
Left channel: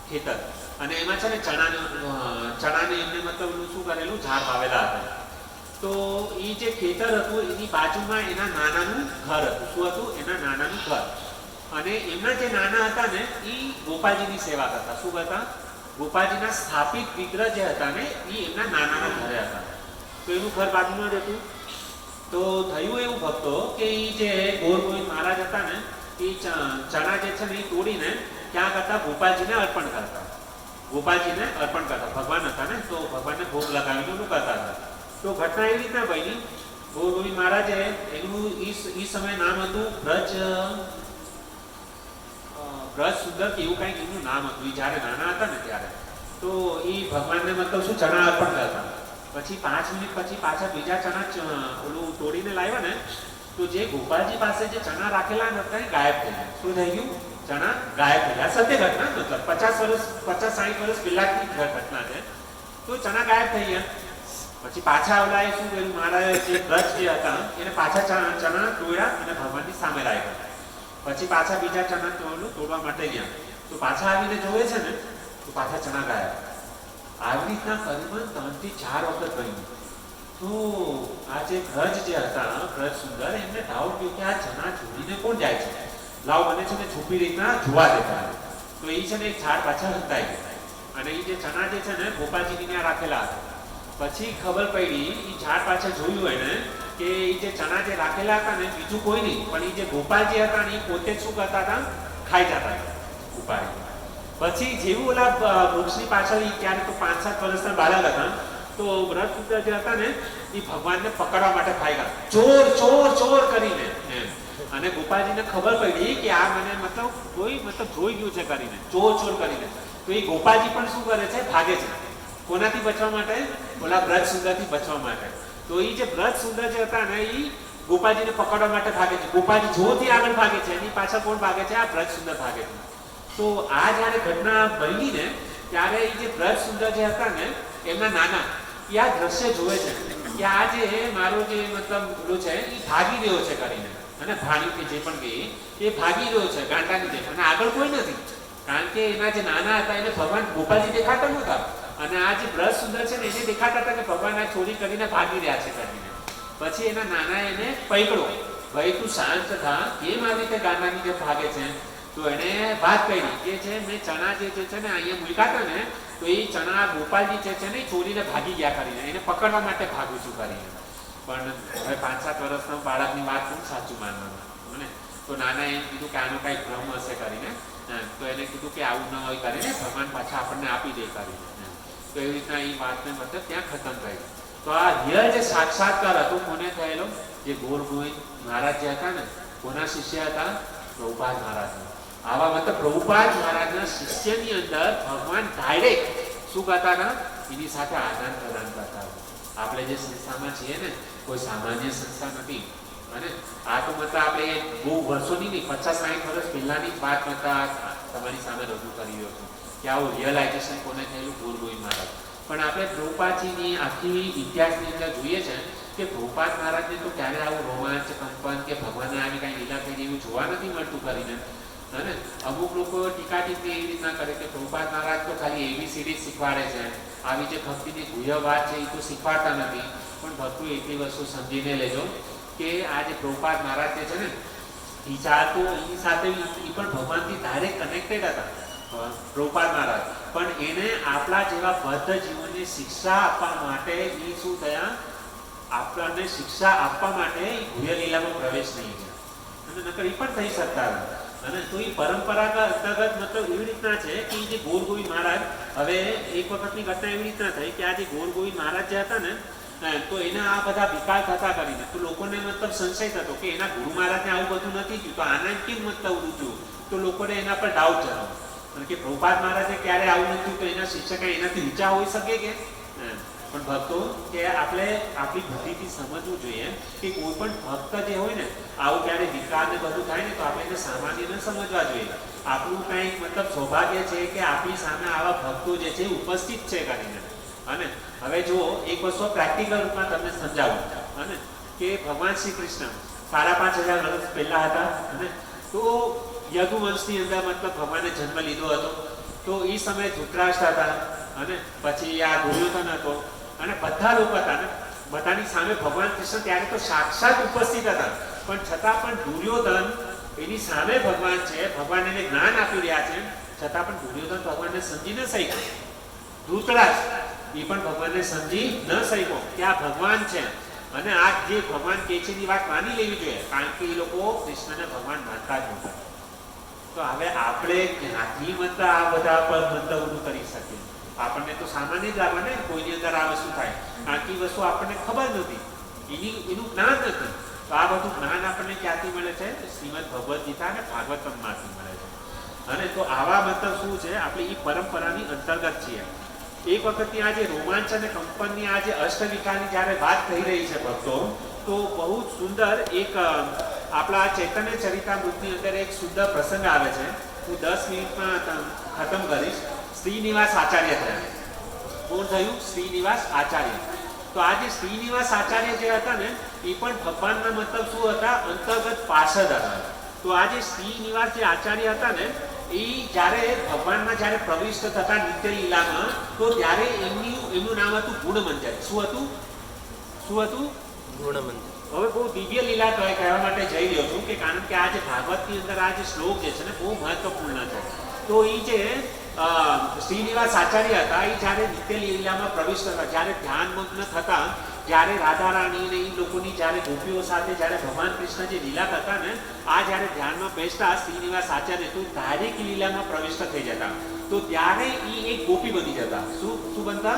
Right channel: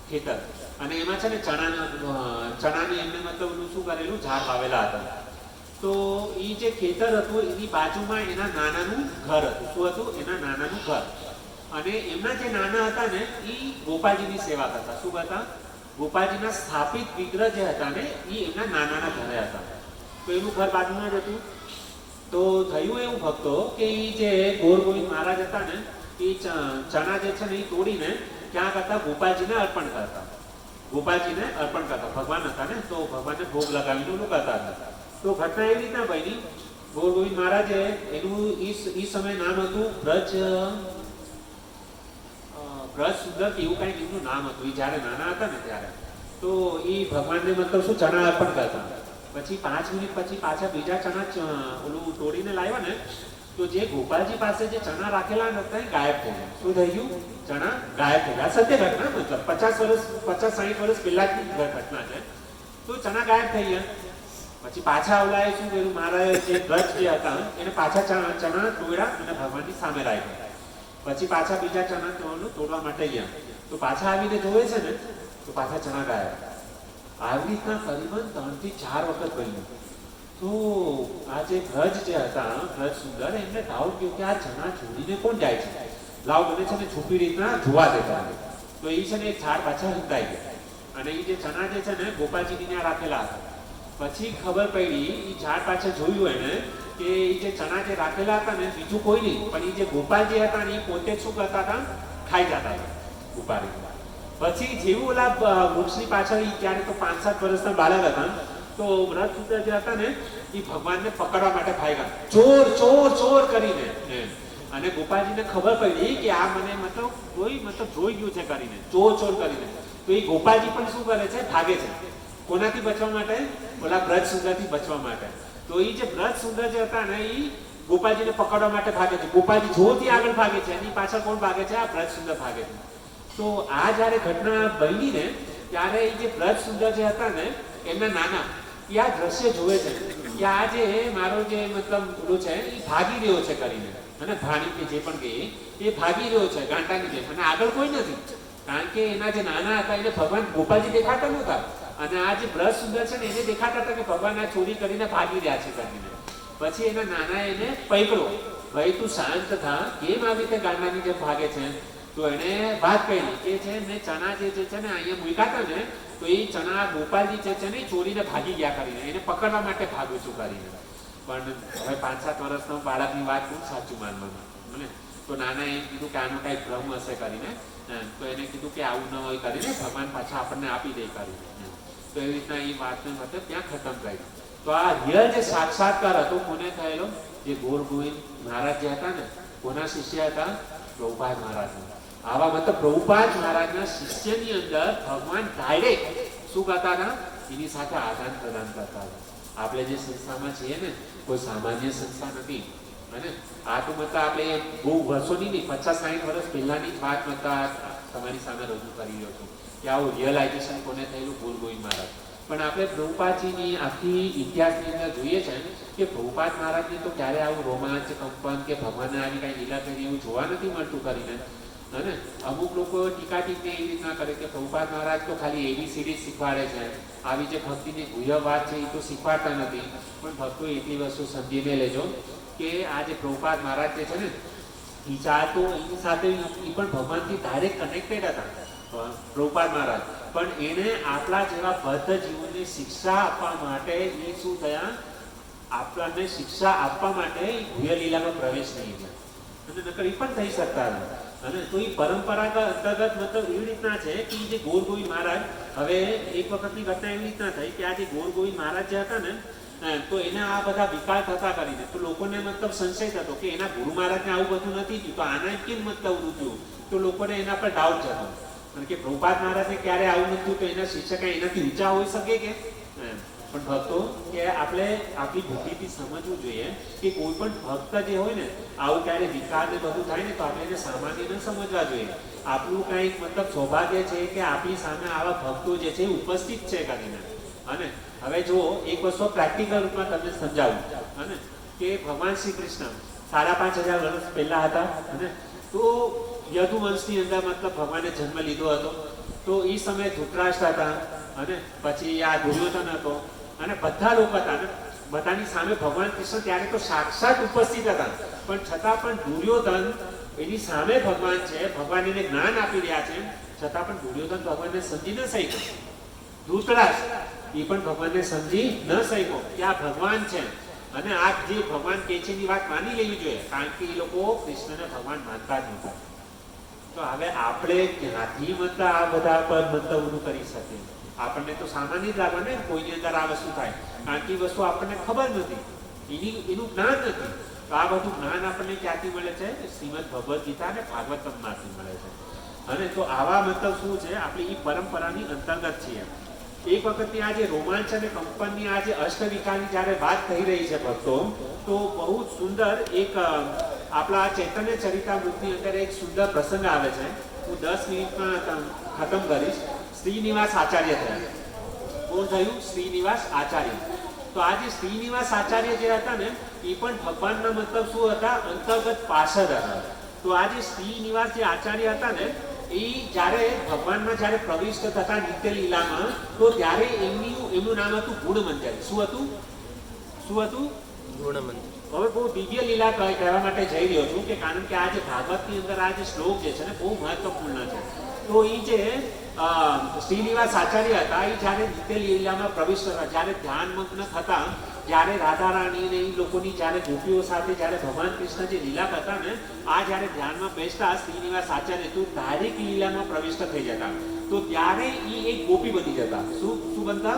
ખેતર, અને એમાં છે ને ચણાને એમને મતલબ એનું શું કરેલું, ઝાડ વાવેલા હતા. તો એ જે ખેતર હતું એની બાજુમાં એના નાનાનું ઘર હતું. શું હતું? એના નાનાનું ઘર. અને એમના જે નાના હતા ને એ ગોપાલજીની સેવા કરતા. શું કરતા? ગોપાલજીના સ્થાપિત વિગ્રહ જે હતા ને એ એમના નાનાના ઘરે હતા. તો એનું ઘર બાજુમાં જ હતું. તો થયું એવું ભક્તો કે એ જે ગોર ગોવિંદ મહારાજ હતા ને એ ચણા જે છે ને એ તોડીને ક્યાં કરતા? ગોપાલજીને અર્પણ કરતા. ગોપાલજીને અર્પણ કરતા. ભગવાન હતા ને તો ભગવાનને ભોગ લગાવીને એનું કરતા હતા. તો ઘટના એવી રીતના બની, ગોર ગોવિંદ મહારાજે એનું એ સમય નામ હતું બ્રજ સુંદર કે એવું કંઈક એમનું નામ હતું. એ જ્યારે નાના હતા ને ત્યારે તો એ ભગવાનને મતલબ શું ચણા અર્પણ કરતા. પછી 5 મિનિટ પછી પાછા બીજા ચણા ઓલું તોડીને લાવ્યા ને તો જે ગોપાલજી પાસે જે ચણા રાખેલા હતા એ ગાયબ થઈ ગયા. શું થઈ ગયું? ચણા ગાયબ થઈ ગયા. સત્ય ઘટના, મતલબ 50-60 વર્ષ પહેલાની ઘટના છે. તો ચણા ગાયબ થઈ ગયા. પછી પાછા ઓલાએ શું કર્યું? મારા જે બ્રજ જે હતા એને પાછા ચણા તોડ્યા અને ભગવાનની સામે રાખ્યા. પછી પાછા બીજા ચણા તોડવા માટે ગયા. તો પાછા આવીને જોવે છે ને તો પાછા ચણા ગાયબ. આવી રીતના કરીબન 3 થી 4 વખત બન્યું. તો આ જે બ્રજ જે હતા, બ્રજ સુંદર, એમને ડાઉટ થયું કે આ ચણા ચોરીને કોણ જાય છે? લાવ મને છે ને છુપી રીતના જોવા દેતા. તો એ છે ને એક ઝાડ પાછળ હંતાઈ ગયા. અને એ જે ચણા જે છે ને ગોપાલજીની ત્યાં રાખેલા હતા. પછી ખબર પડી, એ ઝાડ પાછળ જોયું એને કે એ જે ચણા જે રાખેલા હતા ને બીજું કોઈ નહીં પણ એ જે ગોપાલજી હતા ને એ પોતે શું કરતા હતા? ખાઈ જતા હતા ઉપાડી. પછી જેવું ઓલા વૃક્ષની પાછળ ત્યારે તો 5-7 વર્ષના બાળક હતા. તો બ્રજ સુંદર જે હતા ને એ ભગવાનને પકડવા માટે ભાગ્યા, ચોર ચોર ચોર કરીને એમ. અને ગોપાલજીને ખબર પડી કે આ મને મતલબ કોઈ જોઈ ગયું છે કરીને, ચોર ચોર કરીને. તો એ ગોપાલજી પણ શું કરે છે? ભાગે છે. કોનાથી બચવા માટે? ઓલા બ્રજ સુંદરથી બચવા માટે. તો એ જે બ્રજ સુંદર જે હતા ને એ ગોપાલજીને પકડવા માટે ભાગે છે. ગોપાલજી જોરથી આગળ ભાગે છે, એની પાછળ કોણ ભાગે છે? આ બ્રજ સુંદર ભાગે છે. તો આ જ્યારે ઘટના બની ને ત્યારે એ જે બ્રજ સુંદર જે હતા ને એમના નાના એ આ દ્રશ્ય જોવે છે કે આ જે મારો જે મતલબ પેલું છે એ ભાગી રહ્યો છે કરીને, અને ભાણી કે જે પણ કહે એ ભાગી રહ્યો છે ગાંડાની જેમ, અને આગળ કોઈ નથી. કારણ કે એના જે નાના હતા એને ભગવાન ગોપાલજી દેખાતા નહોતા, અને આ જે બ્રજ સુંદર છે ને એને દેખાતા હતા કે ભગવાન આ ચોરી કરીને ભાગી રહ્યા છે કરીને. પછી એના નાના એને પકડો, ભાઈ તું શાંત થા, કેમ આવી રીતે ગાંડાની જેમ ભાગે છે? તો એને વાત કરી કે છે મેં ચણા જે છે ને અહીંયા મૂક્યા હતા ને તો એ ચણા ગોપાલજી જે છે ને એ ચોરીને ભાગી ગયા કરીને, એને પકડવા માટે ભાગું છું કરીને. પણ હવે 5-7 વર્ષના બાળકની વાત કોણ સાચું માનવાનું? મને તો નાના એમ કીધું કે આનો કાંઈ ભ્રમ હશે કરીને. તો એને કીધું કે આવું ન હોય કરીને ભગવાન પાછા આપણને આપી દે કરીને. તો એવી રીતના એ વાતને મતલબ ત્યાં ખતમ થઈ. તો આ રિયલ જે સાક્ષાત્કાર હતો કોને થયેલો? જે ગોર ગોવિંદ મહારાજ જે હતા ને કોના શિષ્ય હતા? પ્રભુપાદ મહારાજ. આવા મતલબ પ્રભુપાદ મહારાજના શિષ્યની અંદર ભગવાન ડાયરેક્ટ શું કરતા હતા? એની સાથે આદાન પ્રદાન કરતા હતા. આપણે જે સંસ્થામાં છીએ ને કોઈ સામાન્ય સંસ્થા નથી. અને આ તો મતલબ આપણે બહુ વર્ષોની નહીં, 50-60 વર્ષ પહેલાની જ વાત મતલબ તમારી સામે રજૂ કરી રહ્યો છું કે આવું રિયલાઇઝેશન કોને થયેલું? ગોર ગોવિંદ મહારાજ. પણ આપણે પ્રભુપાદજીની આખી ઇતિહાસની અંદર જોઈએ છે કે પ્રભુપાદ મહારાજને તો ક્યારે આવું રોમાંચ, કંપન કે ભગવાનને આવી કાંઈ લીલા કરી એવું જોવા નથી મળતું કરીને. અને અમુક લોકો ટીકા ટીપણી એવી રીતના કરે કે પ્રભુપાદ મહારાજ તો ખાલી ABCD શીખવાડે છે, આવી જે ભક્તિની ગુહ્ય વાત છે એ તો શીખવાડતા નથી. પણ ભક્તો એટલી વસ્તુ સમજીને લેજો કે આ જે પ્રભુપાદ મહારાજ જે છે ને એ ચાહતો એની સાથે એ પણ ભગવાનથી ડાયરેક્ટ કનેક્ટેડ હતા પ્રભુપાદ મહારાજ. પણ એને આપણા જેવા બદ્ધ જીવનને શિક્ષા આપવા માટે એ શું થયા? આપણને શિક્ષા આપવા માટે એ ગુહ્ય લીલામાં પ્રવેશ નહીં છે, અને નકર એ પણ થઈ શકતા હતા. અને તો એ પરંપરાગત અંતર્ગત મતલબ એવી રીતના છે કે જે ગોર ગોવિંદ મહારાજ, હવે એક વખતની ઘટના એવી રીતના થઈ કે આ જે ગોર ગોવિંદ મહારાજ જે હતા ને તો એના આ બધા વિકાર થતા કરીને તો લોકોને મતલબ સંશય થતો કે એના ગુરુ મહારાજને આવું બધું નથી થયું તો આના કેમ મતલબ થયું? તો લોકોને એના પર ડાઉટ જતો. કારણ કે પ્રભુપાદ મહારાજને ક્યારે આવું નથી તો એના શિષ્ય કાંઈ એનાથી નીચા હોઈ શકે કે? પણ ભક્તો કે આપણે આપણી બુદ્ધિથી સમજવું જોઈએ કે કોઈ પણ ભક્ત જે હોય ને આવું ક્યારે વિકાર ને બધું થાય ને તો આપણે એને સામાન્ય ન સમજવા જોઈએ. આપણું કંઈક મતલબ સૌભાગ્ય છે કે આપણી સામે આવા ભક્તો જે છે ઉપસ્થિત છે કરીને. અને હવે જુઓ એક વસ્તુ પ્રેક્ટિકલ રૂપમાં તમને સમજાવું. અને કે ભગવાન શ્રી કૃષ્ણ 5,500 વર્ષ પહેલા હતા અને તો યદુવંશની અંદર મતલબ ભગવાને જન્મ લીધો હતો. તો એ સમયે ધૃતરાષ્ટ્ર હતા અને પછી આ દુર્યોધન હતો અને બધા લોકો હતા ને બધાની સામે ભગવાન કૃષ્ણ ત્યારે તો સાક્ષાત ઉપસ્થિત હતા, પણ છતાં પણ દુર્યોધન એની સામે ભગવાન છે, ભગવાન એને જ્ઞાન આપી રહ્યા છે, છતાં પણ દુર્યોધન ભગવાનને સમજી ન શક્યો. ધૃતરાષ્ટ્ર એ પણ ભગવાનને સમજી ન શક્યો કે આ ભગવાન છે અને આ જે ભગવાન કે છે એની વાત માની લેવી જોઈએ, કારણ કે એ લોકો કૃષ્ણને ભગવાન માનતા જ નહોતા. તો હવે આપણે ક્યાંથી મતલબ આ બધા પર મતલબ ઊંધું કરી શકીએ? આપણને તો સામાન્ય જ લાગે ને કોઈની અંદર આ વસ્તુ થાય, કારણ કે એ વસ્તુ આપણને ખબર નથી, એનું જ્ઞાન નથી. તો આ બધું જ્ઞાન આપણને ક્યાંથી મળે છે? શ્રીમદ ભગવદ્ ગીતા અને ભાગવતમમાંથી મળે છે. અને તો આવા મતલબ શું છે, આપણે એ પરંપરાની અંતર્ગત છીએ. એક વખતની આ જે રોમાંચ અને કંપનની આ જે અષ્ટવિકારની જ્યારે વાત થઈ રહી છે ભક્તો, તો બહુ જ સુંદર એક આપણા ચૈતન્ય ચરિતામૃતની અંદર એક સુંદર પ્રસંગ આવે છે. હું 10 મિનિટમાં ખતમ કરીશ. શ્રીનિવાસ આચાર્ય થયા. કોણ થયું? શ્રીનિવાસ આચાર્ય. તો આ જે શ્રીનિવાસ આચાર્ય જે હતા ને એ પણ ભગવાનના મતલબ શું હતા? અંતર્ગત પાર્ષદ હતા. તો આ જે શ્રીનિવાસ જે આચાર્ય હતા ને એ જ્યારે ભગવાનમાં જ્યારે પ્રવિષ્ટ થતા નિત્ય લીલામાં, તો ત્યારે એમનું નામ હતું ગુણમંજર. શું હતું? ગુણમંજર. હવે બહુ દિવ્ય લીલા કહેવા માટે જઈ રહ્યો છું કે કારણ કે આ જે ભાગવતની અંદર આ જે શ્લોક જે છે ને બહુ મહત્વપૂર્ણ છે. તો એ જે શ્રીનિવાસ આચાર્ય હતા એ જ્યારે નિત્ય લીલામાં પ્રવિષ્ટ હતા, જ્યારે ધ્યાનમગ્ન થતા, જ્યારે રાધા રાણી ને એ લોકોની જ્યારે ગોપીઓ સાથે જ્યારે ભગવાન કૃષ્ણ જે લીલા કરતા ને આ જ્યારે ધ્યાનમાં બેસતા શ્રીનિવાસ આચાર્ય તો ધારિક લીલામાં પ્રવિષ્ટ થઈ જતા. તો ત્યારે એ એક ગોપી બની જતા. શું બનતા?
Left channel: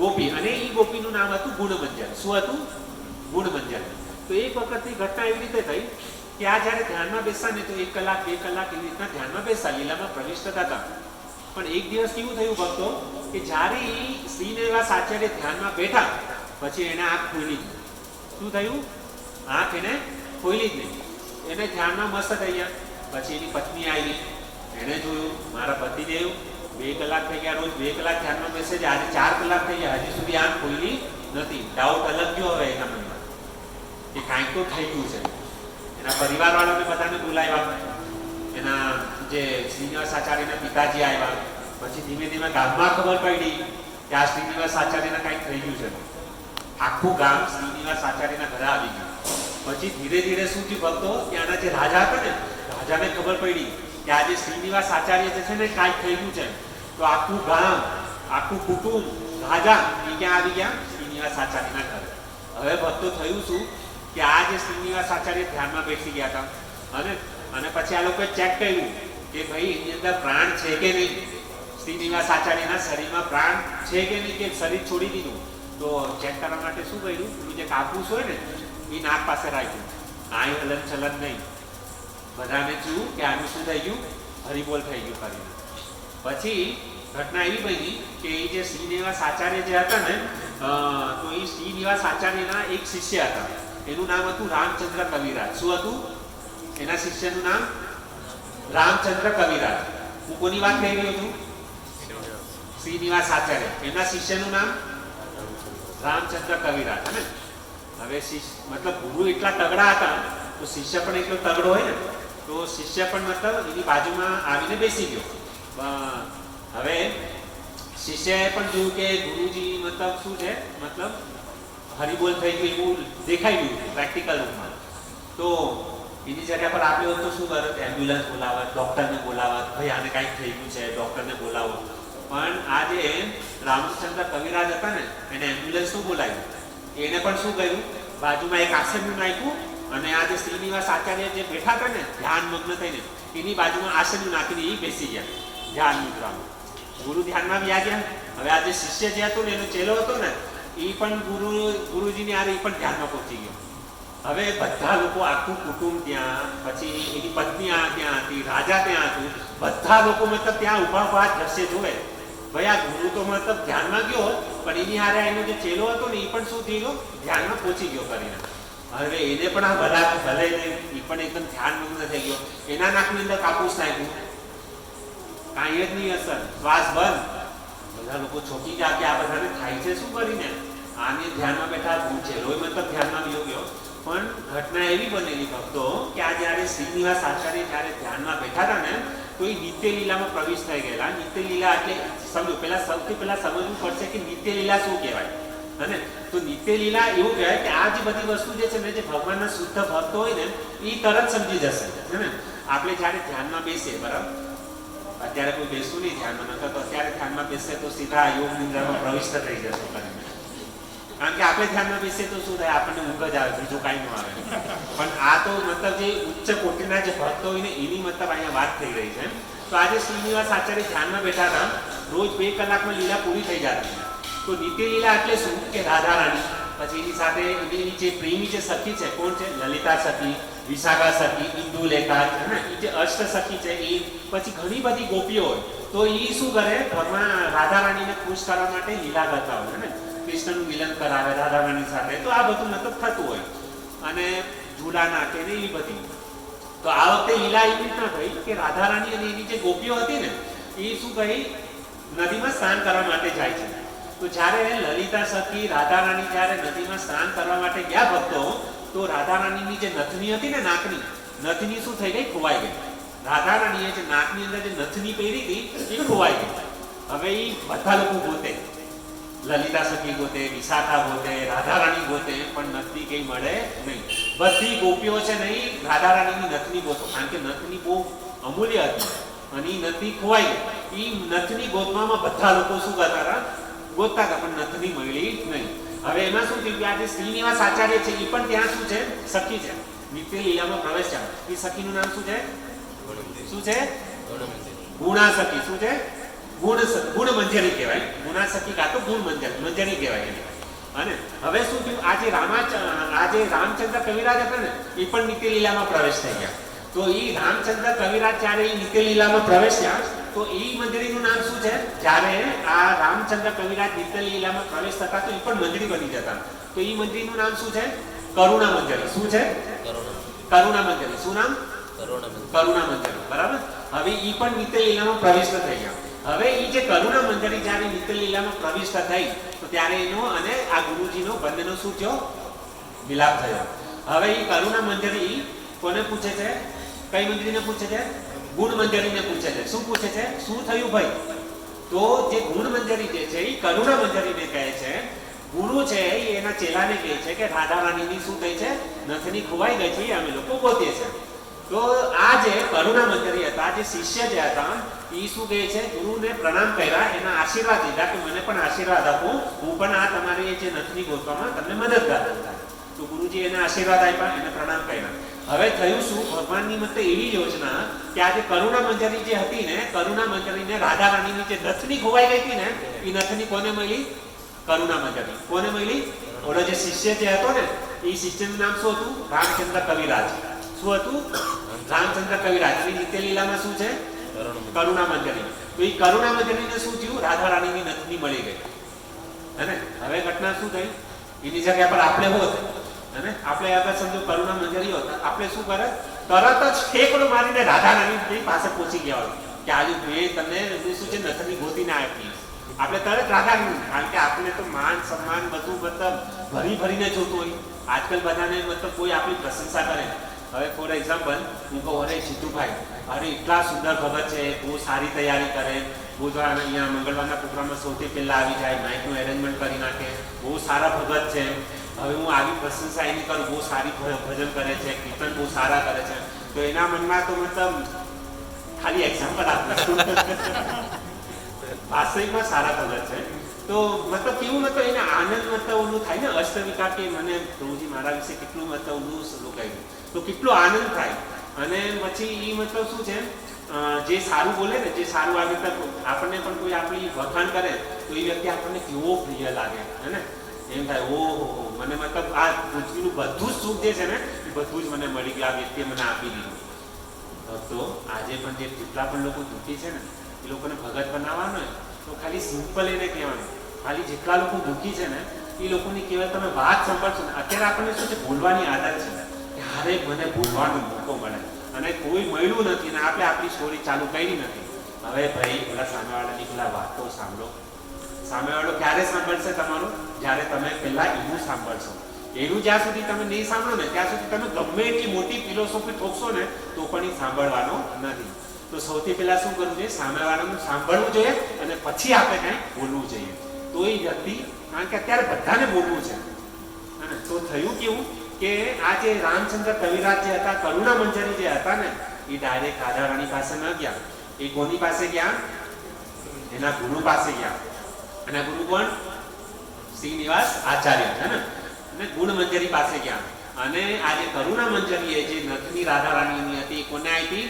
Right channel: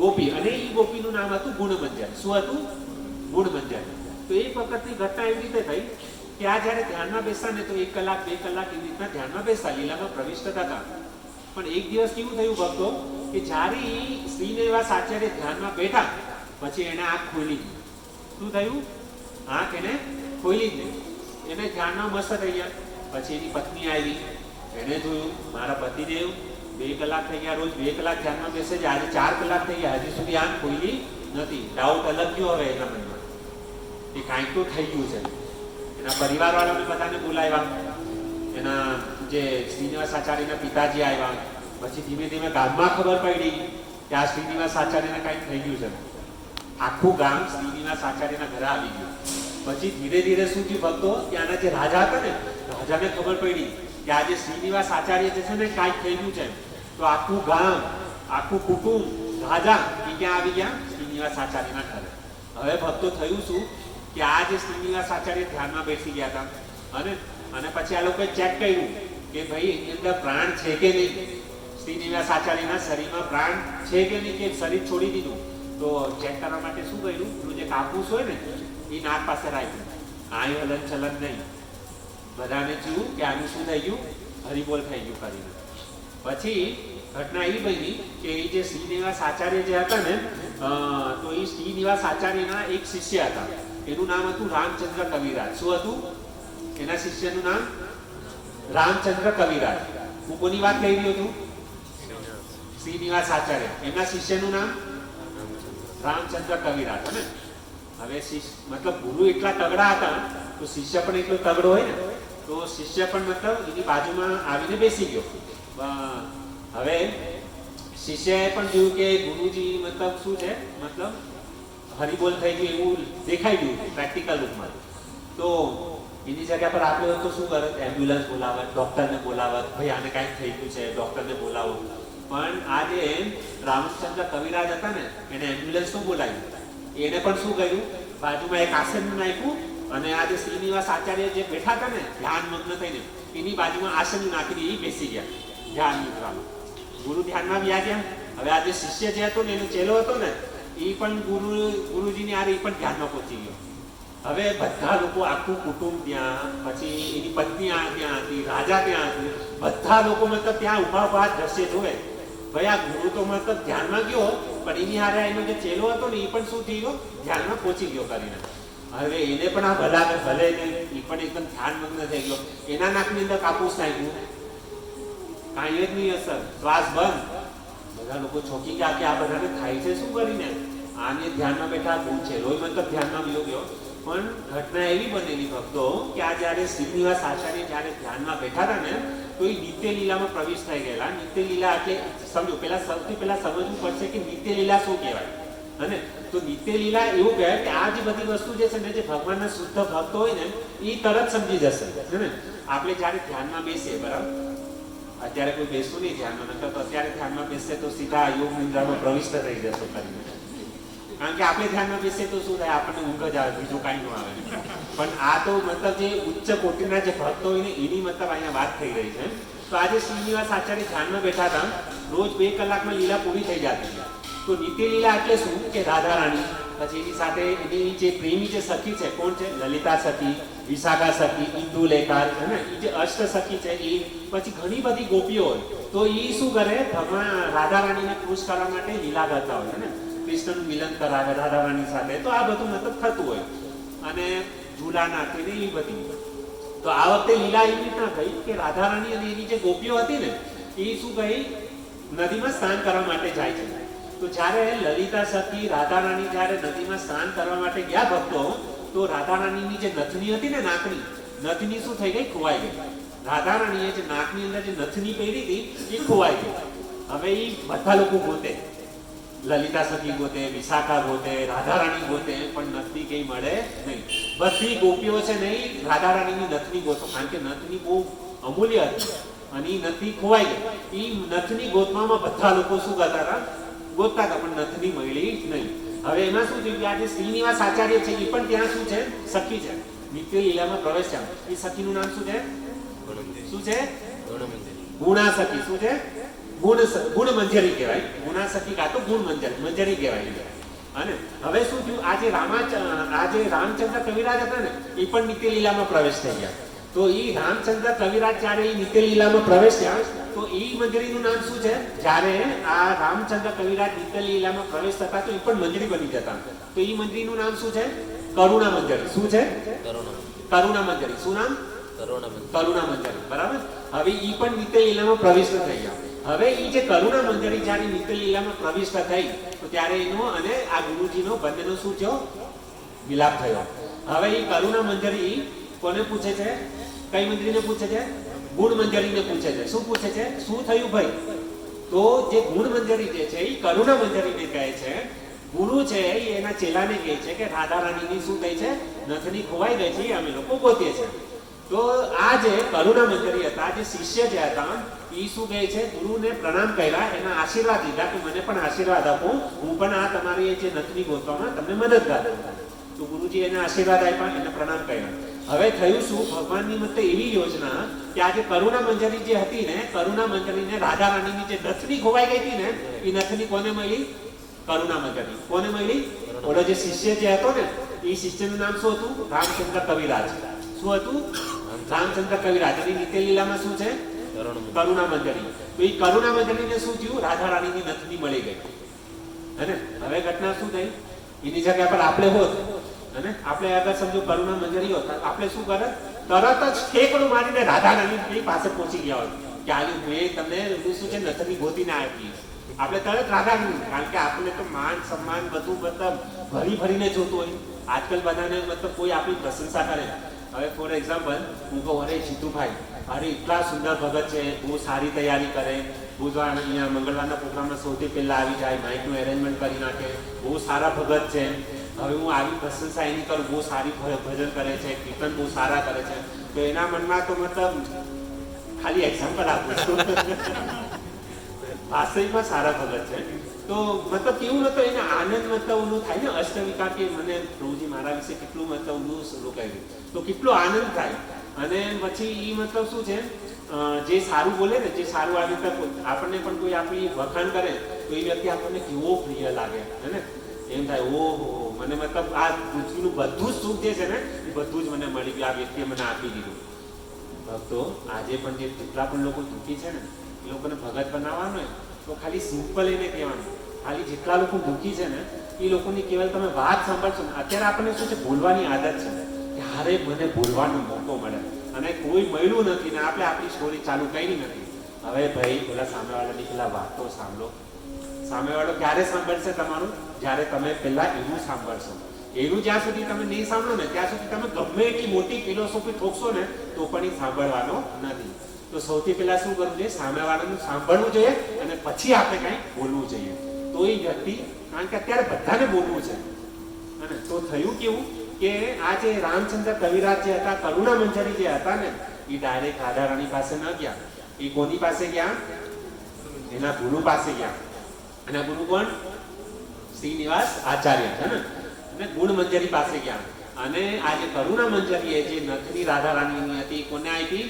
ગોપી. અને એ ગોપીનું નામ હતું ગુણમંજર. શું હતું? ગુણમંજર. તો એક વખતની ઘટના એવી રીતે થઈ કે આ જ્યારે ધ્યાનમાં બેસતા ને તો 1 કલાક 2 કલાક એવી રીતના ધ્યાનમાં બેસતા, લીલામાં પ્રવિષ્ટ થતા. પણ એક દિવસ કેવું થયું ભક્તો કે જ્યારે શ્રીનિવાસ આચાર્ય ધ્યાનમાં બેઠા પછી એને આંખ ખોલી જ નહીં. શું થયું? આંખ એને ખોલી જ નહીં. એને ધ્યાનમાં મસ્ત થઈ ગયા. પછી એની પત્ની આવી, એને જોયું મારા પતિદેવ 2 કલાક થઈ ગયા, રોજ 2 કલાક ધ્યાનમાં બેસે છે, આજે 4 કલાક થઈ ગયા, હજી સુધી આંખ ખોલી નથી. ડાઉટ અલગ ગયો હવે એના મનમાં કે કાંઈક તો થઈ ગયું છે. એના પરિવારવાળાને બધાને બોલાવ્યા, એના જે શ્રીનિવાસ આચાર્યના પિતાજી આવ્યા. પછી ધીમે ધીમે ગામમાં ખબર પડી કે આ શ્રીનિવાસ આચાર્યને કાંઈક થઈ ગયું છે. આખું ગામ શ્રીનિવાસ આચાર્યના ઘરે આવી ગયું. પછી ધીરે ધીરે શું થયું ભક્તો, ત્યાંના જે રાજા હતા ને રાજાને ખબર પડી કે આ જે શ્રીનિવાસ આચાર્ય જે છે ને કાંઈક થઈ ગયું છે. તો આખું ગામ, આખું કુટુંબ, રાજા એ ક્યાં આવી ગયા? શ્રીનિવાસ આચાર્યના ઘરે. હવે ભક્તો થયું શું કે આ જે શ્રીનિવાસ આચાર્ય ધ્યાનમાં બેસી ગયા હતા અને પછી આ લોકોએ ચેક કર્યું કે ભાઈ એની અંદર પ્રાણ છે કે નહીં, શ્રીનિવાસ આચાર્યના શરીરમાં પ્રાણ છે કે નહીં, કે શરીર છોડી દીધું. તો ચેક કરવા માટે શું કર્યું? પેલું જે કાપૂસ હોય ને એ નાક પાસે રાખ્યું, કાંઈ હલન ચલન નહીં. બધાને જોયું કે આનું શું થઈ ગયું? હરિબોલ થઈ ગયું કરીને. પછી ઘટના એવી બની કે એ જે શ્રીનિવાસ આચાર્ય જે હતા ને તો એ શ્રીનિવાસ આચાર્યના એક શિષ્ય હતા, એનું નામ હતું રામચંદ્ર કવિરાજ. શું હતું? એના શિષ્યનું નામ રામચંદ્ર કવિરાજ. હું કોની વાત કહી રહ્યો છું? શ્રીનિવાસ આચાર્ય. એના શિષ્યનું નામ રામચંદ્ર કવિરાજ. હે ને? હવે મતલબ ગુરુ એટલા તગડા હતા તો શિષ્ય પણ એટલો તગડો હોય ને, તો શિષ્ય પણ મતલબ એની બાજુમાં આવીને બેસી ગયો. હવે શિષ્યએ પણ જોયું કે ગુરુજી મતલબ શું છે, મતલબ હરિબોલ થઈ ગયું એવું દેખાઈ ગયું પ્રેક્ટિકલ રૂપમાં. તો એની જગ્યા પર આપણે હોત તો શું કરે? એમ્બ્યુલન્સ બોલાવત, ડૉક્ટરને બોલાવત, ભાઈ આને કાંઈક થઈ ગયું છે, ડૉક્ટરને બોલાવો. પણ આ જે રામચંદ્ર કવિરાજ હતા ને એને એમ્બ્યુલન્સ નું બોલાવ્યું. એને પણ શું કર્યું? બાજુમાં એક આસન નાખ્યું અને આ જે શ્રીનિવાસ આચાર્ય જે બેઠા હતા ને ધ્યાન મગ્ન થઈને એની બાજુમાં આસન નાખીને એ બેસી ગયા ધ્યાન મુદ્રામાં. ગુરુ ધ્યાનમાં બી આ ગયા. હવે આ જે શિષ્ય જે હતો ને એનો ચેલો હતો ને એ પણ ગુરુજીની આરે એ પણ ધ્યાનમાં પહોંચી ગયો. હવે બધા લોકો, આખું કુટુંબ ત્યાં, પછી એની પત્ની ત્યાં હતી, રાજા ત્યાં હતું, બધા લોકો મતલબ ત્યાં ઉભા દ્રશ્ય જોવે. ભાઈ આ ગુરુ તો મતલબ ધ્યાનમાં ગયો પણ એની હારે એનો જે ચેલો હતો ને એ પણ શું થઈ ગયો? ધ્યાનમાં પહોંચી ગયો કરીને. હવે એને પણ આ ભલે નહીં, એ પણ એકદમ ધ્યાનમગ્ન થઈ ગયો. એના નાકની અંદર કાપૂસ નાખ્યું, કાંઈ જ નહીં અસર, શ્વાસ બંધ. બધા લોકો ચોંકી ગયા કે આ બધાને થાય છે શું કરીને? આને ધ્યાનમાં બેઠા ચેલોય મતલબ ધ્યાનમાં ગયો. પણ ઘટના એવી બનેલી ભક્તો કે આ જ્યારે શ્રીનિવાસ આચાર્ય જ્યારે ધ્યાનમાં બેઠા હતા ને તો એ નિત્ય લીલામાં પ્રવેશ થઈ ગયેલા. નિત્ય લીલા એટલે સમજો સૌથી પહેલા સમજવું પડશે કે નિત્ય લીલા શું કહેવાય. અને તો નિત્ય લીલા એવું કહેવાય કે આ જે બધી વસ્તુ જે છે ને જે ભગવાનના શુદ્ધ ભક્તો હોય ને એ તરત સમજી જશે. ને આપણે જ્યારે ધ્યાનમાં બેસીએ બરાબર, અત્યારે કોઈ બેસવું નહીં ધ્યાનમાં, નકર તો અત્યારે ધ્યાનમાં બેસે તો સીધા યોગ નિંદ્રામાં પ્રવિષ્ટ થઈ જશો કરીને. કારણ કે આપણે ધ્યાનમાં બેસીએ તો શું થાય, આપણને ઊંઘ જ આવે, બીજું કાંઈ ન આવે. પણ આ તો મતલબ જે ઉચ્ચ કોટીના જે ભક્તો હોય ને એની મતલબ અહીંયા વાત થઈ રહી છે. તો આજે શ્રીનિવાસ આચાર્ય ધ્યાનમાં બેઠા હતા, રોજ 2 કલાકમાં લીલા પૂરી થઈ જતી. તો નિત્ય લીલા એટલે શું કે રાધા રાણી, પછી એની સાથે એની જે પ્રેમી જે સખી છે, કોણ છે, લલિતા સખી, વિશાખા સખી, ઇન્દુલેખા છે ને, એ જે અષ્ટ સખી છે એ, પછી ઘણી બધી ગોપીઓ હોય. તો એ શું કરે, ભગવાન રાધા રાણીને ખુશ કરવા માટે લીલા કરતા હોય ને, કૃષ્ણનું મિલન કરાવે રાધા રાણી સાથે. તો આ બધું મતલબ થતું હોય અને ઝૂલા નાખે ને એવી બધી. તો આ વખતે લીલા એવી રીતના થઈ કે રાધા રાણી અને એની જે ગોપીઓ હતી ને એ શું કહી, નદીમાં સ્નાન કરવા માટે જાય છે. તો જ્યારે લલિતા સખી રાધા રાણી જ્યારે નદીમાં સ્નાન કરવા માટે ગયા ભક્તો, તો રાધા રાણીની જે નથની હતી ને, નાકની નથની શું થઈ ગઈ, ખોવાઈ ગઈ. રાધા રાણીએ જે નાકની અંદર જે નથની પહેરી હતી એ ખોવાઈ ગઈ. હવે એ બધા લોકો ગોતે, લલિતા સખી ગોતે, વિશાખા ગોતે, રાધા રાણી ગોતે, પણ નથની કઈ મળે નહીં. બધી ગોપીઓ છે નહીં રાધા રાણીની નથની ગોતો, કારણ કે નથની બહુ અમૂલ્ય હતી અને એ નથની ખોવાઈ ગઈ. એ નથની ગોતવામાં બધા લોકો શું કરતા હતા, ગોતતા હતા, પણ નથની મળી નહીં. હવે એમાં શું થયું કે આજે શ્રીનિવાસ આચાર્ય છે એ પણ ત્યાં શું છે, સખી છે, નિત્ય લીલામાં પ્રવેશ છે. એ સખીનું નામ શું છે, શું છે, ગુણા સખી. શું છે, ગુણ મંજરી કહેવાય. ગુણા સખી કાં તો ગુણ મંજરી કહેવાય એને. અને હવે શું થયું, આજે રામચંદ્ર કવિરાજ હતા ને એ પણ નિત્ય લીલામાં પ્રવેશ થઈ ગયા. તો એ રામચંદ્ર કવિરાજ જ્યારે એ નિત્ય લીલામાં પ્રવેશ્યા તો એ મંજરીનું નામ શું છે, જ્યારે આ રામચંદ્ર કવિરાજ નિત્ય લીલામાં પ્રવેશ થતા તો એ પણ મંજરી બની જતા. તો એ મંજરીનું નામ શું છે, કરુણા મંજરી. શું છે, કરુણા મંજરી. શું નામ, કરુણા મંજરી. બરાબર. હવે એ પણ નિત્ય લીલામાં પ્રવિષ્ટ થઈ ગયા. હવે એ જે કરુણા મંજરી જ્યારે નિત્ય લીલામાં પ્રવિષ્ટ થઈ તો ત્યારે એનો અને આ ગુરુજીનો બંનેનો શું થયો, મિલાપ થયો. હવે એ કરુણા મંજરી કોને પૂછે છે, કઈ મંજરીને પૂછે છે, ગુણ મંજરીને પૂછે છે. શું પૂછે છે, શું થયું ભાઈ? તો જે ગુણ મંજરી જે છે એ કરુણા મંજરીને કહે છે, ગુરુ છે એ એના ચેલાને કહે છે કે રાધા રાણીની શું થઈ છે, નથની ખોવાઈ ગઈ છે, અમે લોકો ગોતીએ છે. તો આ જે કરુણા મંજરી હતા, જે શિષ્ય જે હતા એ શું કહે છે, ગુરુને પ્રણામ કર્યા, એના આશીર્વાદ લીધા કે મને પણ આશીર્વાદ આપો, હું પણ આ તમારી જે નથની ગોતવામાં તમને મદદગાર હતા. તો ગુરુજી એને આશીર્વાદ આપ્યા, એને પ્રણામ કર્યા. હવે થયું શું, ભગવાનની મતે એવી યોજના કે આ જે કરુણા મંજરી જે હતી ને, કરુણા મંજરીને રાધા રાણીની જે નથની ખોવાઈ ગઈ હતી ને એ નથની કોને મળી, કરુણા મંજરી. કોને મળી, ઓલો જે શિષ્ય જે હતો ને એ શિષ્યનું નામ શું હતું, રામચંદ્ર કવિરાજ. શું હતું, રામચંદ્ર કવિરાજ. અને નિત્ય લીલામાં શું છે, કરુણા મંજરી. તો એ કરુણા મંજરીને શું થયું, રાધા રાણીની નથની મળી ગઈ. અને હવે ઘટના શું થઈ, એની જગ્યા પર આપણે હોત અને આપણે આગળ સમજો કરુણા મંજરી હોત, આપણે શું કરે, તરત જ ઠેકડો મારીને રાધા રાણી પાસે પહોંચી ગયા હોય કે આજુ મેં તમને શું છે નથની ગોતીને આપી. આપણે તરત રાધા રાણી, કારણ કે આપણે તો માન સન્માન બધું મતલબ ભરીને જોતું હોય. આજકાલ બધાને મતલબ કોઈ આપણી પ્રશંસા કરે. હવે ફોર એક્ઝામ્પલ હું કહું, અરે જીતુભાઈ, અરે એટલા સુંદર ભગત છે, બહુ સારી તૈયારી કરે, બુધવાર અહીંયા મંગળવારના પ્રોગ્રામમાં સૌથી પહેલાં આવી જાય, માઇકનું એરેન્જમેન્ટ કરી નાખે, બહુ સારા ભગત છે. હવે હું આવી પ્રશંસા એની કરું, બહુ સારી ભજન કરે છે, કીર્તન બહુ સારા કરે છે, તો એના મનમાં તો મતલબ ખાલી એક્ઝામ્પલ આપું છું, વાસ્તવિકમાં સારા ભગત છે. તો મતલબ કેવું મતલબ એને આનંદ મતલબ ઓલું થાય ને, અષ્ટવિકાર કે મને પ્રભુજી મારા વિશે કેટલું મતલબ ઓલું લોકાયું, તો કેટલો આનંદ થાય. અને પછી એ મતલબ શું છે, જે સારું બોલે ને, જે સારું આવી રીતે આપણને પણ કોઈ આપણી વખાણ કરે તો એ વ્યક્તિ આપણને કેવો પ્રિય લાગે, હે ને? એમ થાય ઓહો, મને મતલબ આ પૃથ્વીનું બધું જ સુખ જે છે ને એ બધું જ મને મળી ગયું, આ વ્યક્તિએ મને આપી દીધું. તો આજે પણ જે જેટલા પણ લોકો દુઃખી છે ને એ લોકોને ભગત બનાવવાનો હોય તો ખાલી સિમ્પલ એને કહેવાનું, ખાલી જેટલા લોકો દુઃખી છે ને એ લોકોની કેવલ તમે વાત સાંભળશો ને. અત્યારે આપણને શું છે, ભૂલવાની આદત છે કે હારે મને ભૂલવાનો મોકો મળે અને કોઈ મળ્યું નથી ને આપણે આપણી સ્ટોરી ચાલુ કરી નથી. હવે ભાઈ પેલા સામેવાળાની પેલા વાતો સાંભળો. સામેવાળો ક્યારે સાંભળશે તમારું, જ્યારે તમે પહેલા એવું સાંભળશો એનું જ્યાં સુધી તમે નહીં સાંભળો ને ત્યાં સુધી તમે ગમે એટલી મોટી ફિલોસોફી ઠોકશો ને તો પણ એ સાંભળવાનો નથી. તો સૌથી પહેલા શું કરવું જોઈએ? સામેવાળાનું સાંભળવું જોઈએ અને પછી આપણે કાંઈ બોલવું જોઈએ. તો એ વ્યક્તિ, કારણ કે અત્યારે બધાને બોલવું છે, અને તો થયું કેવું કે આ જે રામચંદ્ર કવિરાજ જે હતા, કરુણા મંજરી જે હતા ને, એ ડાયરેક્ટ રાધારાણી પાસે ન ગયા. એ કોની પાસે ગયા? એના ગુરુ પાસે ગયા. એના ગુરુ કોણ? શ્રીનિવાસ આચાર્ય છે ને. અને ગુણ મંજરી પાસે ગયા. અને આ જે કરુણા મંજરી જે નથની રાધારાણીની હતી, કોને આપી?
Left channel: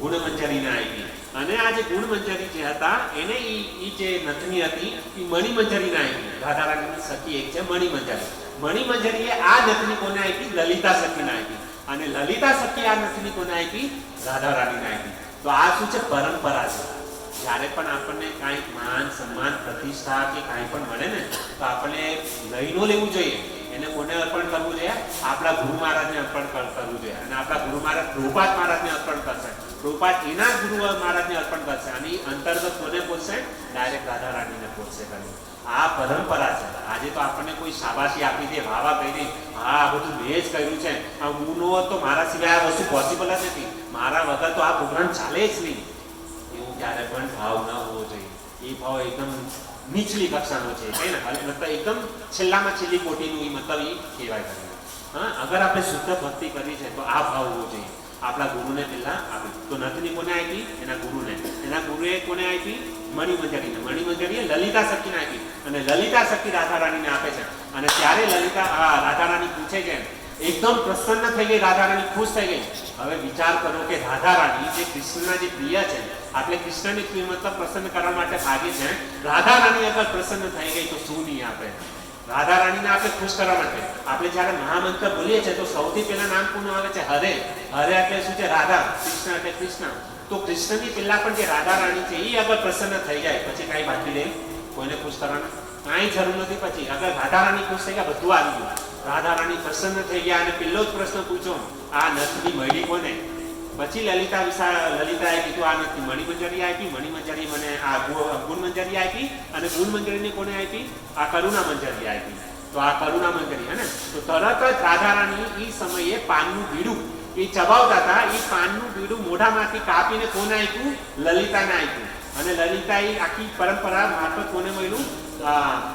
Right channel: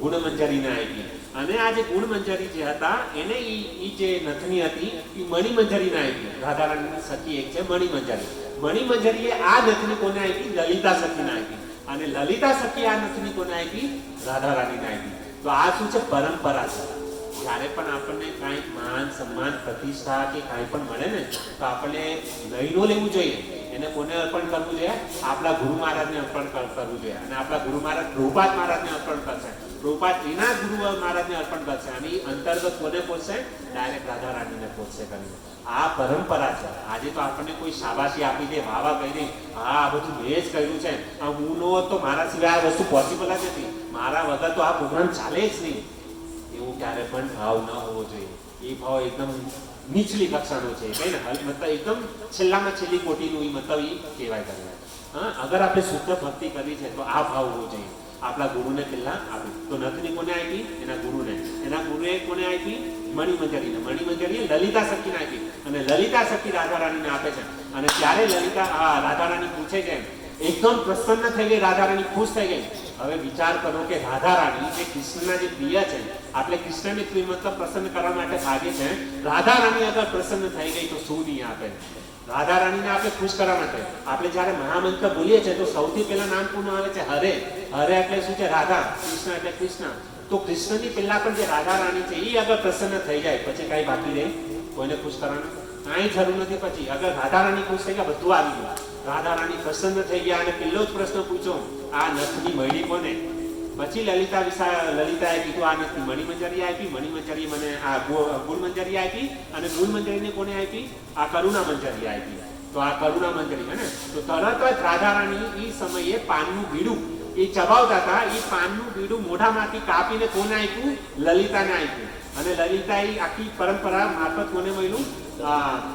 ગુણ મંજરીને આપી. અને આ જે ગુણ મંજરી જે હતા એને એ જે નથની હતી એ મણિ મંજરીને આપી. રાધારાણીની સખી એક છે મણિ મંજરી. મણિ મંજરીએ આ નથની કોને આપી? લલિતા સખીને આપી. અને લલિતા સખી આ નથની કોને આપી? રાધારાણીને આપી. તો આ શું છે? પરંપરા છે. જ્યારે પણ આપણને કાંઈક માન સન્માન પ્રતિષ્ઠા કે કાંઈ પણ મળે ને તો આપણે લઈ ન લેવું જોઈએ. એને કોને અર્પણ કરવું જોઈએ? આપણા ગુરુ મહારાજને અર્પણ કરવું જોઈએ. અને આપણા ગુરુ મહારાજ પ્રભુપાદ મહારાજને અર્પણ કરશે. પ્રભુપાદ એના ગુરુ મહારાજને અર્પણ કરશે. અને અંતર્ગત કોને પહોંચશે? ડાયરેક્ટ રાધા રાણીને પહોંચશે કરીને. આ પરંપરા છે. આજે તો આપણને કોઈ શાબાશી આપી દે, વાવા કહી દે, હા આ બધું મેં જ કર્યું છે, આ હું નો હોત તો મારા સિવાય આ વસ્તુ પોસિબલ જ નથી, મારા વગર તો આ પ્રોગ્રામ ચાલે જ નહીં, એવું ક્યારે પણ ભાવ ન હોવો જોઈએ. એ ભાવ એકદમ નીચલી કક્ષાનો છે, કઈ ને મતલબ એકદમ છેલ્લામાં છેલ્લી કોટીનું મતલબ એ કહેવાય કરીને. હા, અગર આપણે શુદ્ધ ભક્તિ કરવી છે તો આ ભાવ હોવો જોઈએ. આપણા ગુરુને પહેલા આપી. તો નથની કોને આપી? એના ગુરુને. એના ગુરુએ કોને આપી? મણિ મંજરીને. મણિ મંજરીએ લલિતા સખીને આપી. અને લલિતા સખી રાધા રાણીને આપે છે. અને ત્યારે રાધા રાણી પૂછે છે, એકદમ પ્રસન્ન થઈ ગઈ રાધા રાણી, ખુશ થઈ ગઈ. હવે વિચાર કરો કે રાધા રાણી જે કૃષ્ણના જે પ્રિય છે, આપણે કૃષ્ણની પ્રિય મતલબ પ્રસન્ન કરવા માટે ભાગીએ છે, રાધા રાણી અગર પ્રસન્ન થઈ ગઈ તો શું નહીં આપે? રાધા રાણીને આપણે ખુશ કરવા માટે આપણે જ્યારે મહામંત્ર બોલીએ છીએ તો સૌથી પહેલા નામ કોનું આવે છે? હરે. હરે એટલે શું છે? રાધા. કૃષ્ણ એટલે કૃષ્ણ. તો કૃષ્ણની પહેલા પણ જે રાધા રાણી છે એ અગર પ્રસન્ન થઈ જાય પછી કાંઈ બાકી રહે? કોઈને ખુશ કરવાનું કાંઈ જરૂર નથી. પછી અગર રાધા રાણી ખુશ થઈ ગયા, બધું આવી ગયું. રાધા રાણી પ્રસન્ન થઈ ગયા અને પહેલો જ પ્રશ્ન પૂછો, આ નથની મળી કોને? પછી લલિતાએ કીધું આ નથી મણિ મંજરી આપી. મણિ મંજરી મને આ ગુણ મંજરી આપી. અને ગુણ મંજરીને કોને આપી? આ કરુણા મંજરી આપી. તો આ કરુણા મંજરી હે ને. તો તરત જ રાધા રાણી એ સમયે પાનનું બીડું એ ચબાવતા હતા, એ પાનનું બીડું મોઢામાંથી કાપીને કોને આપ્યું? લલિતાને આપ્યું. અને લલિતા એ આખી પરંપરા મારફત કોને મળ્યું?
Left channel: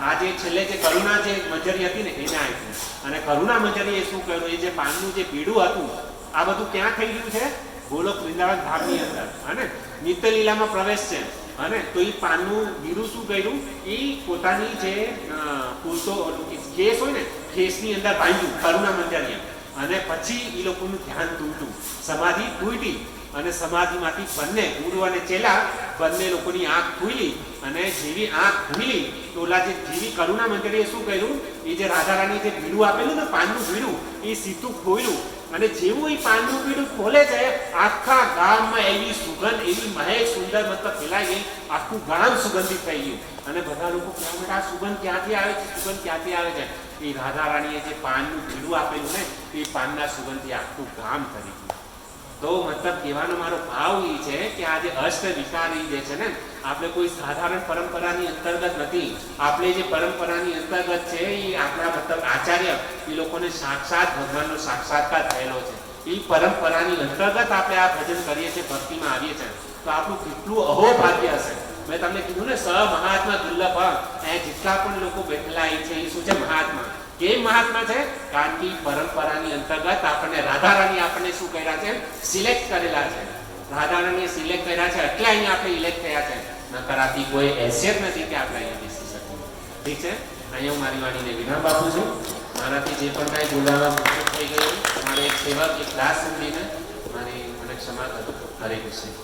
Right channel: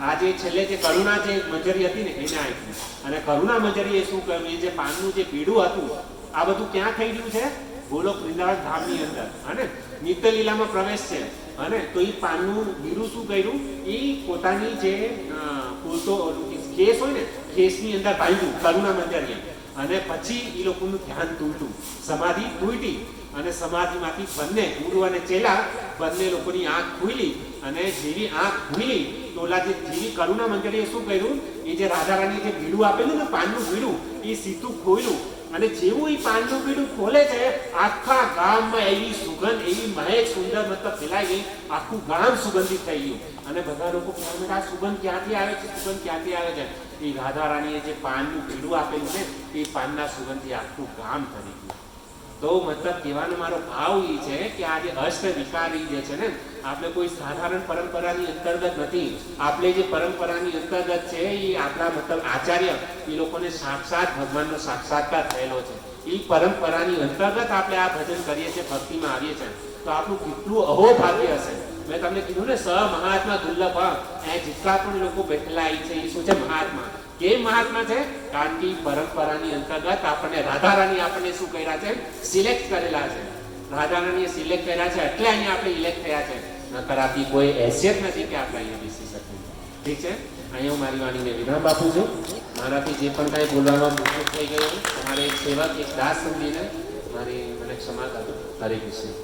આ જે છેલ્લે જે કરુણા જે મંજરી હતી ને એને આપ્યું. અને કરુણા મંજરીએ શું કર્યું? એ જે પાનનું જે બીડું હતું, આ બધું ક્યાં થઈ ગયું છે? ગોલોક વૃંદાવન ધામની અંદર. અને નિત્ય લીલામાં પ્રવેશ છે. અને તો એ પાનનું બીડું શું કર્યું? એ પોતાની જે ખેસ હોય ને, ખેસની અંદર બાંધ્યું કરુણા મંજરીએ. અને પછી એ લોકોનું ધ્યાન તૂટ્યું, સમાધિ તૂટી. અને સમાધિમાંથી બંને ગુરુ અને ચેલા બંને લોકોની આંખ ખુલી. અને જેવી આંખ ખુલી તો ઓલા જે જેવી કરુણા મંજરીએ શું કર્યું? એ જે રાધા રાણી જે બીડું આપેલું ને, પાનનું બીડું, એ સીધું ખોલ્યું. અને જેવું એ પાનનું બીડું ખોલે છે, આખા ગામમાં એવી સુગંધ, એવી મહેક સુંદર મતલબ ફેલાઈ ગઈ, આખું ગામ સુગંધિત થઈ ગયું. અને બધા લોકો કહેવા આ સુગંધ ક્યાંથી આવે છે? સુગંધ ક્યાંથી આવે છે? એ રાધા રાણીએ જે પાનનું બીડું આપેલું ને, એ પાનના સુગંધથી આખું ગામ કરી ગયું. તો મતલબ કહેવાનો મારો ભાવ એ છે કે આ જે અષ્ટ વિકારી જે છે ને, આપણે કોઈ સાધારણ પરંપરાની અંતર્ગત નથી. આપણે જે પરંપરાની અંતર્ગત છે એ આપણા મતલબ આચાર્ય, એ લોકોને સાક્ષાત ભગવાનનો સાક્ષાત્કાર થયેલો છે. એ પરંપરાની અંતર્ગત આપણે આ ભજન કરીએ છીએ, ભક્તિમાં આવીએ છીએ. તો આપણું કેટલું અહોભાગ્ય હશે. મેં તમને કીધું ને, સ મહાત્મા દુર્લભ. એ જેટલા પણ લોકો બેઠેલા છે એ શું છે? મહાત્મા. કેમ મહાત્મા છે? કારણ કે પરંપરાની અંતર્ગત આપણને રાધા રાણી આપણને શું કર્યા છે? સિલેક્ટ કરેલા છે. રાધા રાણીએ સિલેક્ટ કર્યા છે એટલે અહીંયા આપણે ઇલેક્ટ થયા છે. નકર આપી કોઈ હેસિયત નથી કે આપણે અહીંયા બેસી શકીએ. ઠીક છે, અહીંયા હું મારી વાણીને વિરામ આપું છું. મારાથી જે પણ કાંઈ બોલવામાં ભૂલ થઈ ગયું, મારે એક સેવક એક દાસ સમજીને મને ક્ષમા કરજો. હરે કૃષ્ણ.